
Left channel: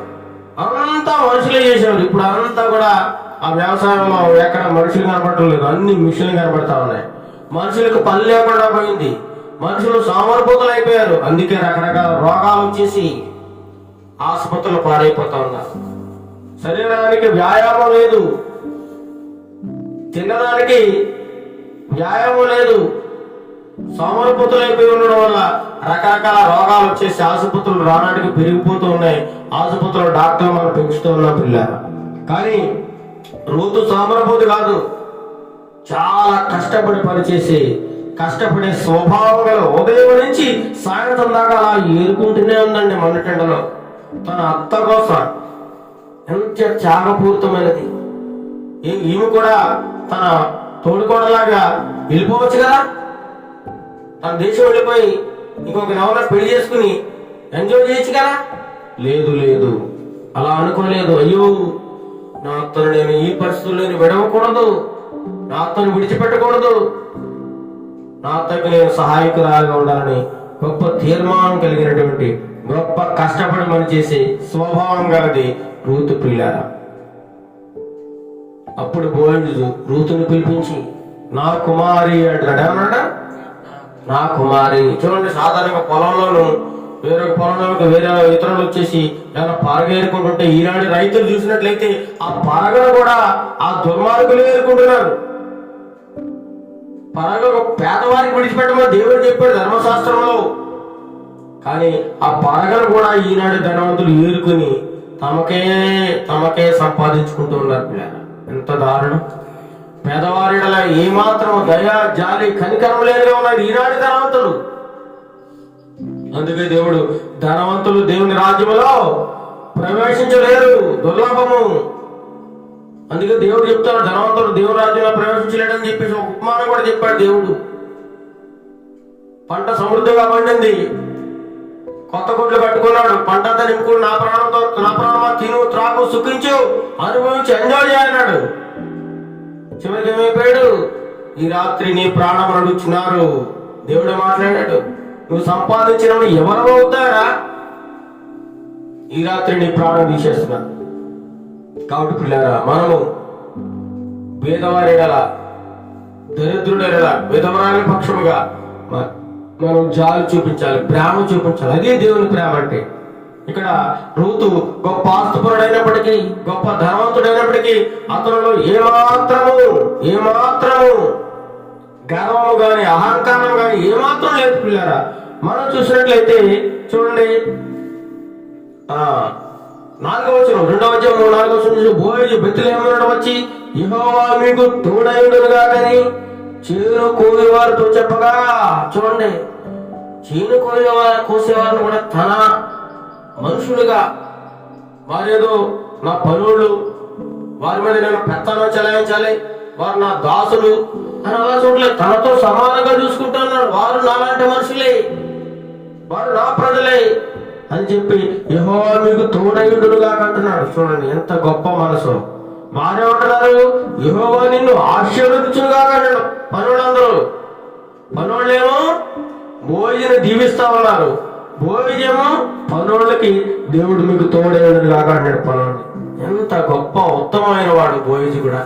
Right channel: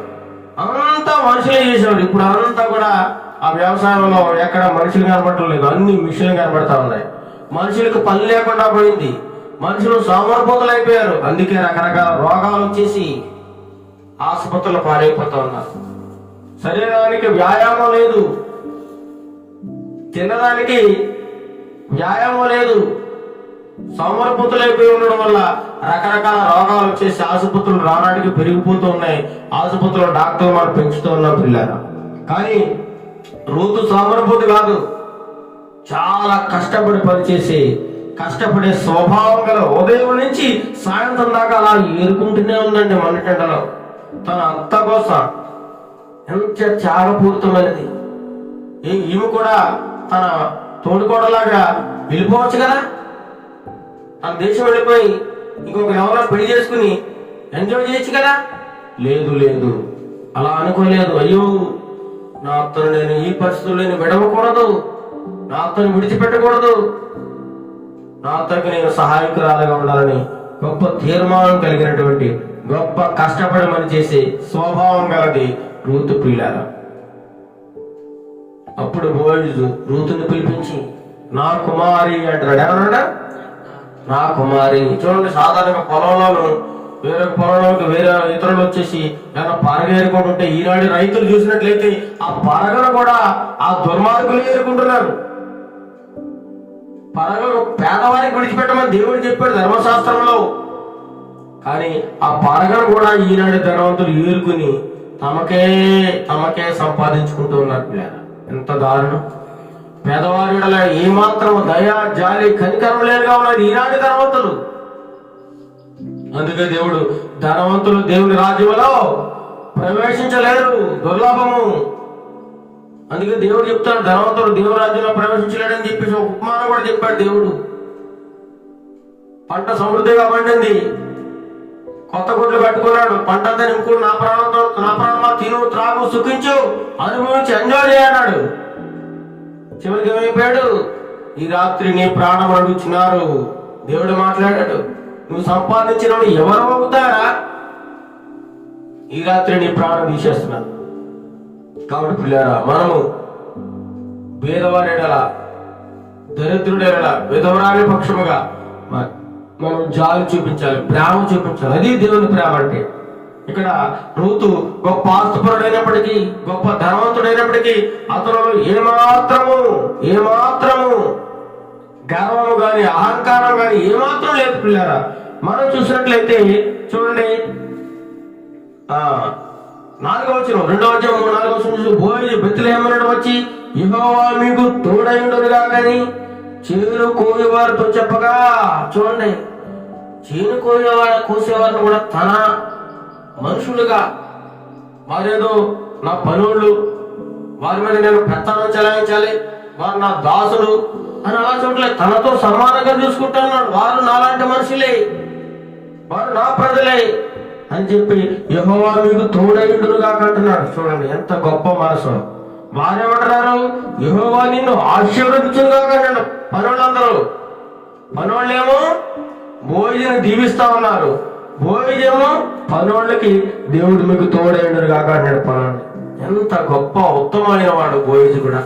అంతా మనుషులే చేసేవారు. ఇప్పుడు అంతా కూడా ఆ వ్యవసాయంలో ఎక్కడ మనుషులు కనపడటం లేదు, అన్ని మిషన్లు కనపడతా ఉన్నాయి. మనుషులకు పని లేకుండా పోయింది. మనుషులు సోమరిపోతులు అయిపోయారు. అందుకే రకరకాల రోగాలు వచ్చేసి ఆసుపత్రులు పాడైపోతా ఉన్నారు. శరీరానికి వ్యాయామం లేదు, తినడానికి వ్యాయామం లేదు. సోమరిపోతులు అయిపోయి ఉండడం వల్ల రకరకాల రోగాలు వచ్చేసి ఆసుపత్రులు రావడానికి పెరిగిపోతూ ఉన్నాయి. ఆసుపత్రులు డాక్టర్లు మనం పెంచుతూ ఉన్నాం పిల్లలు. కానీ రూతు సోమరిపోతు కాదు, చాలా కష్టపడి పనిచేసి కష్టపడే స్వభావం గల ఉదయం నుంచి సాయంత్రం దాకా అలా ఏరుకుంటూనే ఉందండి మండుటెండలో. తన అత్త కోసం ఎంత త్యాగపూరితమైనది. ఈమె కూడా తన తోడుకోడలాగా వెళ్ళిపోవచ్చు కదా, తన దేశం వెళ్ళిపోయి ఇంకొక ఎవరైనా పెళ్లి చేసుకుని ఎంజాయ్ చేయొచ్చు కదా. లేదు లేదు, అలా అనుకోలేదు. అయ్యో, నా అత్తను నేను ఈ పరిస్థితుల్లో విడవకూడదు, నా అత్తను విడిచిపెట్టకూడదు, నా అత్తకు నేను సహాయకురాలుగా ఉండాలని గొప్ప తీర్మానం కలిగినటువంటి, గొప్ప కష్టపడి పని చేసే స్వభావం గలది రూతు పిల్లారా. అప్పుడు బోయజు రూతుని పిలిపించి నా కుమారి అంటున్నాడు. ఏమన్నాడా? నా కుమారి. చూడండి, సాధారణంగా పొలంలోను వేరొక పొలంలోకి వేరే ఇతరులు వచ్చేసి ఏమైనా పరగ ఏరుకుంటుంటే ఈనాడు రైతులు చూసినట్లయితే ఆ పరగను కూడా ఆ దుర్మార్గులు ఏరుకుంటున్నారు. పరగ పేదవారికి విడిచిపెట్టమని దేవుడు చెప్పాడు ధర్మశాస్త్రంలో. కానీ ఆ పరగను కూడా ఈనాడు ధనవంతులు ఏరుకుని తమకే సంపాదించుకుంటూ ఉన్నారు. ఎంత దారుణం! పేదవారిడలా ఏమాత్రం దయా జాలి కనికరం లేనిగా ఉన్నారు ఈనాడు ధనవంతులు. అందుకే దేవుడు ధనవంతులు దేవుని రాజ్యములో ప్రవేశించలేరు, దుర్లభము. అందుకే దేవుడు చెప్తాడు ధనవంతుడు దేవుని రాజ్యంలో ప్రవేశించలేడని చెప్పేసి ఒక ఉపమానం కూడా చెప్పాడు దేవుడు. పంట సమృద్ధిగా పండింది, కొత్త గుడ్లు కట్టుకున్నాడు, పంట అంతా నింపుకుని నా ప్రాణమా తిను త్రాగు సుఖించు అనుభవించి ఎంజాయ్ చేయన్నాడు. చివరికి ఏమైపోయాడు? ఈ రాత్రి నీ ప్రాణం అడుగుతున్నారు. దేవుడు మాట్లాడాడు, నువ్వు సంపాదించినప్పుడు ఎవరు అవుతారా? ఈ రాత్రి నీ ప్రాణం తీసేస్తున్నా. కాబట్టి పిల్లరా, మనము పేదవారేడలా, దరిద్రుడేలా, విధవరాలి పక్షముగా మనం జాలి చూపించాలి, ప్రేమ చూపించాలి. అదే దేవుని ప్రేమ అంటే. ఇక్కడ రూతు గొప్ప ఆస్తుపరుడైనప్పటికీ, గొప్ప ధనవంతుడైనప్పటికీ అతను ఏమాత్రము గర్వము గాని అహంకారం గాని ఏమాత్రం లేదు పిల్లారా. మనం చూసినట్లయితే చూడండి, 4వ వచనం 2వ అధ్యాయం 4వ వచనం చూసి బోయజు బెత్లెహేమునకు వచ్చి యెహోవా మీకు తోడైయుండునుగా గాని చేను కోసేవారితో చెప్పగా. చూడండి, చేను కోసేవారిని కూడా తన మనుషులుగా, వారేదో నా పనులు, వారి మీద నేను పెత్తనం చెలాయించాలి, వారు నా దాసులు అని అలా చూడలేదు. తనతో సమానంగా చూసుకుంటున్నాడు. వారు నాలాంటి మనుషులే, వారు నా ప్రజలే అని చెప్పి యెహోవా మీకు తోడైయుండునుగా అంటున్నాడు. చూడండి ఎంత గొప్ప మనసు. వారేమంటున్నారు? యెహోవా నిన్ను ఆశీర్వదించుగా అన్నాడు. పనులేమో బోయజుని దీవిస్తా ఉన్నారు, బోయజేమో పనులకి దేవుడు మీకు తోడైయుండునుగా అంటాడు. పనులు ఎంత గొప్ప ఉత్తమమైన వాడు బోయజు కూడా.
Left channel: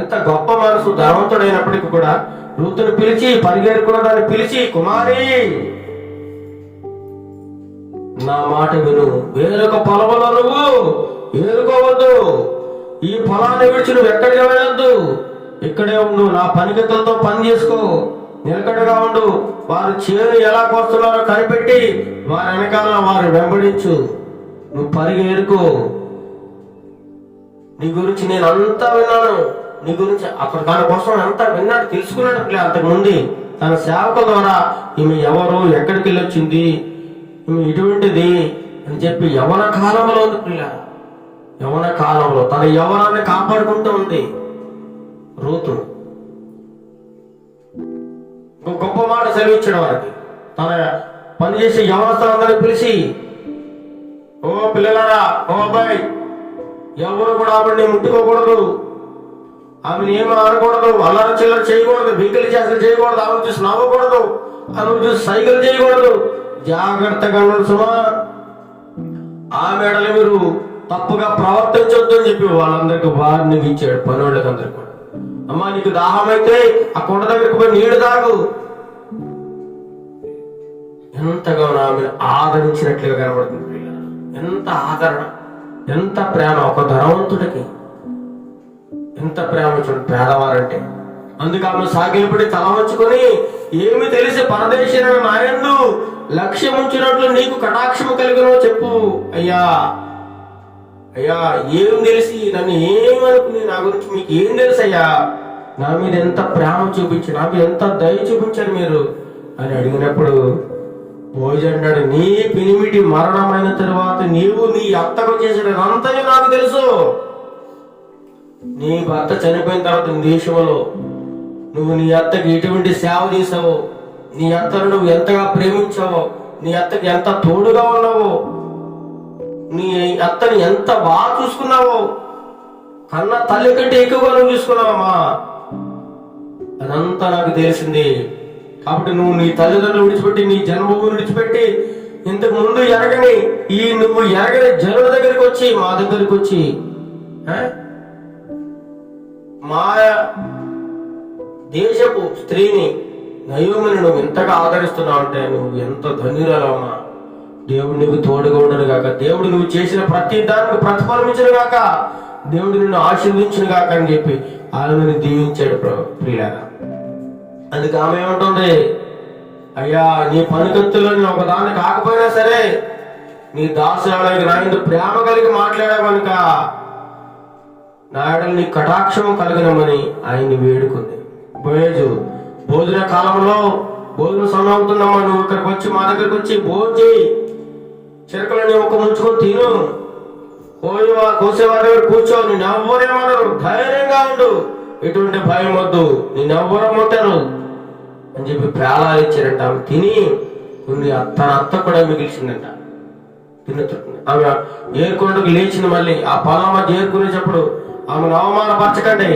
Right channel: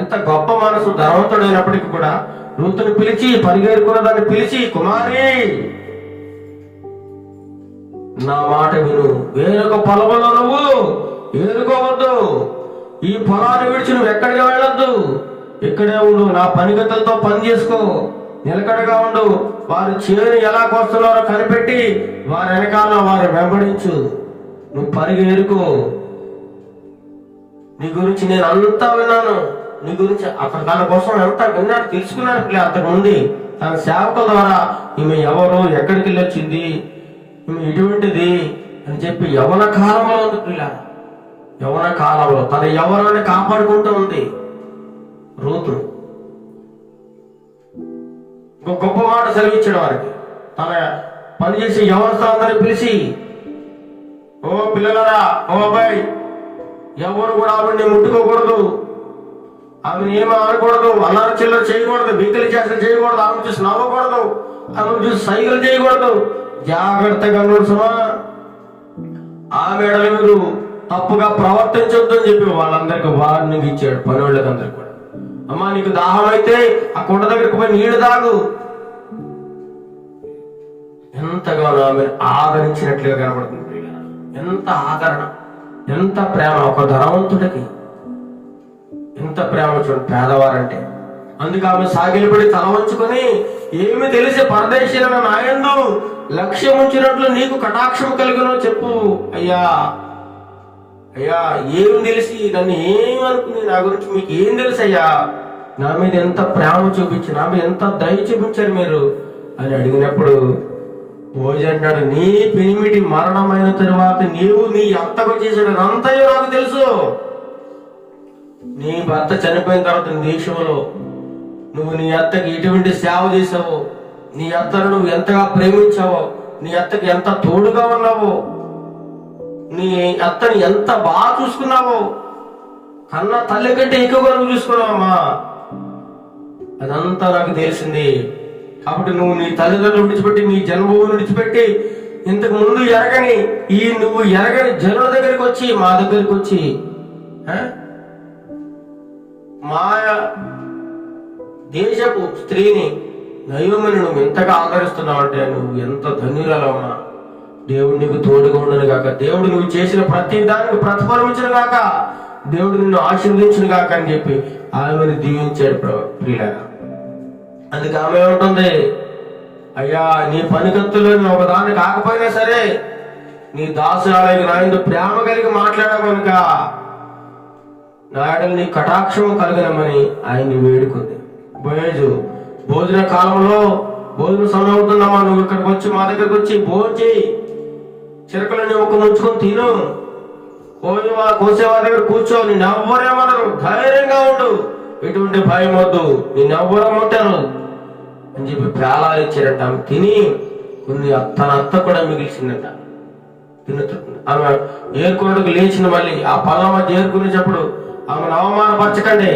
ఎంత గొప్ప మనసు. ధనవంతుడైనప్పటికీ కూడా రూతుని పిలిచి, పరిగెరుకున్న దాన్ని పిలిచి, కుమారి నా మాట విను, వేరొక పొలంలో నువ్వు ఏరుకోవద్దు, ఈ పొలాన్ని విడిచి నువ్వు ఎక్కడికి వెళ్ళొద్దు, ఇక్కడే ఉండు, నా పనిగతులతో పని చేసుకో, నిలకడగా ఉండు, వారు చేను ఎలా కోస్తున్నారో కనిపెట్టి వారి వెనకాల వారు వెంబడించు. నువ్వు పరిగెరుకో. నీ గురించి నేను అంతా విన్నాను, నీ గురించి అక్కడ తన కోసం అంతా విన్నాడు, తెలుసుకున్నాడు పిల్ల. అంతకుముందు తన సేవకుల ద్వారా ఈమె ఎవరు, ఎక్కడికి వెళ్ళి వచ్చింది, ఈమె ఇటువంటిది అని చెప్పి యవన కాలంలో ఉంది పిల్ల. యవన కాలంలో తన యవనాన్ని కాపాడుకుంటూ ఉంది రూతు. ఇంకో గొప్ప మాట సెలవిచ్చాడు వారికి. తన పనిచేసే యవనస్తులందరినీ పిలిచి, ఓ పిల్లలారా, ఓ అబ్బాయి, ఎవరు కూడా ఆవిడని ముట్టుకోకూడదు, ఆమెను ఏమీ అనకూడదు, అల్లరి చిల్లర చేయకూడదు, వెంకలి చేష్టలు చేయకూడదు, ఆమెను చూసి నవ్వకూడదు, ఆమెను చూసి సైకిల్ చేయకూడదు, జాగ్రత్తగా ఉండదు సుమా. ఆమె ఎడల మీరు తప్పుగా ప్రవర్తించొద్దు అని చెప్పి వాళ్ళందరికీ వార్నింగ్ ఇచ్చాడు. పని వాళ్ళకి అందరికి కూడా, అమ్మా నీకు దాహం అయితే ఆ కొండ దగ్గరికి పోయి నీళ్లు తాగు. ఎంతగానో ఆమె ఆదరించినట్లుగా కనబడుతుంది. ఎంత ఆదరణ, ఎంత ప్రేమ ఒక ధనవంతుడికి, ఎంత ప్రేమ చూడండి పేదవారంటే. అందుకు ఆమె సాగిలపడి తల వంచుకొని, ఏమి తెలిసి పరదేశీన నాయందు లక్ష్యం ఉంచినట్లు నీకు కటాక్షము కలిగినో చెప్పు. అయ్యా అయ్యా, ఏం తెలిసి నన్ను ఏమనుకుని నా గురించి మీకు ఏం తెలుసు అయ్యా, నా మీద ఎంత ప్రేమ చూపించి, నా మీద ఎంత దయ చూపించారు మీరు అని అడిగినప్పుడు భోజ అంటాడు, నీ పెనిమిటి మరణమైన తరువాత నీవు నీ అత్తకు చేసేదంతయో నాకు తెలుసు. నీ భర్త చనిపోయిన తర్వాత దేశంలో నువ్వు నీ అత్తకి ఎటువంటి సేవ చేసావో, నీ అత్తను నువ్వు ఎంతగా ప్రేమించావో, నీ అత్తకి ఎంత తోడుగా ఉన్నావో, నీ అత్తని ఎంత బాగా చూసుకున్నావో, కన్నా తల్లి కంటే ఎక్కువగా నువ్వు చూసుకున్నావమ్మా, అదంతా నాకు తెలిసింది. కాబట్టి నువ్వు నీ తల్లిదండ్రులు విడిచిపెట్టి, నీ జన్మభూమిని విడిచిపెట్టి, ఇంతకు ముందు ఎరగని నువ్వు ఎరగని జనుల దగ్గరికి వచ్చి, మా దగ్గరికి వచ్చి మా దేశపు స్త్రీని నయోమిని నువ్వు ఎంతగా ఆదరిస్తున్నావు అంటే నువ్వు ఎంత ధన్యురాలమ్మా. దేవుడు నీకు తోడుగా ఉండను గాక, దేవుడు నువ్వు చేసిన ప్రతి దానికి ప్రతిఫలమించను గాక, దేవుడు నిన్ను ఆశీర్వదించును గాక అని చెప్పి ఆమెను దీవించాడు ప్రియులారా. అందుకే ఆమె ఏముంటుంది, అయ్యా నీ పనికత్తులో ఒక దాన్ని కాకపోయినా సరే నీ దాసురాలకి నా యందు ప్రేమ కలిగి మాట్లాడావు కనుక నా ఎడల నీ కటాక్షం కలగనమని ఆయన్ని వేడుకుంది. భోజన కాలంలో భోజన సమయం అవుతుందమ్మా, నువ్వు ఇక్కడికి వచ్చి మా దగ్గరికి వచ్చి భోజనం చేయి, చిరకలని ఒక ముంచుకొని తిను, కోసేవారి దగ్గర కూర్చో, నిన్నెవ్వరేమన్నారు, ధైర్యంగా ఉండు, ఎటువంటి భయం వద్దు, నిన్నెవ్వరమ్మంటారు అని చెప్పి ప్రాణాలు ఇచ్చారంట. ఆమె తిని కొన్ని తన అత్త కూడా మిగిల్చిందంట. ఆమె ఏరుకున్నట్టుకు లేచింది. మళ్ళీ ఆ పళ్ళ మధ్య ఏరుకునేటప్పుడు ఆమెను అవమానపరచకండి,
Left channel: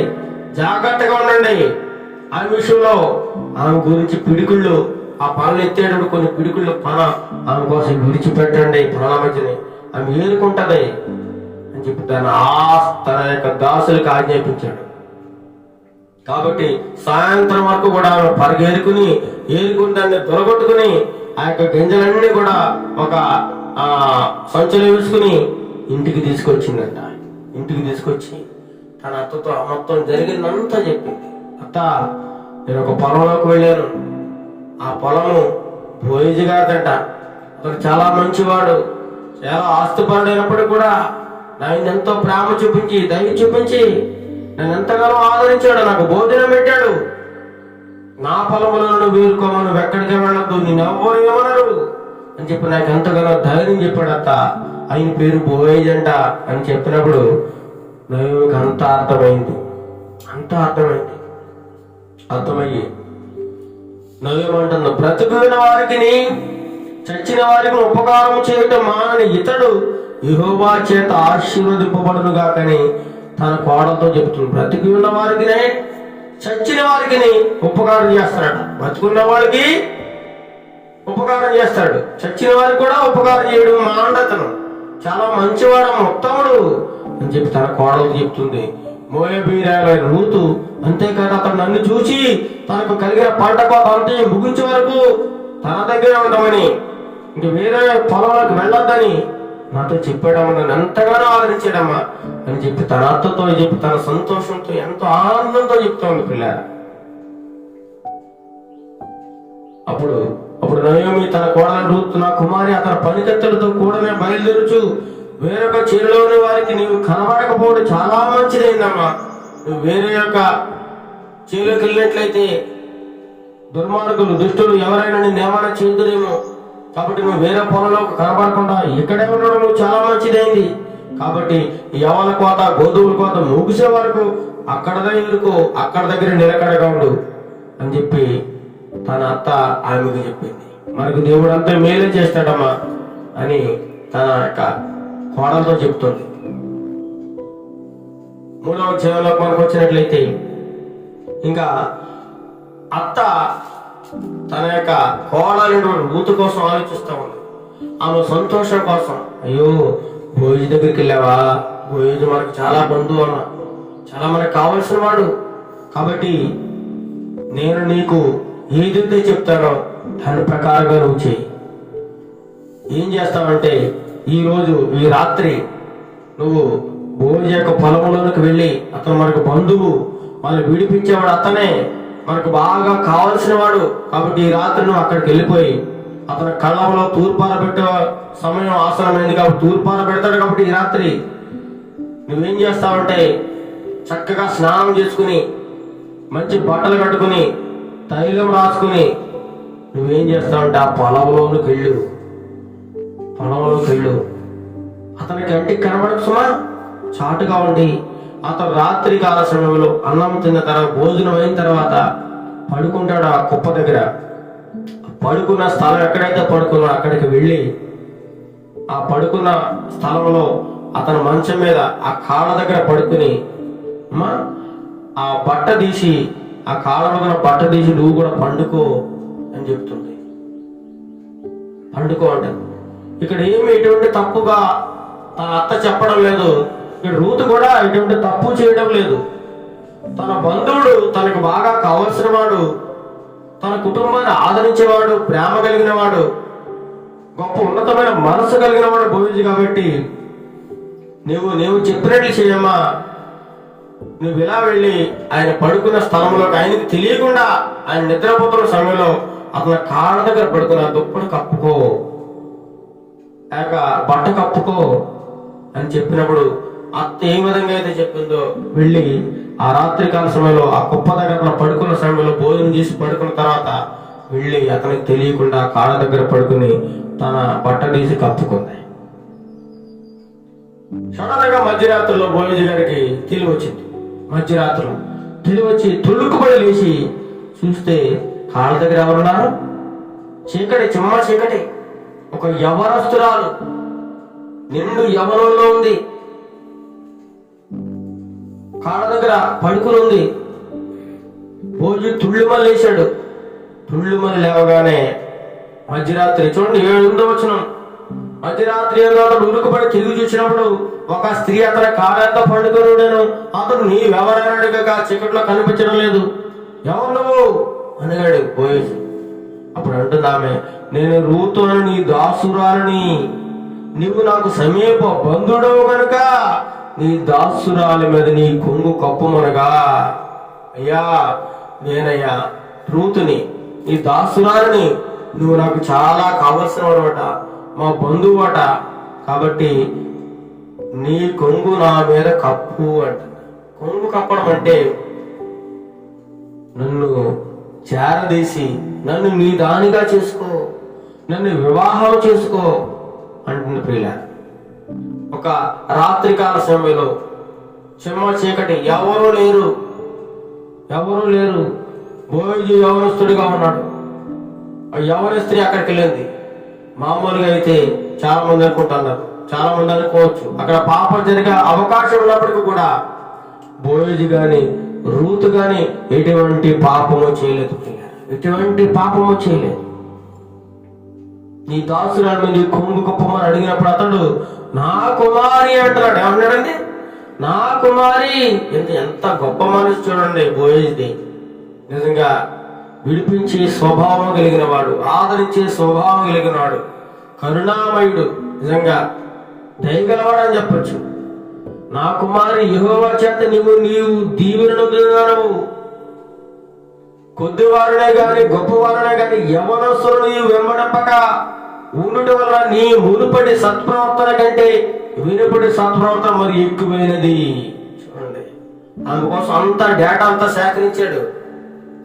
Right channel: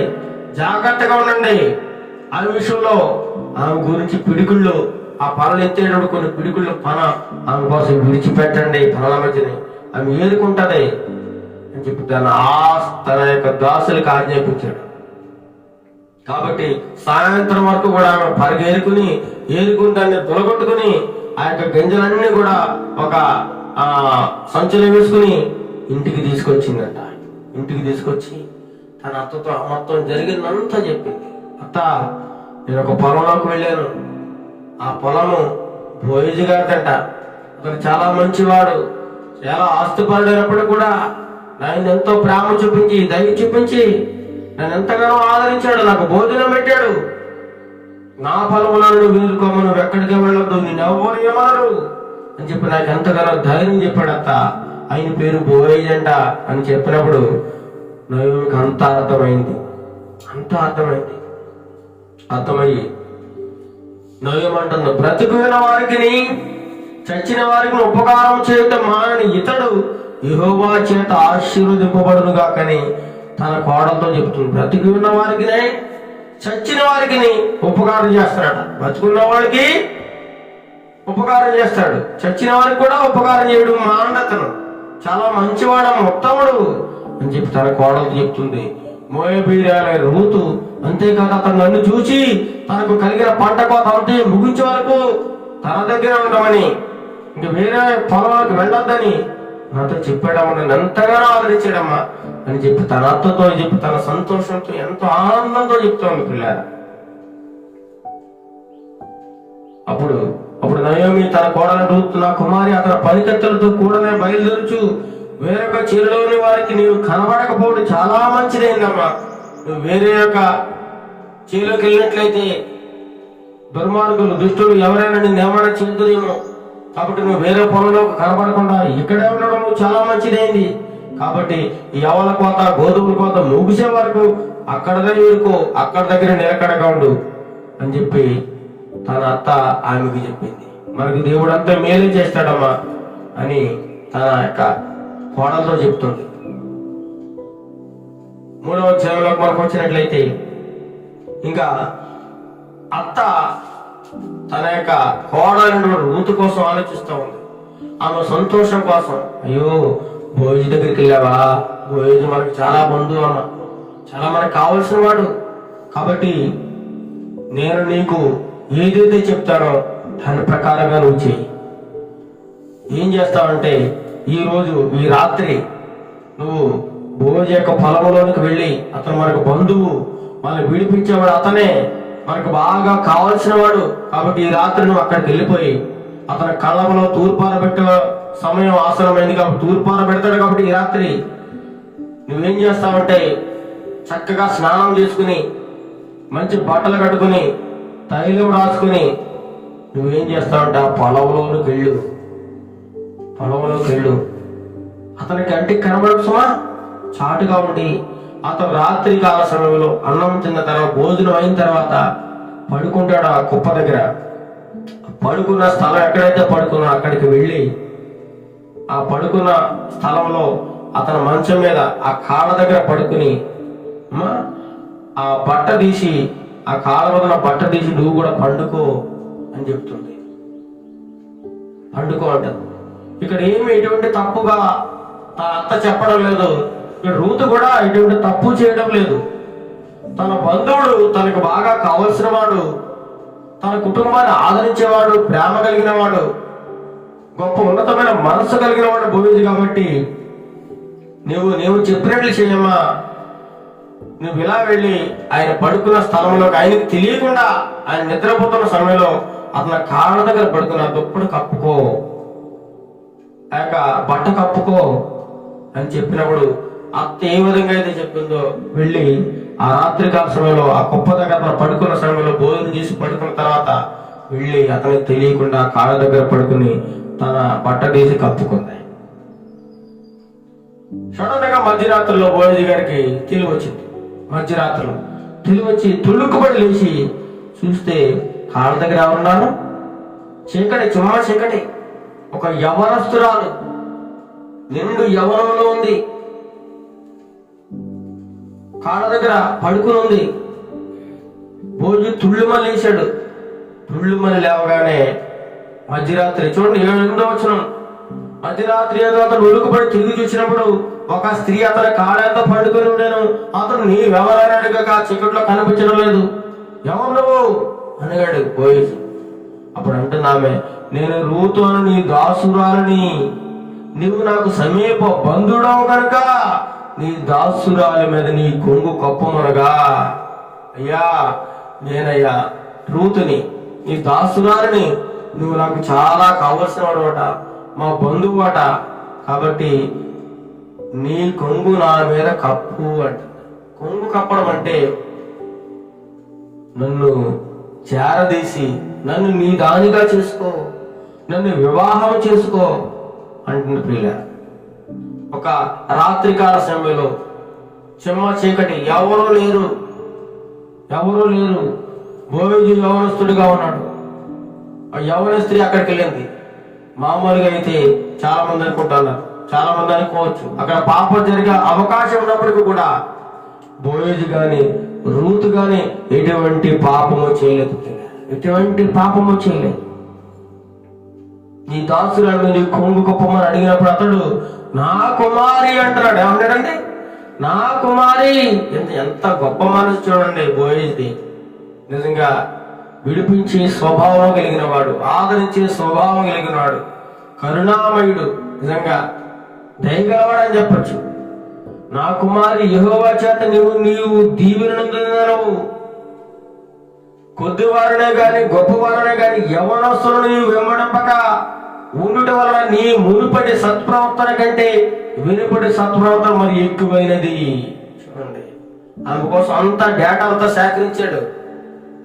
జాగ్రత్తగా ఉండండి. ఆ విషయంలో ఆమె గురించి పిడికుళ్ళు, ఆ పనులు ఎత్తేటప్పుడు కొన్ని పిడికుళ్ళు ఆమె కోసం విడిచిపెట్టండి, పనుల మధ్యని ఆమె ఏరుకుంటది అని చెప్పి తన యొక్క దాసులకు ఆజ్ఞాపించాడు. కాబట్టి సాయంత్రం వరకు కూడా ఆమె పరిగేరుకుని ఏరుకుంటాన్ని తొలగొట్టుకుని ఆ యొక్క గింజలన్నీ కూడా ఒక సంచులు వేసుకుని ఇంటికి తీసుకొచ్చిందంట. ఇంటికి తీసుకొచ్చి తన అత్తతో మొత్తం జరిగిందంతా చెప్పింది. అత్త, నేను ఒక పొలంలోకి వెళ్ళాను, ఆ పొలము బోయజు గారిదంట, అతను చాలా మంచివాడు, చాలా ఆస్తిపరుడైనప్పుడు కూడా నా ఎంతో ప్రేమ చూపించి దయ చూపించి నన్ను ఎంతగానో ఆదరించాడు, నాకు భోజనం పెట్టాడు, నా పొలములను నువ్వు వేరుకోమను, నువ్వు ఎక్కడికి వెళ్ళొద్దు, నేను ఎవ్వరు ఏమనరు అని చెప్పి నాకు ఎంతగానో ధైర్యం చెప్పాడు. అత్త, ఆయన పేరు బోయజ్ అంట అని చెప్పినప్పుడు నయోమికి అంతా అర్థమైంది. అర్థమయ్యి నయోమంటుంది, బ్రతికిన వారికి చచ్చిన వారికి ఉపకారం చేయటం మానని ఇతడు యెహోవా చేత ఆశీర్వదింపబడును గాకని తన కోడలతో చెబుతుంది. బ్రతికి ఉన్న వారికి చచ్చిన వారికి ఉపకారం చేస్తాడు. బ్రతుకున్న వారికి ఉపకారం చేస్తాడు, చచ్చిన వారికి కూడా ఉపకారం చేయడం మాండతను. చాలా మంచివాడు, ఉత్తముడు అని చెప్పి తన కోడలతో చెప్తుంది. మోయాబీరాయల రూతు అంతేకాదు, అతను నన్ను చూసి తనకు కలిగిన పంట కోత అంతే ముగించే వరకు తన దగ్గర ఉండమని, ఇంక వేరే పొలంలోకి వెళ్ళొద్దని నాతో చెప్పాడమ్మా, నన్ను ఎంతగానో ఆదరించాడమ్మా అని చెప్పి తన అత్తతో చెప్పి తన సంతోషంతో ఎంతో ఆనందంతో చెప్తోంది. పిల్లారా, అప్పుడు నయోమి తన కోడలు రూతు, నా కుమారి అతని పనికత్తెలతో కూడానే బయలుదేరుచు వేరొక చీరలోని వారికి నీవు కనబడకపోవడం చాలా మంచిదైందమ్మా. నువ్వు వేరే యొక్క చీరలోకి వెళ్ళినట్లయితే దుర్మార్గులు, దుష్టులు ఎవరైనా నేను ఏమైనా చేదురేమో. కాబట్టి నువ్వు వేరే పొలంలో కనబడకుండా ఇక్కడే ఉండడం నువ్వు చాలా మంచిదైంది. కాబట్టి ఎవల కోత, గోధుమల కోత ముగిసే వరకు అక్కడదే ఊరుకో, అక్కడ దగ్గర నిలకడగా ఉండు అని చెప్పి తన అత్త ఆమెకు చెప్పింది. మనకు దేవుడు అంతా మేలే చేస్తాడమ్మా అని తన యొక్క కోడలతో చెప్తుంది. 3వ అధ్యాయంలోకి మనకు వచ్చినట్లయితే ఇంకా అత్త తన యొక్క కోడలు రూతు కోసం ఆలోచిస్తూ ఉంది. ఆమె సంతోషం కోసం, అయ్యో బోయజు దగ్గరికి వెళ్ళావా, బోయజు మనకు చాలా బంధువు అమ్మ, చాలా మనకు కావలసిన వాడు. కాబట్టి నేను నీకు ఏదైతే చెప్తానో దాని ప్రకారంగా నువ్వు చెయ్యి. ఏం చేస్తావంటే ఈ రాత్రి నువ్వు బోయజు యొక్క పొలంలోనికి వెళ్ళి, అతను మనకు బంధువు, వాళ్ళు విడిపించేవాడు అతనే, మనకు బాగా కావలసిన వాడు. కాబట్టి ఈ రాత్రి నువ్వు అక్కడికి వెళ్ళిపోయి అతని కళ్ళంలో తూర్పార పెట్టే సమయం ఆసనమైంది కాబట్టి తూర్పార పెడతాడు. కాబట్టి ఈ రాత్రి నువ్వేం చేస్తావంటే చక్కగా స్నానం చేసుకుని, మంచి బట్టలు కట్టుకుని, తైలం రాసుకుని నువ్వేం చేస్తావంటే ఆ పొలంలోకి వెళ్ళు. అతనికి కంటికి కనబడకు సుమా, చాటుగా ఉండి అతను రాత్రి కాల సమయంలో అన్నం తిన్న తర్వాత, భోజనం అయిన తర్వాత పడుకుంటాడు ఆ కుప్ప దగ్గర. పడుకున్న స్థలం ఎక్కడైతే పడుకున్నా అక్కడికి వెళ్ళి ఆ పడుకున్న స్థలంలో అతని మంచం మీద ఆ కాళ్ళ దగ్గర పడుకుని, అమ్మా ఆ బట్ట తీసి, ఆ కాళ్ళ మీద బట్ట తీసి నువ్వు కూడా పండుకో అని చెప్తుంది. పండుకో అంటారు. ఇక్కడ ఏమి ఎటువంటి తప్పుగా తన అత్త చెప్పడం లేదు. ఇక్కడ రూతు కూడా ఎటువంటి తప్పు చేయడం లేదు. తన బంధువుడు, తనకు బాగా కావలసిన వాడు, తన కుటుంబాన్ని ఆదరించేవాడు, ప్రేమ కలిగిన వాడు, గొప్ప ఉన్నతమైన మనసు కలిగిన వాడు బోయజు. కాబట్టి నువ్వు చెప్పినట్లు చేయమ్మా. నువ్వు ఇలా వెళ్ళి ఆయన పడుకున్న స్థలంలోకి, ఆయనకి తెలియకుండా ఆయన నిద్రపోతున్న సమయంలో అతని కాళ్ళ దగ్గర పడుకున్న దుప్పటి కప్పుకో, బట్ట కప్పుకో అని చెప్పినప్పుడు అత్త ఏ విధంగా అయితే చెప్పిందో వెళ్ళి ఆ రాత్రికాల సమయంలో ఆ కుప్ప దగ్గర పడుకున్న సమయంలో భోజనం చేసి పడుకున్న తర్వాత వెళ్ళి అతనికి తెలియకుండా కాళ్ళ దగ్గర పడుకుని తన బట్ట తీసి కప్పుకుంది. సడన్ గా మధ్యరాత్రిలో బోయజు గారికి తెలివి వచ్చింది. మధ్యరాత్రిలో తెలివి వచ్చి తుళ్ళుకుపడి లేచి చూస్తే కాళ్ళ దగ్గర ఎవరున్నారు? చీకటి, చిమ్మ చీకటి. ఒక యవనస్తురాలు నిండు యవనంలో ఉంది, కాళ్ళ దగ్గర పడుకుని ఉంది. భోజు తుళ్ళుమని లేచాడు. తుళ్ళుమని లేవగానే మధ్యరాత్రి, చూడండి 8వ వచనం, మధ్యరాత్రి అతను ఉరుకుపడి తిరిగి చూసినప్పుడు ఒక స్త్రీ అతని కాళ్ళంతా పండుకొని ఉండేను. అతను నీవెవరైనా అడిగక చీకట్లో కనిపించడం లేదు. ఎవరు నువ్వు అనగాడు బోయజు. అప్పుడు అంటుంది ఆమె, నేను రూతు అని నీ దాసురాలని, నీవు నాకు సమీప బంధుడవు కనుక నీ దాసురాలి మీద నీ కొంగు కప్పుమనగా. అయ్యా నేనయ్యా రూతుని, నీ దాసురాలని, నువ్వు నాకు చాలా కావలసిన వాడట, మా బంధువు అట. కాబట్టి నీ కొంగు నా మీద కప్పు అంట. కొంగు కప్పడం అంటే నన్ను చేరదీసి నన్ను నీ దానిగా చేసుకో, నన్ను వివాహం చేసుకో అంటుంది ప్రియుల. ఒక రాత్రికాల సమయంలో చిమ్మ చీకటి, ఎవరూ లేరు. బోయజు యవనస్తుడిగా ఉన్నాడు. ఆ యవన స్త్రీ అక్కడికి వెళ్ళింది. మామూలుగా అయితే చాలా మంది అనుకుంటున్నారు, చాలా మంది అనుకోవచ్చు అక్కడ పాపం జరిగే అవకాశం ఉన్నప్పటికీ కూడా బోయజు గాని రూతు గాని ఎటువంటి పాపము చేయలేదు. నీ దాసురాలు నీ కొంగు గొప్పమని అడిగినప్పుడు అతడు నా కుమారి అంటున్నాడు. ఏమన్నాడండి? నా కుమారి. ఎంత గొప్ప మనసు చూడండి బోయజుది. నిజంగా విడిపించే స్వభావం కలిగిన వాడు, ఆదరించే స్వభావం కలిగిన వాడు, కరుణామయుడు, నిజంగా దయగలవాడు అని చెప్పచ్చు. నా కుమారి యెహోవా చేత నీవు దీవెనను పొందినావు. కొద్దివారనే గాని గొప్పవారనే గాని యవనస్తులను నీవు వెంబడపక ఉండుట వలన నీ మునుపటి సత్ప్రవర్తన కంటే వెనుపటి సత్ప్రవర్తన మరి ఎక్కువైనది. చూడండి, ఆమె కోసం అంత డేటా అంతా సేకరించాడు.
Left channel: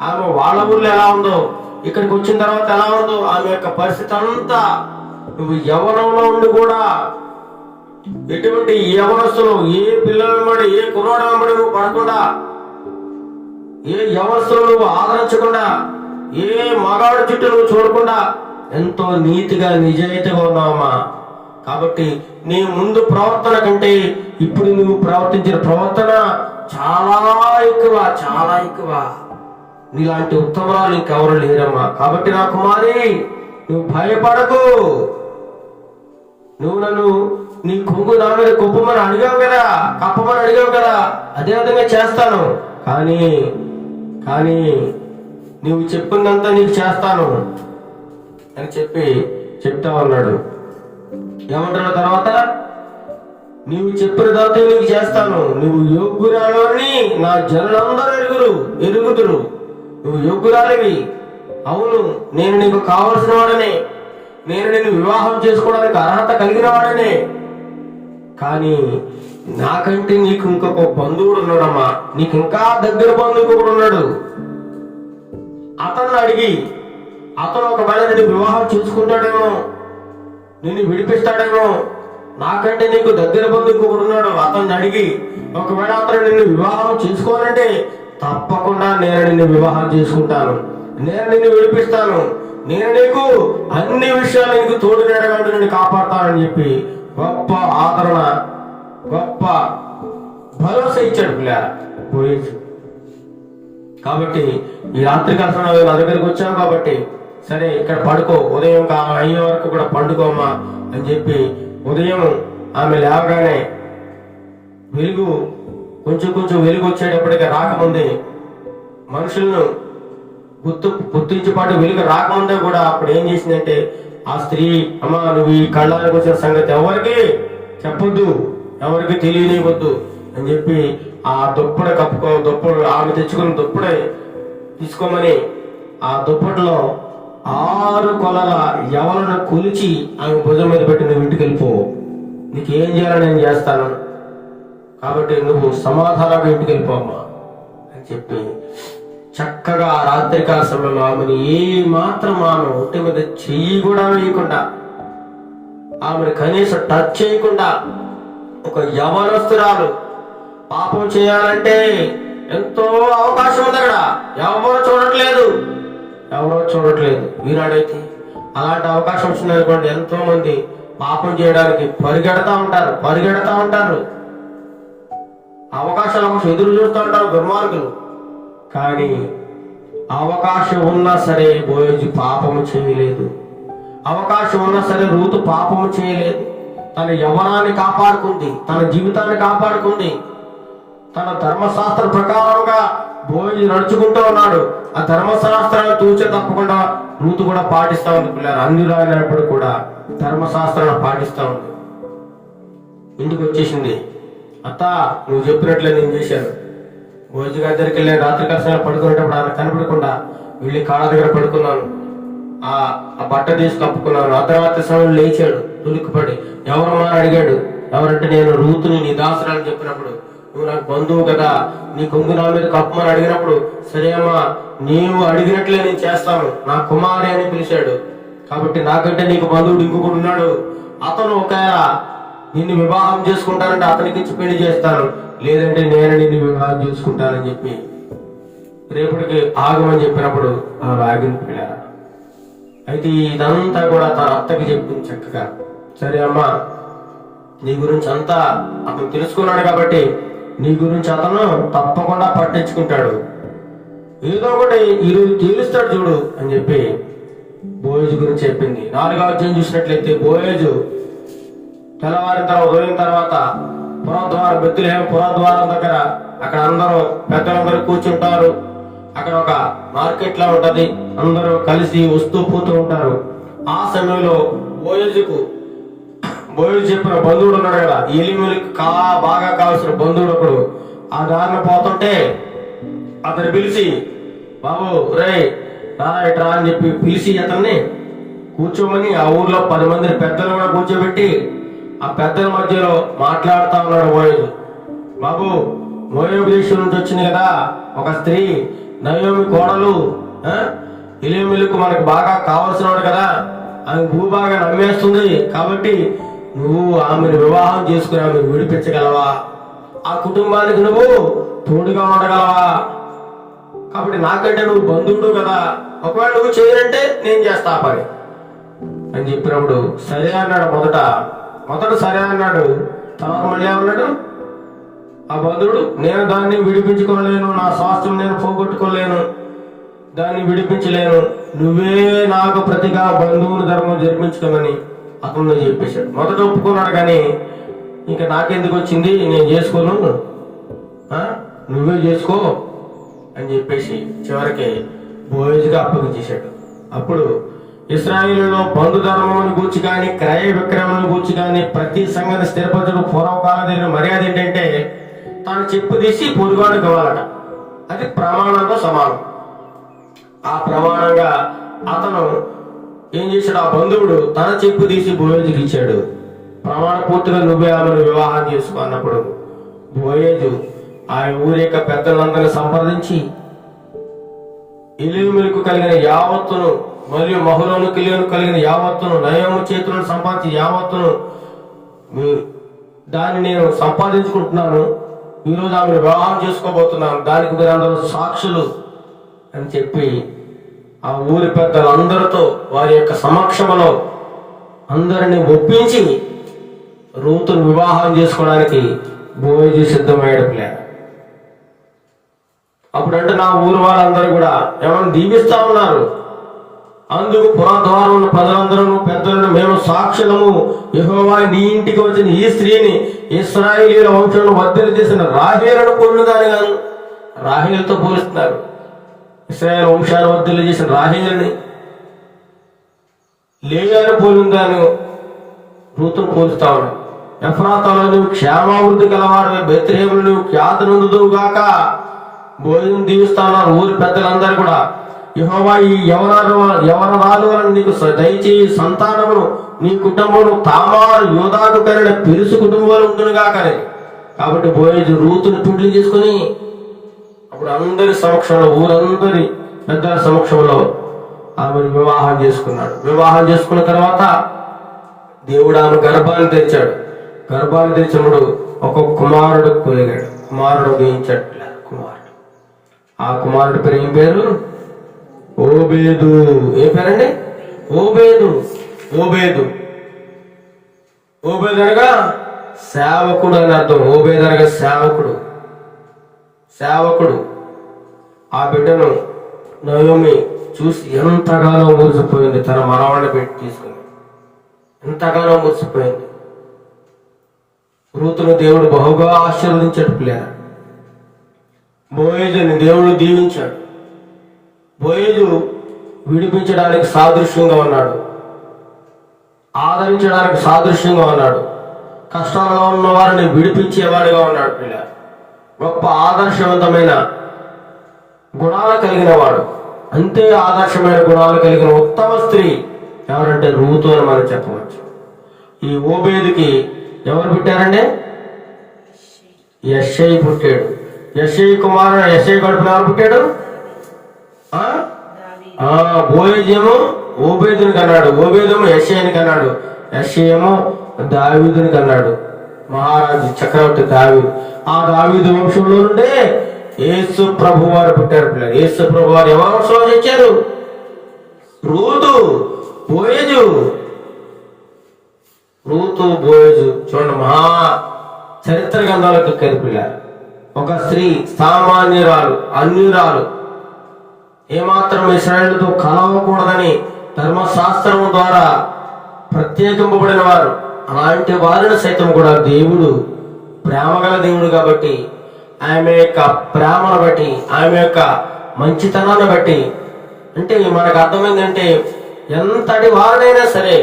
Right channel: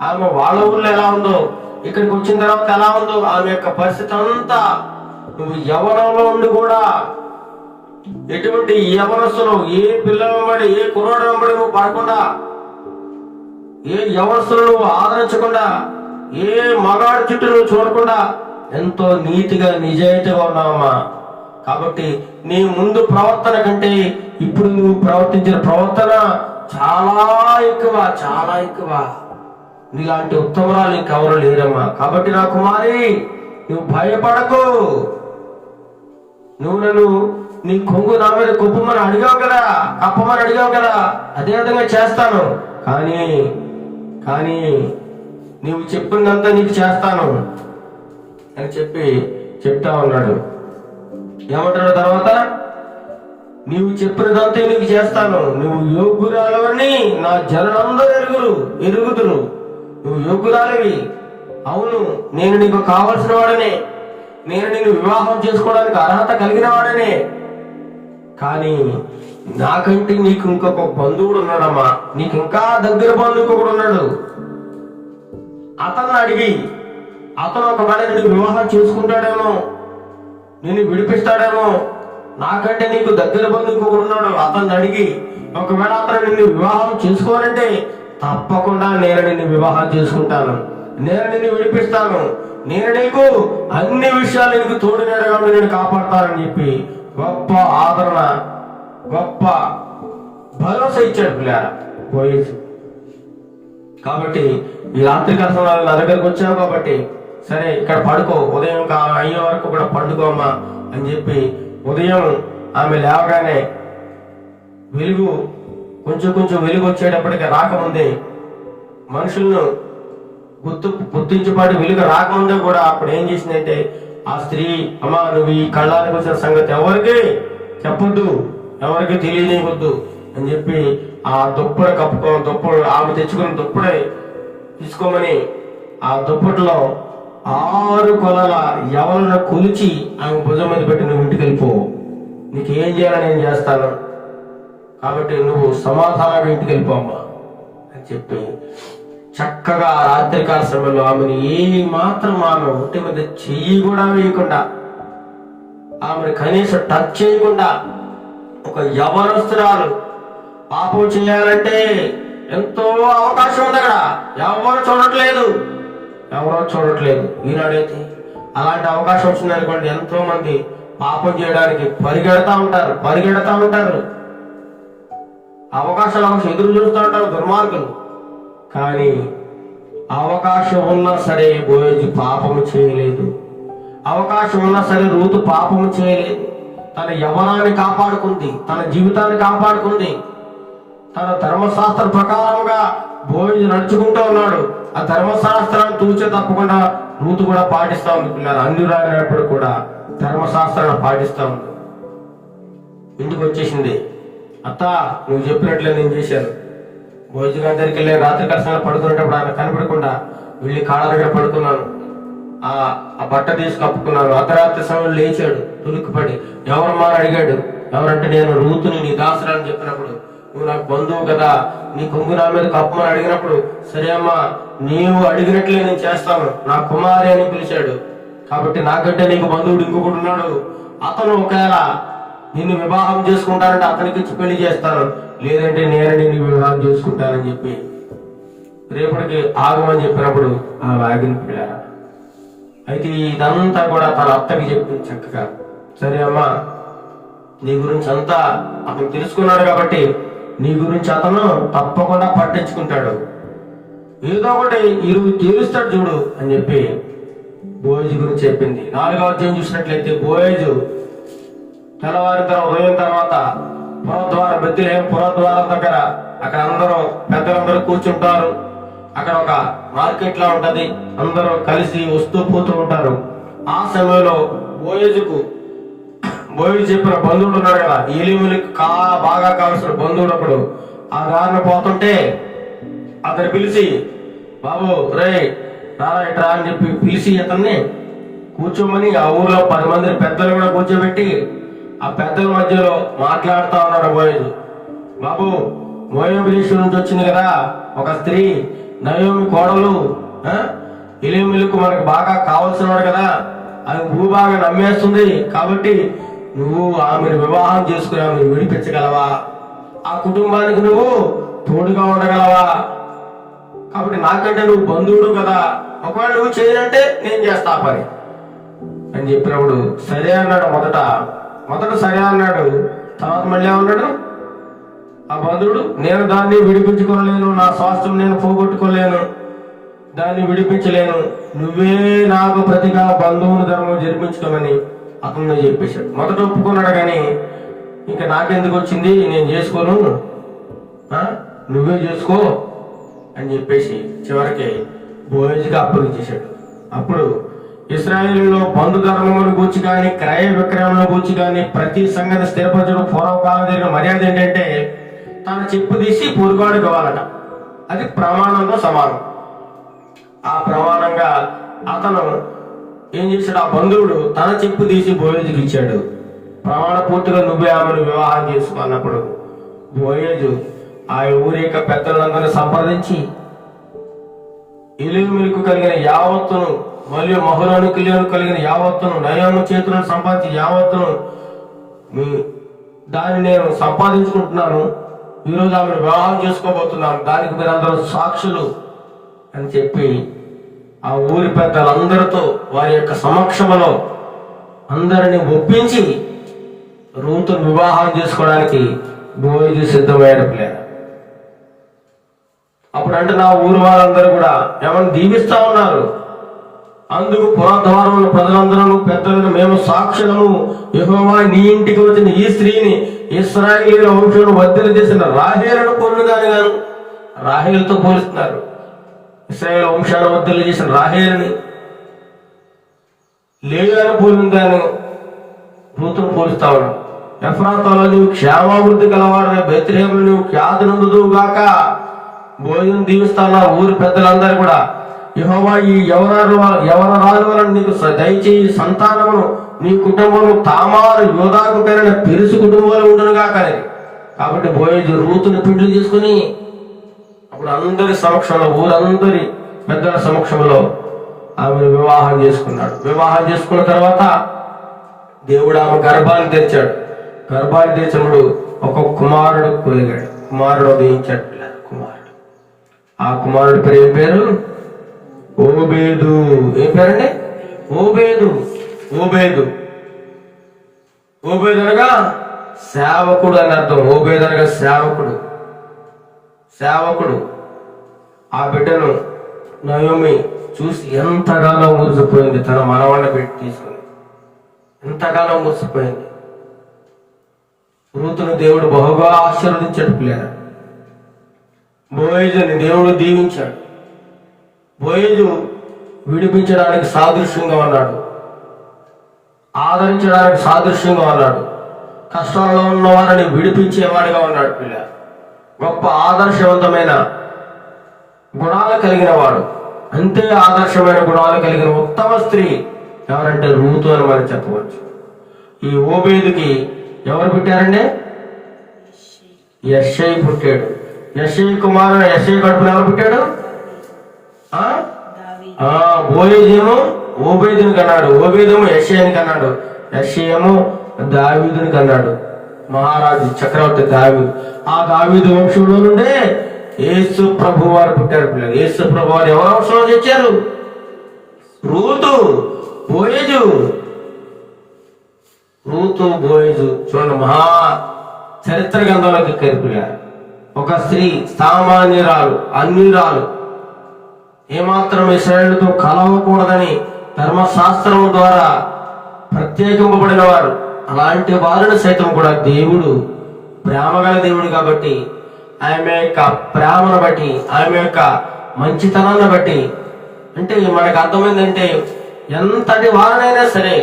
ఆమె వాళ్ళ ఊళ్ళో ఎలా ఉందో, ఇక్కడికి వచ్చిన తర్వాత ఎలా ఉందో, ఆమె యొక్క పరిస్థితి అంతా నువ్వు యవ్వనంలో ఉండి కూడా ఎటువంటి యవనస్తులు, ఏ పిల్లల వెంబడి, ఏ కుర్రాడు వెంబడి నువ్వు పడకుండా, ఏ యవనస్తులు నువ్వు ఆదరించకుండా, ఏ మగాడు చుట్టూ నువ్వు చూడకుండా ఎంతో నీతిగా నిజాయితీగా ఉన్నావమ్మా. కాబట్టి నీ ముందు ప్రవర్తన కంటే ఇప్పుడు నువ్వు ప్రవర్తించిన ప్రవర్తన చాలా ఎక్కువ, చాలా ఎక్కువ. నీలాంటి ఉత్తమరాలు ఇంకెవరు లేరమ్మా. కాబట్టి నా కుమారి, నువ్వు భయపడకు. నువ్వు నన్ను నీ కొంగు నా మీద కుప్పమని అడిగావు కదా, కప్పమని అడిగావు కదా, అదే విధంగా చేస్తాను. కానీ నీవు చెప్పిందంతా నీకు చేస్తాను అని చెప్తా ఉన్నాడు. ఏమంటాడు తర్వాత? నీవు చెప్పినదంతా నీకు చేస్తాను. నువ్వు యోగ్యురాలని నా జనులందరూ ఎరుగుదురు. నువ్వు యోగ్యురాలివి. అవును, నేను నీకు కావలసిన వాడనే, నేను నిన్ను వివాహం చేసుకోవడానికి అర్హత కలిగిన వాడనే. కానీ నాకంటే నీకు ఇంకొక బంధువుడు ఉన్నాడమ్మా. నీకు ఇంకా దగ్గర బంధువు కూడా ఉన్నాడు. అతన్ని అడిగి, అతను ఒకవేళ నిన్ను వివాహం చేసుకుంటాడేమో, నిన్ను విడిపిస్తాడేమో. నాకంటే నీకు దగ్గర బంధువు కూడా ఉన్నాడు. అతన్ని అడిగి ఒకవేళ అతను నిన్ను వివాహం చేసుకోవాలంటే తప్పకుండా నేను నిన్ను వివాహం చేసుకుంటాను, నేను నిన్ను విడిపిస్తాను, నేను నీకు అన్ని విషయాలు నీకు తోడు నేరగా నేను కాపాడుతానని చెప్పి గొప్ప ఆదరణ, గొప్ప భరోసా ఇచ్చాడు పిల్లరా బోయజు. కాబట్టి ఈ రాత్రికాల సమయంలో నా దగ్గరికి వచ్చాను కాబట్టి సరే ఇక్కడ పడుకో, ఉదయం అయ్యే వరకు కూడా పండుకోమ్మా అని చెప్పి ఉదయం ఆమె లేవగానే వెలుగు కొంచెం వెలుగు వచ్చేటప్పటికి రాకముందే మనుషులను గుర్తించేపాటు వెలుగు రాకముందే కూడా అప్పుడు ఏం చేసిందంటే ఆ స్త్రీ, అమ్మా నువ్వు ఈ కళ్ళానికి వచ్చిన సంగతి ఎవరికి చెప్పొద్దు, ఎవరికి తెలియనివద్దు అని చెప్పి ఆ దుప్పడు ఆమె తెచ్చుకున్న దుప్పడే తీసుకోమని ఆ దుప్పటిలో 6 కొలల ఎవరిని కొలిచి ఆమె భుజం మీద పెట్టి నువ్వు ఇంటికి వెళ్ళిపో, నీకేం చేయాలని నేను చేస్తాను, కాబట్టి నువ్వు సమాధానంగా ఇంటికి వెళ్ళిపోమ్మా అని చెప్పి చక్కగా రాత్రికాల సమయంలో ఆమెను ఏ మాత్రం ఆమె ఒంటి మీద చెయ్యి కూడా వేయకుండా, ఆమెను కనీసం టచ్ చేయకుండా, ఒక యవనస్తురాలు పాపం చేయాలంటే ఎంతో అవకాశం ఉంది అక్కడ, ఎవరో చూడట్లేదు. ఈనాడైతే అలాంటి అవకాశం వచ్చిందనుకోండి, ఎంతో మంది పాపం చేయడానికి పరిగెడతా ఉంటారు. అవకాశాల కోసం ఎదురు చూస్తూ ఉంటారు దుర్మార్గులు. కానీ అవకాశం ఉన్నా సరే బోయజు పాపము చేయలేదు, అవకాశం ఉన్నా సరే రూతు పాపము చేయలేదు. తన యవ్వనాన్ని కాపాడుకుంది, తన జీవితాన్ని కాపాడుకుంది. తన ధర్మశాస్త్ర ప్రకారంగా బోయజు నడుచుకుంటూ ఉన్నాడు. ఆ ధర్మశాస్త్రాన్ని తూచే తప్పకుండా రూతు కూడా పాటిస్తా ఉంది. పిల్లలు అన్యురాలైనప్పుడు కూడా ధర్మశాస్త్రాన్ని పాటిస్తా ఉంది. ఇంటికి వచ్చేసింది. అత్త నువ్వు చెప్పినట్లే నేను చేశాను. బోయజు గారి దగ్గరికి వెళ్ళి రాత్రి కలసాలు పడుకునేటప్పుడు ఆయన కనపడకుండా వెళ్ళి కాళ్ళ దగ్గర పడుకున్నాను, ఆ బట్ట తీసి కప్పుకున్నాను. అర్ధరాత్రి సమయంలో లేచాడు తులికిపడి, ఎవరమ్మా అని అడిగాడు. ఎవరంటే నేను రూతుని నీ దాసురాలని చెప్పినప్పుడు, నువ్వు నాకు బంధువు కదా, నీ కొంగు నా మీద కప్పమని అడిగినప్పుడు, సరే అమ్మా నీవు అడిగినట్లే నేను చేస్తాను, నా కుమారి అని పిలిచాడు. కాబట్టి నాకంటే నీకు బంధువుడు ఇంకొకటి ఉన్నాడు, అతను ఒకవేళ నిన్ను వివాహం చేసుకుంటానంటే అతనికి ఇచ్చి పెళ్లి చేస్తాను, లేదంటే నేను నిన్ను వివాహం చేసుకుంటానని చెప్పి రేపటికి ఆగమని చెప్పినప్పుడు ఆగిన పిల్లరా. అయితే ఇదంతా కూడా తన అత్తకి చెప్పింది చక్కగా. సరే అమ్మా నీ గురించి అంతా అతను తెలుసుకున్నాడు కాబట్టి నీ గురించి అతను తప్పకుండా పట్టించుకుంటాడు, ఏదో ఒకటి ఈరోజు తీరుస్తాడు చూడు అని చెప్పి బోయజు గురించి చెప్పింది. 4వ అధ్యాయం చూసినట్లయితే బోయజు తెల్లవారిన ఉదయం తర్వాత పురద్వారం దగ్గర అక్కడ అందరూ పెద్దలందరూ కూర్చుంటారు. అక్కడ ఒక మార్కెట్ లా ఉంటది, అందరూ కలిసి వస్తూ పోతూ ఉంటారు. ఆ సమయంలో బోయజు చెప్పిన బంధువుడు ఉన్నాడు కదా, ఎలిములికి బాగా కావాల్సిన బంధువుడు ఒకడు ఆ దారిని పోతుంటే అతను పిలిచి, బాబు రే ఇట్రా అని చెప్పి పిలిచి అతన్ని కూర్చోమని ఆ ఊర్లో 10 మందిని పెద్దలు కూడా కూర్చోబెట్టి ఆ పెద్దల మధ్యలో మాట్లాడుతా ఉన్నాడు మోయేజు. బాబు, మోయాబు దేశం నుంచి వచ్చింది కదా ఒక స్త్రీ, నయోమి కోడలు, ఎలీమెలెకు మనకు బాగా కావలసిన వాడు కదా, ఆమె భూభాగా నమ్మేస్తుంది. కాబట్టి నువ్వు ఆమెను వివాహం చేసుకుని ఆమెను విడిపించగలవా? ఆ కుటుంబానికి నువ్వు తోడుగా ఉండగలవా? కాబట్టి నాకంటే నువ్వు బంధువుడు కదా, ఒకవేళ నువ్వు చేయనంటే నేను చేస్తా పని అని చెప్పినప్పుడు సరే అన్నాడు. మొదట సరే అన్నాడు. తర్వాత మళ్ళీ ఏమన్నాడు ఆ బంధువుడు? నేను దాన్ని విడిపించుకోలేను, నా స్వాస్థ్యం నేను పోగొట్టుకోలేను, దాన్ని విడిపించలేను, నువ్వే నాకు ప్రతిగా బంధువుని ధర్మం జరిపించుకోమని అతను చెప్పేశాడు. మొదట ఒప్పుకున్నాడు, కానీ ఇంకా నాకెందుకు వచ్చింది, నేను చేసుకోను, నువ్వే చేసుకో అని చెప్పేసి చివరికి బోయజుగా అప్పగించేశాడు. అప్పుడు ఇశ్రాయేలులో బంధు ధర్మమును గూర్చి కానీ క్రయ విక్రయములను గూర్చి కానీ ప్రతి సంగతి స్థిరపరచడం పూర్వకాలం జరిగిన మర్యాద ఏంటంటే తన చెప్పు తీసి పొరుగాడు కావాలట. అది ప్రమాణంతో సమానం. ఆ ప్రమాణంగా అతను ఏం చేశాడు, ఆ బంధువుడు తన చెప్పు తీసి బోయేజుకి ఇచ్చాడు. ప్రమాణ పూర్తిగా నువ్వే ఆమెను వివాహం చేసుకో అన్నప్పుడు బోయేజు ఆ ఊరి యొక్క పెద్దలందరూ సంప్రదించి ఎలీమెలెకు కలిగిన యావత్తును మరియు మహలోను కిలియోను కలిగిన యావత్తును, నయోము చేతులను సంపాదించి యావత్తును దాన్ని నేను సంపాదించుకుంటున్నాను, ఈరోజు ఆమెను వివాహం చేసుకోబోతున్నాను, దానికి మీరందరూ సాక్షులు అని చెప్పి ఆ ఊరి పెద్దలందరితో వారి యొక్క సమక్షంలో అందరిని ఒప్పించి రూతును వివాహం చేసుకోవడానికి బోయేజు సిద్ధమయ్యాడు. పిల్లలు అప్పుడంటే నా ఊరు వాళ్ళందరూ కూడా ఏమన్నా దీవిస్తా ఉన్నారు. అందుకు పురాద్వారం ఉన్న ప్రజలందరూ పెద్దలను మేము సాక్షులము, యెహోవా నీ ఇంటికి వచ్చిన ఈ స్త్రీని ఇశ్రాయేలీయుల వంశంలో వర్ధన చేసిన రాహేలును పోలినదాని గాను, రాహేలుతో పోలుస్తున్నారు. ఇశ్రాయేల్ వంశాన్ని వర్ధన చేసిన రాహేలుని, లేయాను పోలినదాను రూతును పోలుస్తా ఉన్నాడు. ఎఫ్రాతాలో నువ్వు క్షేమాభివృద్ధి గలవాడు, బెత్లెహేములో నువ్వు ఖ్యాతి నొందుదువు గాక. భోజనం దీవిస్తా ఉన్నారు ఊరి పెద్దలందరూ కూడా. యెహోవా ఈ యవనరాలు వలన నీకు దయచేయి సంతానమును నీ కుటుంబము తామారు యోధాకు పేరిన పెరుసు కుటుంబాలు ఉండును గాక. కాబట్టి బోయేజు రూతుని పిండ్లు చేసుకుని అప్పుడు అందరి సమక్షంలో, ఊరందరి పెద్దల సమక్షంలో ఆమెను వివాహం చేసుకున్నాడు. వివాహం చేసుకున్న తర్వాత దేవుడు ఆమె గర్భాన్ని తెరిచాడు. గర్భాన్ని తెరిచినప్పుడు ఒక కుమారుడు కలిగాడు. కుమారుడు ఉదయించాడు. ఆ కుమారుడి పేరు ఏం పేరు? ఓబేదు. ఏం పేరండి? ఓబేదు. ఓబేదు అనగా సేవకుడు అని అర్థం. ఓబేదు అనగా సేవకుడు. ఆ బిడ్డను నయోమి చూసి ఎంతగానో మురిసిపోయింది. తన మనవాడిని పెట్టి తీసుకుని ఎంతగానో మురిసిపోయింది. రూతును దేవుడు బహుగా ఆశీర్వదించాడు. పిల్లల బోయేజుని దేవుడు దీవించాడు. బోయేజు విడిపించడానికి సాదృశ్యంగా ఉన్నాడు, ఆదరించడానికి సాదృశ్యంగా ఉన్నాడు, కష్టాల్లో ఉన్న వారిని విడిపించేవాడిగా ఉన్నాడు. పిల్ల గొప్ప ఆదర్శవంతమైన గుణాలు కలిగిన వాడు. అంతే ఆదర్శమైన గుణాలు కలిగిన ఉత్తమ స్త్రీ ఎవరంటే రూతు అని మనం చెప్పవచ్చు. ఈ ఓబేదుకి ఎవరు పుట్టారండి? యెష్షయి పుట్టాడు. యెష్షయి కుమారుడు యెష్షయి కడుపున ఎవరు పుట్టాడు? బోయేజేమో ఓబేదుని కన్నాడు, ఓబేదేమో యెష్షయిని కన్నాడు, యెష్షయేమో దావీదుని కన్నాడు. మహారాజు చక్రవర్తి దావీదు. ఆ దావీదు వంశంలో నుండే యేసు ప్రభు వారు పుట్టారు. పిల్లలు యేసు ప్రభు వారు ఎవరి వంశంలో తెచ్చారు? రూతు, బోయేజు. రూతు, బోయేజు చూడండి, మహా చరిత్ర గ్రంథాలకు కరిపిల్లారు. ఒక స్త్రీ సామాన్యురాలు, అన్యురాలు, ఏమాత్రం ఇశ్రాయేలుతో కలవకూడదని ధర్మశాస్త్రం ద్వారా ప్రత్యేకింపబడిన వారు. అలాంటి వారిని సైతం కూడా దేవుడు ప్రేమగల దేవుడు కాబట్టి ఆమె యొక్క ప్రేమను బట్టి, ఆమె యొక్క మంచితనాన్ని బట్టి, అంటే మనకు అర్థమైందంటే ఎంతటి వారినైనా సరే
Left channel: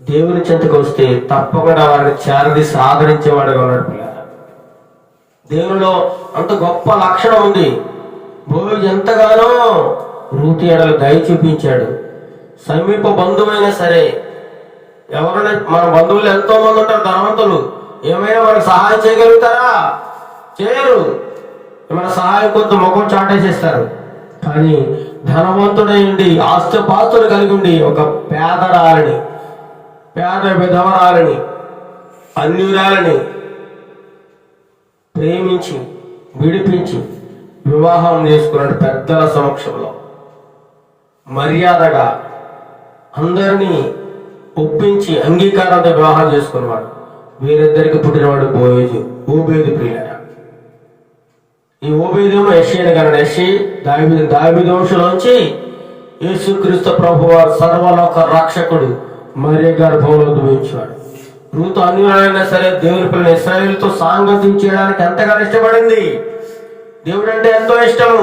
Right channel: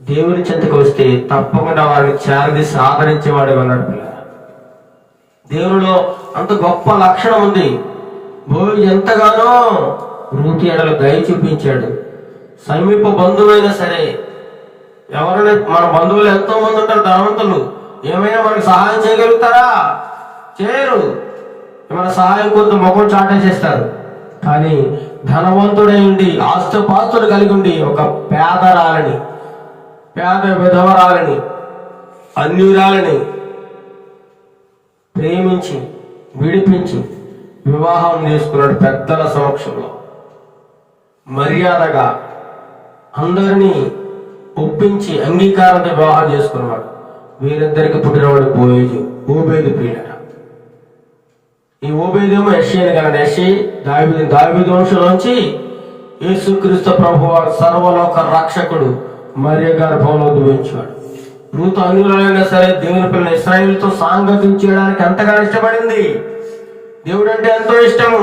దేవుని చెంతకు వస్తే తప్పకుండా వారిని చేరదీసి ఆదరించేవాడుగా ఉన్నాడు. పిల్ల దేవునిలో అంత గొప్ప లక్షణం ఉంది. బోయజు ఎంతగానో రూతు ఎడల దయ చూపించాడు. సమీప బంధువైనా సరే, ఎవరైనా మన బంధువులు ఎంతో మంది ఉంటారు ధనవంతులు, ఏమైనా మనకి సహాయం చేయగలుగుతారా? చేయరు. మన సహాయం కొంత ముఖం చాటేసేస్తారు. కానీ ధనవంతుడై ఉండి ఆస్తిపాస్తులు కలిగి ఉండి ఒక పేదరాలని, పేద విధవరాలని, అన్యురాలని ప్రేమించి విడిపించి వివాహం చేసుకున్నాడు. పెద్దల సమక్షంలో మర్యాదగా అందరినీ ఒప్పించి అంగీకారంతో వివాహం చేసుకున్నవాడు. వీరిద్దరికి పుట్టినవాడు బోయజు, ఓబేదు ప్రియులారా. ఈ ఓబేదేమో యెషయని కన్నాడు. యెషయి దావీదు వంశంలోంచి యేసుక్రీస్తు ప్రభువారు సర్వలోక రక్షకుడు మరియ గర్భంలో ఉద్భవించాడు. రూతు అన్యులైనా సరే దేవుని పిల్లలు ఇశ్రాయేలుతో సాంగత్యం చేయడానికి ఎంతగానో ఇష్టపడింది. దేవుడు అంటే ఎంతో ఇష్టము.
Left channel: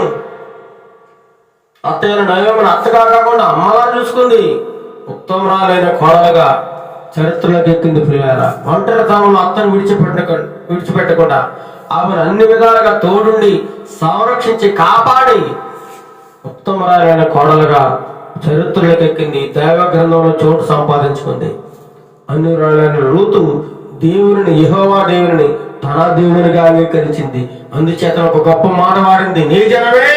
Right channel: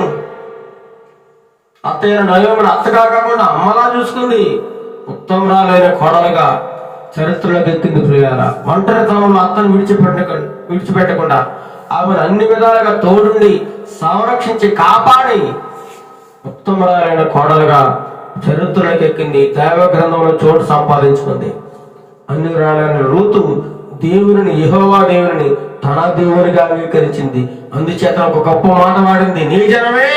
అత్తయ్య నయోమిని అత్తగా కాకుండా అమ్మలా చూసుకుంది. ఉత్తమరాలైన కోడలుగా చరిత్రలోకి ఎక్కింది ప్రియులారా. ఒంటరితనంలో అత్తను విడిచిపెట్టకుండా ఆమెను అన్ని విధాలుగా తోడుండి సంరక్షించి కాపాడి ఉత్తమరాలైన కోడలుగా చరిత్రలోకి ఎక్కింది. దైవ గ్రంథంలో చోటు సంపాదించుకుంది. అన్యురాలైన రూతు దేవుని, యెహోవా దేవుని తన దేవునిగా అంగీకరించింది. అందుచేత ఒక గొప్ప మాట వాడింది, నీ జనమే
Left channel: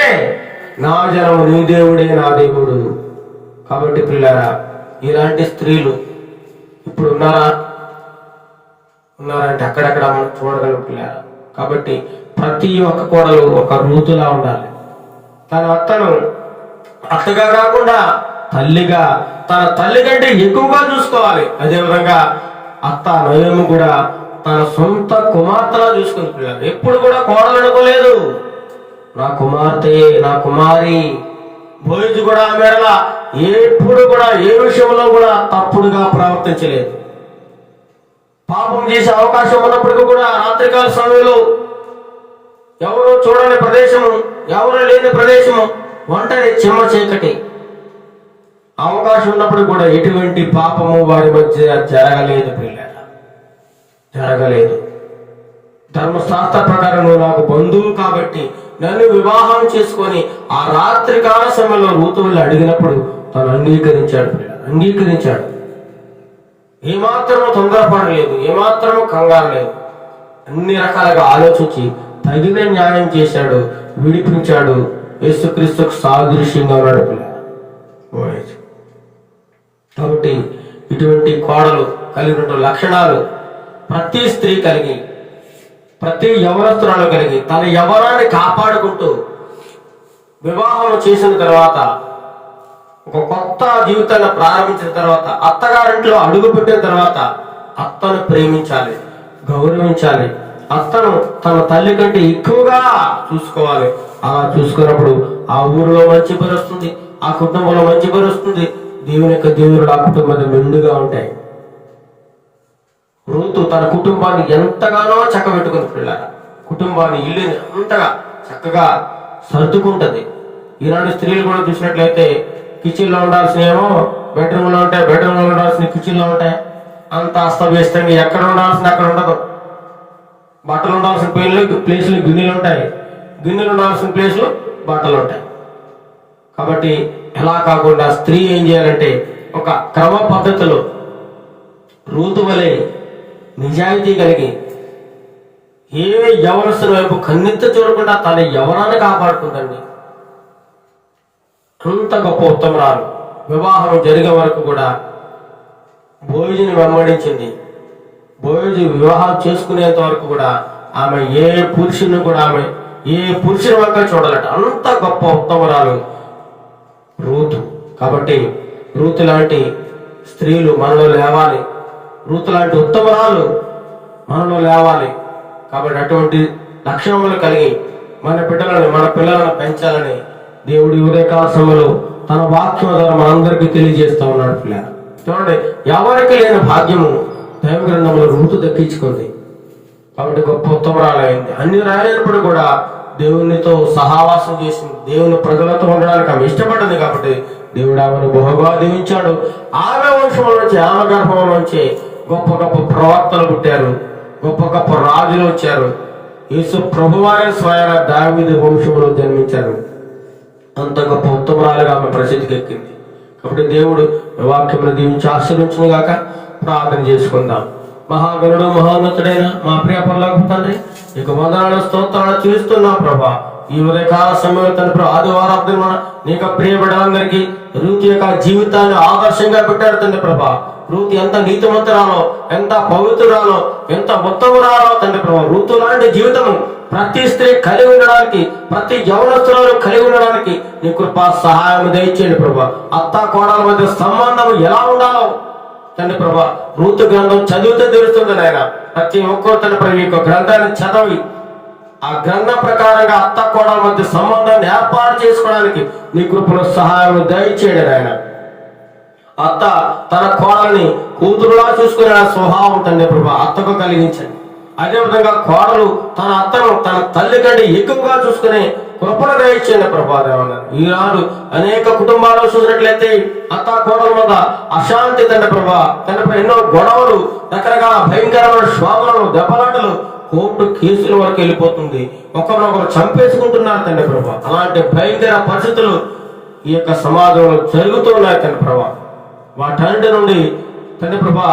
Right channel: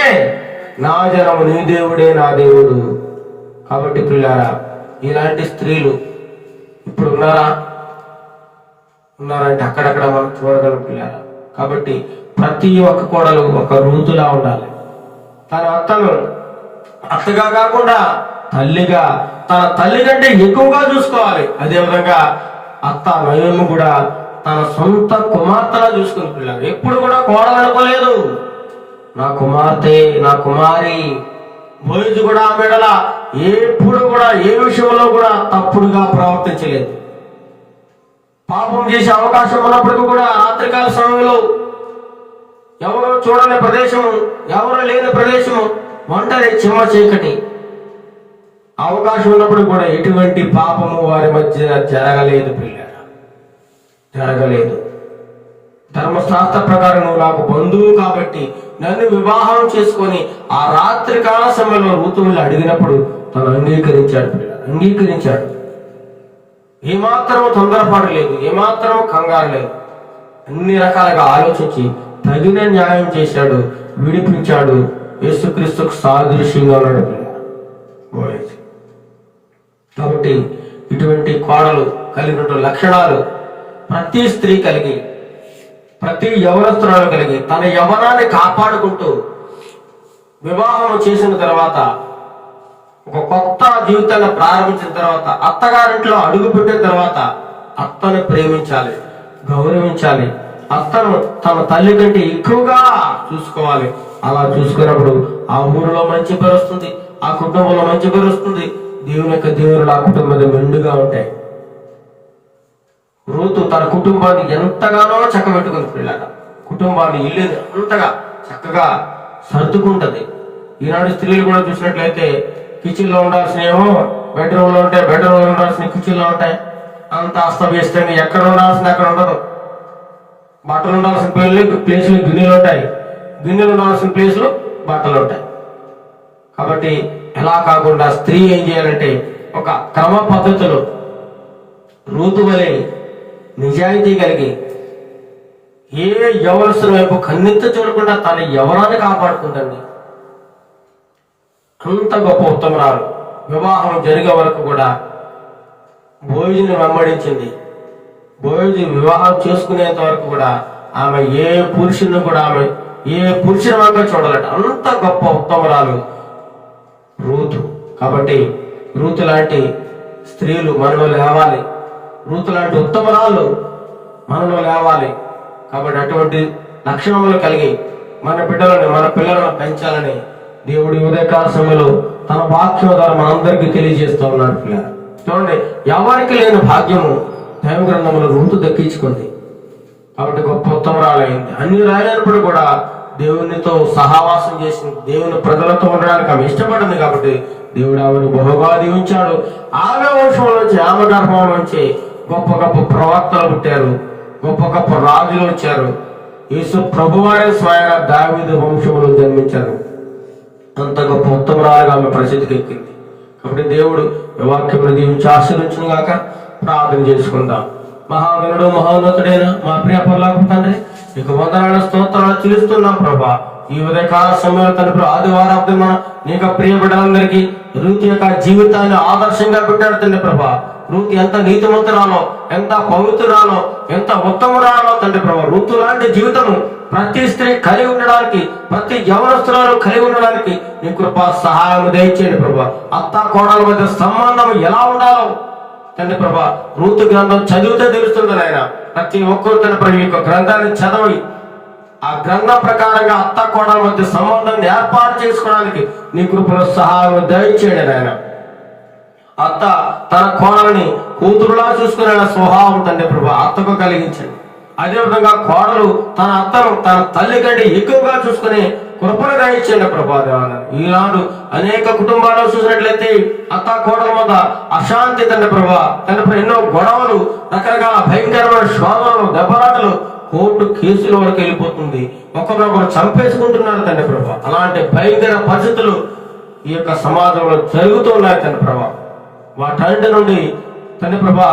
నా జనము, నీ దేవుడే నా దేవుడు. కాబట్టి ప్రియులారా, ఇలాంటి స్త్రీలు ఇప్పుడు ఉన్నారా అంటే అక్కడక్కడ మనం చూడగలం ప్రియులారా. కాబట్టి ప్రతి ఒక్క కోడలు ఒక రూతులా ఉండాలి. తన అత్తను అత్తగా కాకుండా తల్లిగా, తన తల్లి కంటే ఎక్కువగా చూసుకోవాలి. అదేవిధంగా అత్త నయోమి కూడా తన సొంత కుమార్తెలా చూసుకుని పిల్లలు ఎప్పుడు కూడా కోడలు అనుకోలేదు. నా కుమార్తె, నా కుమారి. బోయజు కూడా ఆమె ఎడల ఎప్పుడు కూడా ఏ విషయంలో కూడా తప్పుడుగా ప్రవర్తించలేదు. పాపం చేసే అవకాశం ఉన్నప్పటికీ కూడా రాత్రికాల సమయంలో ఎవరు చూడని ప్రదేశము, ఎవరు లేని ప్రదేశము, ఒంటరి చిమ్మ చీకటి, అవకాశం ఉన్నప్పుడు కూడా ఎటువంటి పాపము వారి మధ్య జరగలేదు పిల్లరా, జరగలేదు. ధర్మశాస్త్ర ప్రకారం నువ్వు నాకు బంధువు కాబట్టి నన్ను వివాహం చేసుకొని ఆ రాత్రి కాల సమయంలో రూతువులు అడిగినప్పుడు తను అంగీకరించాడు పిల్లలు, అంగీకరించాడు. ఏమాత్రము తొందరపడలేదు, ఏమాత్రము కంగారు లేదు. అన్ని రకాలుగా ఆలోచించి తగిన న్యాయం చేశాడు, విడిపించాడు. యేసుక్రీస్తుకు సాదృశ్యంగా ఉన్నాడు పిల్లలు. కాబట్టి ఇటువంటి కోడలు కలిగిన లక్షణాలు ప్రతి స్త్రీ కలిగి, ప్రతి యవనస్తురాలు కలిగి తన యవనాన్ని కాపాడుకుంటూ వివాహం చేసిన తర్వాత, ఒక కొత్త జీవితాన్ని ప్రారంభించిన తర్వాత, అత్తగారింట్లో అడుగు పెట్టిన తర్వాత అత్తను ప్రేమించాలి, గౌరవించాలి. అత్తను తన తల్లి కంటే ఎక్కువగా చూసుకోవాలి. అలా చూసుకున్నప్పుడు ఆ ఊరిలో మంచి పేరు వస్తుంది, ఆ కుటుంబంలో మంచి పేరు వస్తుంది. దేవుని యొక్క దేవుడు ఆ కుటుంబం మెండుగా ఉంటాయి. రూతు తన కుటుంబాన్ని ఎంతగానో చక్కబెట్టుకుని పిల్లల కుటుంబాన్ని, ఇల్లుని అంతగా చక్కగా సర్దుకుంటది. ఈనాడు స్త్రీలు కూడా చూసినట్లయితే కిచెన్ లో ఉండాల్సినేమో బెడ్రూమ్ లో ఉంటాయి, బెడ్రూమ్ లో ఉండాల్సిన కిచెన్ లో ఉంటాయి. అంత అస్తవ్యస్తంగా ఎక్కడ ఉండాల్సింది అక్కడ ఉండదు. బట్టలు ఉండాల్సిన ప్లేస్లు గిన్నెలు ఉంటాయి, గిన్నెలు ఉండాల్సిన ప్లేస్లు బట్టలు ఉంటాయి. కాబట్టి ఎలా కాకుండా స్త్రీ ఏం చేయాలంటే ఒక క్రమ పద్ధతిలో రూతు వలె నిజాయితీ కలిగి ఏ యవనస్తుల వైపు కన్నెత్త చూడకుండా తన యవనాన్ని కాపాడుకుందండి. అంత గొప్ప ఉత్తమరాలు. వివాహం జరిగే వరకు కూడా బోయజుని వెంబడించింది. బోయజు వివాహం చేసుకునేంత వరకు కూడా ఆమె ఏ పురుషుని కూడా ఆమె ఏ పురుషుని వంక చూడాలట. అంత గొప్ప ఉత్తమరాలు రూతు. కాబట్టి రూతు లాంటి స్త్రీలు మనలో లేవాలి, రూతు లాంటి ఉత్తమరాలు మనలో లేవాలి. కాబట్టి అటువంటి లక్షణములు కలిగి మన బిడ్డలను, మన పిల్లలను పెంచాలని దేవుడి ఉదయకాల సమయంలో తన వాక్యం ద్వారా మనందరికీ తెలియజేస్తూ ఉన్నాడు. పిల్లలు చూడండి, ఎవరికి లేని భాగ్యము దైవ గ్రంథంలో రూతు దక్కించుకుంది. కాబట్టి గొప్ప ఉత్తమరాలైంది. అన్ని రాలేనప్పుడు కూడా దేవునితో సహవాసం చేసింది, దేవుని ప్రజలతో ఉండడానికి ఆమె ఇష్టపడింది. కాబట్టి దేవుడు ఆమెను బహుగా దీవించాడు. ఆమె వంశం నుంచి, ఆమె గర్భం నుంచి గొప్ప గొప్ప ప్రవక్తలు పుట్టారు, గొప్ప గొప్ప రాజులు వచ్చారు. యేసు ప్రభువారే స్వయాన దావీదు వంశంలో జన్మించారు. అంత గొప్ప ఉత్తమరాలుగా ఆమె ప్రసిద్ధికి ఎక్కింది. కాబట్టి దేవుడు ఈ వాక్యమును దీవించి ఆశీర్వదించును గాక. ప్రార్థన చేసుకుందాం. మహాగణుడు మహోన్నతుడైన మా ప్రియ పరలోకపు తండ్రి, ఇక వందనాలు స్తోత్రాలు చెల్లిస్తున్నాం ప్రభా. ఈ ఉదయకాల సమయంలో తండ్రి ఆదివారం నీకు ప్రియ బిడ్డలందరికీ రూతు యొక్క జీవితాన్ని ఆదర్శంగా పెట్టాడు తండ్రి ప్రభా. రూతు ఎంత నీతిమంతురాలో, ఎంత పవిత్రురాలో, ఎంత ఉత్తమురాలో తండ్రి ప్రభా. రూతు లాంటి జీవితము ప్రతి స్త్రీ కలిగి ఉండడానికి, ప్రతి యవనస్తురాలు కలిగి ఉండడానికి నీ కృపా సహాయం దయచేయండి ప్రభా. అత్త కోడల మధ్య సంబంధం ఎలా ఉండాలో తండ్రి ప్రభా రూతు గ్రంథం చదివితే తెలుస్తుంది నాయన. ప్రతి ఒక్కరు తండ్రి ప్రభు యొక్క గ్రంథాన్ని చదవి ఆ గ్రంథం ప్రకారంగా అత్త కోడల మధ్య సంబంధాన్ని ఏర్పాటు చేసుకోవడానికి నీ కృపలో సహాయం దయచేయండి నాయన. అత్త తన కోడల్ని కూతురులా చూసుకునే స్వభావం తండ్రి ప్రభా అత్తకు కలిగించండి. అదేవిధంగా కోడలు తన అత్తను తన తల్లి కంటే ఎక్కువగా చూసుకునే కృపను దయచేయండి ప్రభా. ఈనాడు అనేక కుటుంబాల్లో చూసినట్లయితే అత్త కోడల మీద అశాంతి తండ్రి ప్రభా, తండ్రి ఎన్నో గొడవలు, రకరకాల భయంకరమైన శోధనలు, దెబ్బలాటలు, కోర్టు కేసుల వరకు వెళ్ళిపోతుంది. ఒకరినొకరు చంపేసుకుంటున్నారు తండ్రి ప్రభా. అలాంటి భయంకర పరిస్థితులు ఈ యొక్క సమాజంలో జరుగుతున్నాయి తండ్రి ప్రభా. వాటన్నిటి నుండి తండ్రి ప్రభా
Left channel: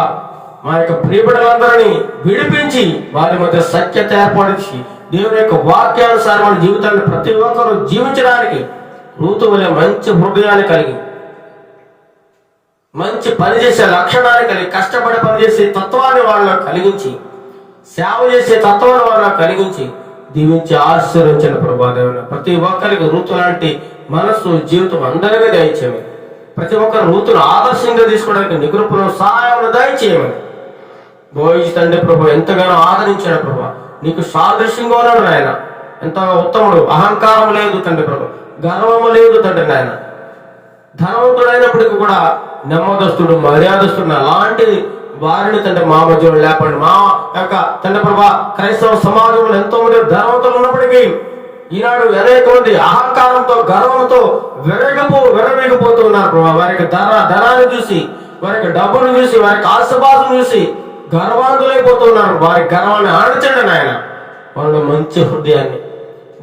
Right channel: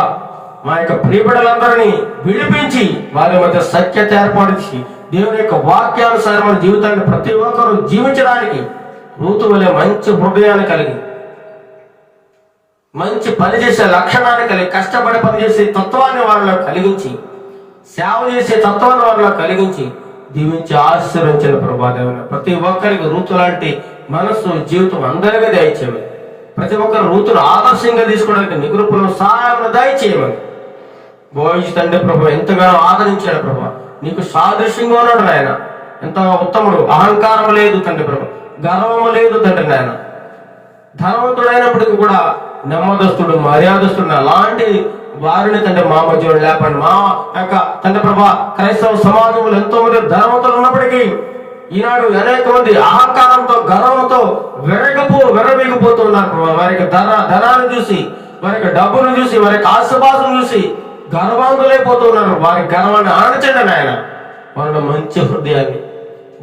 మా యొక్క ప్రియబిడ్డలందరినీ విడిపించి వారి మధ్య సఖ్యత ఏర్పడించి దేవుని యొక్క వాక్యానుసారమైన జీవితాన్ని ప్రతి ఒక్కరూ జీవించడానికి రూతు వలె మంచి హృదయాన్ని కలిగి, మంచి పనిచేసే లక్షణాన్ని కలిగి, కష్టపడి పనిచేసే తత్వాన్ని వారిలో కలిగించి, సేవ చేసే తత్వాన్ని వారిలో కలిగించి దీవించి ఆశీర్వదించండి ప్రభా. దేవుని ప్రతి ఒక్కరికి రూతు లాంటి మనస్సు, జీవితం అందరికీ దయచేయమని, ప్రతి ఒక్కరు రూతును ఆదర్శంగా తీసుకోవడానికి నికృపను సహాయం దయచేయమని బోయి తండ్రి ప్రభు ఎంతగానో ఆదరించాడు ప్రభా. నీకు సాదృశ్యంగా ఉన్నాడు నాయన. ఎంత ఉత్తముడు, అహంకారం లేదు తండ్రి ప్రభు, గర్వము లేదు తండ్రి నాయన. ధనవంతుడైనప్పటికీ కూడా నెమ్మదస్తుడు, మర్యాదస్తుడు అలాంటి వారిని తండ్రి మా మధ్యలో లేపండి. మా యొక్క తండ్రి ప్రభా క్రైస్తవ సమాజంలో ఎంతో మంది ధనవంతులు ఉన్నప్పటికీ ఈనాడు అనేక మంది అహంకారంతో, గర్వంతో విర్రవీగిపోతున్నారు ప్రభా. వారికి ధనాన్ని చూసి, వారికి డబ్బును చూసి, వారికి ఆశపాసం చూసి గర్వాంతులైపోతున్నారు. వారి గర్వాన్ని ఆనచండి నాయన. వాళ్ళ మంచి హృదయాన్ని,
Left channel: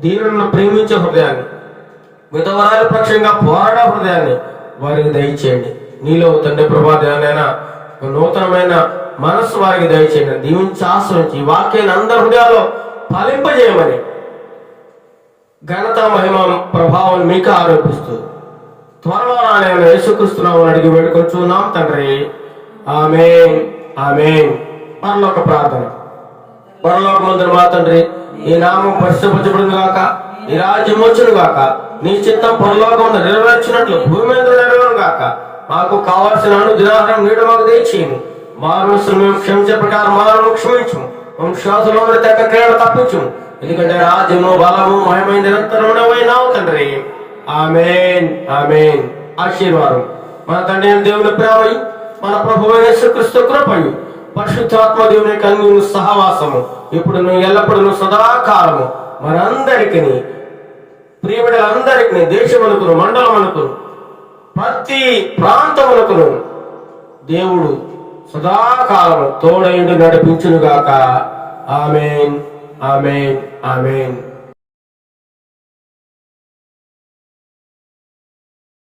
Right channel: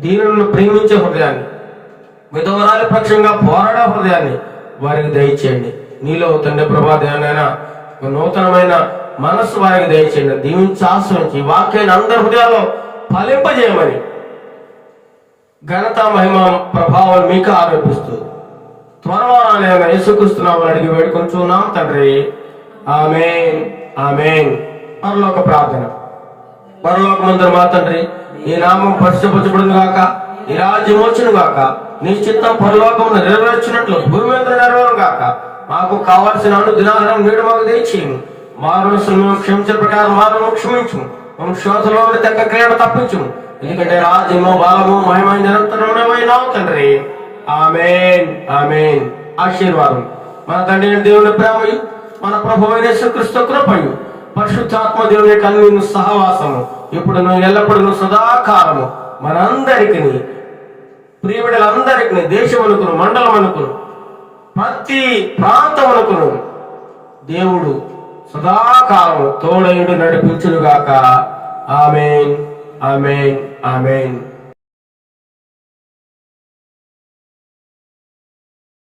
దీనులను ప్రేమించే హృదయాన్ని, విధవరాల పక్షంగా పోరాడే హృదయాన్ని వారికి దయచేయండి. నీలో తండ్రి ప్రభా దేవనైనా నూతనమైన మనస్సు వారికి దయచేయండి. దీవించి ఆశ్రయించి ఈ వాక్యాన్ని అందరి హృదయాల్లో ఫలింపజేయమని ఘనత, మహిమ, ప్రభావం మీకు ఆరోపిస్తూ త్వరలో నేను యేసుక్రీస్తునామమున అడిగి వేడుకొంచున్నాం తండ్రి. ఆమేన్, ఆమేన్. పరలోక ప్రార్థన. పరలోకమందున మా తండ్రి, ఈ నామం పరిశుద్ధపరచబడును గాక, నీ రాజ్యం వచ్చును గాక, నీ చిత్తం పరలోకమున నెరవేర్చినట్లు భూమి మీద నెరవేరును గాక. మాకు కావాల్సిన దినాహారం నేడు మాకు దయచేయము. మారును మేము క్షమించే ప్రకారం మారును క్షమించము. శోధనలో తెక్క క్రియలు తప్పించము. ఎందుకంటే రాజ్యము, బలము, మహిమ నిరంతరమైనావు తండ్రి. ఆమేన్, ఆమేన్. ఆశీర్వాదం. మన తండ్రి దేవుని ప్రేమయు, మన ప్రభువు యేసుక్రీస్తు కృపయు, పరిశుద్ధాత్మ దేవుని యొక్క అన్ని సహవాసము ఇప్పుడు ఎల్లప్పుడూ సదాకాలము మనందరికీ, ప్రియబిడ్డలందరికీ, దేశమునకును, మండలమునకును, ప్రతి ప్రాంతమునకును దేవుడు సదాకాలము తోడయుడు నడిపించునుగాక. ఆమేన్, ఆమేన్, ఆమేన్.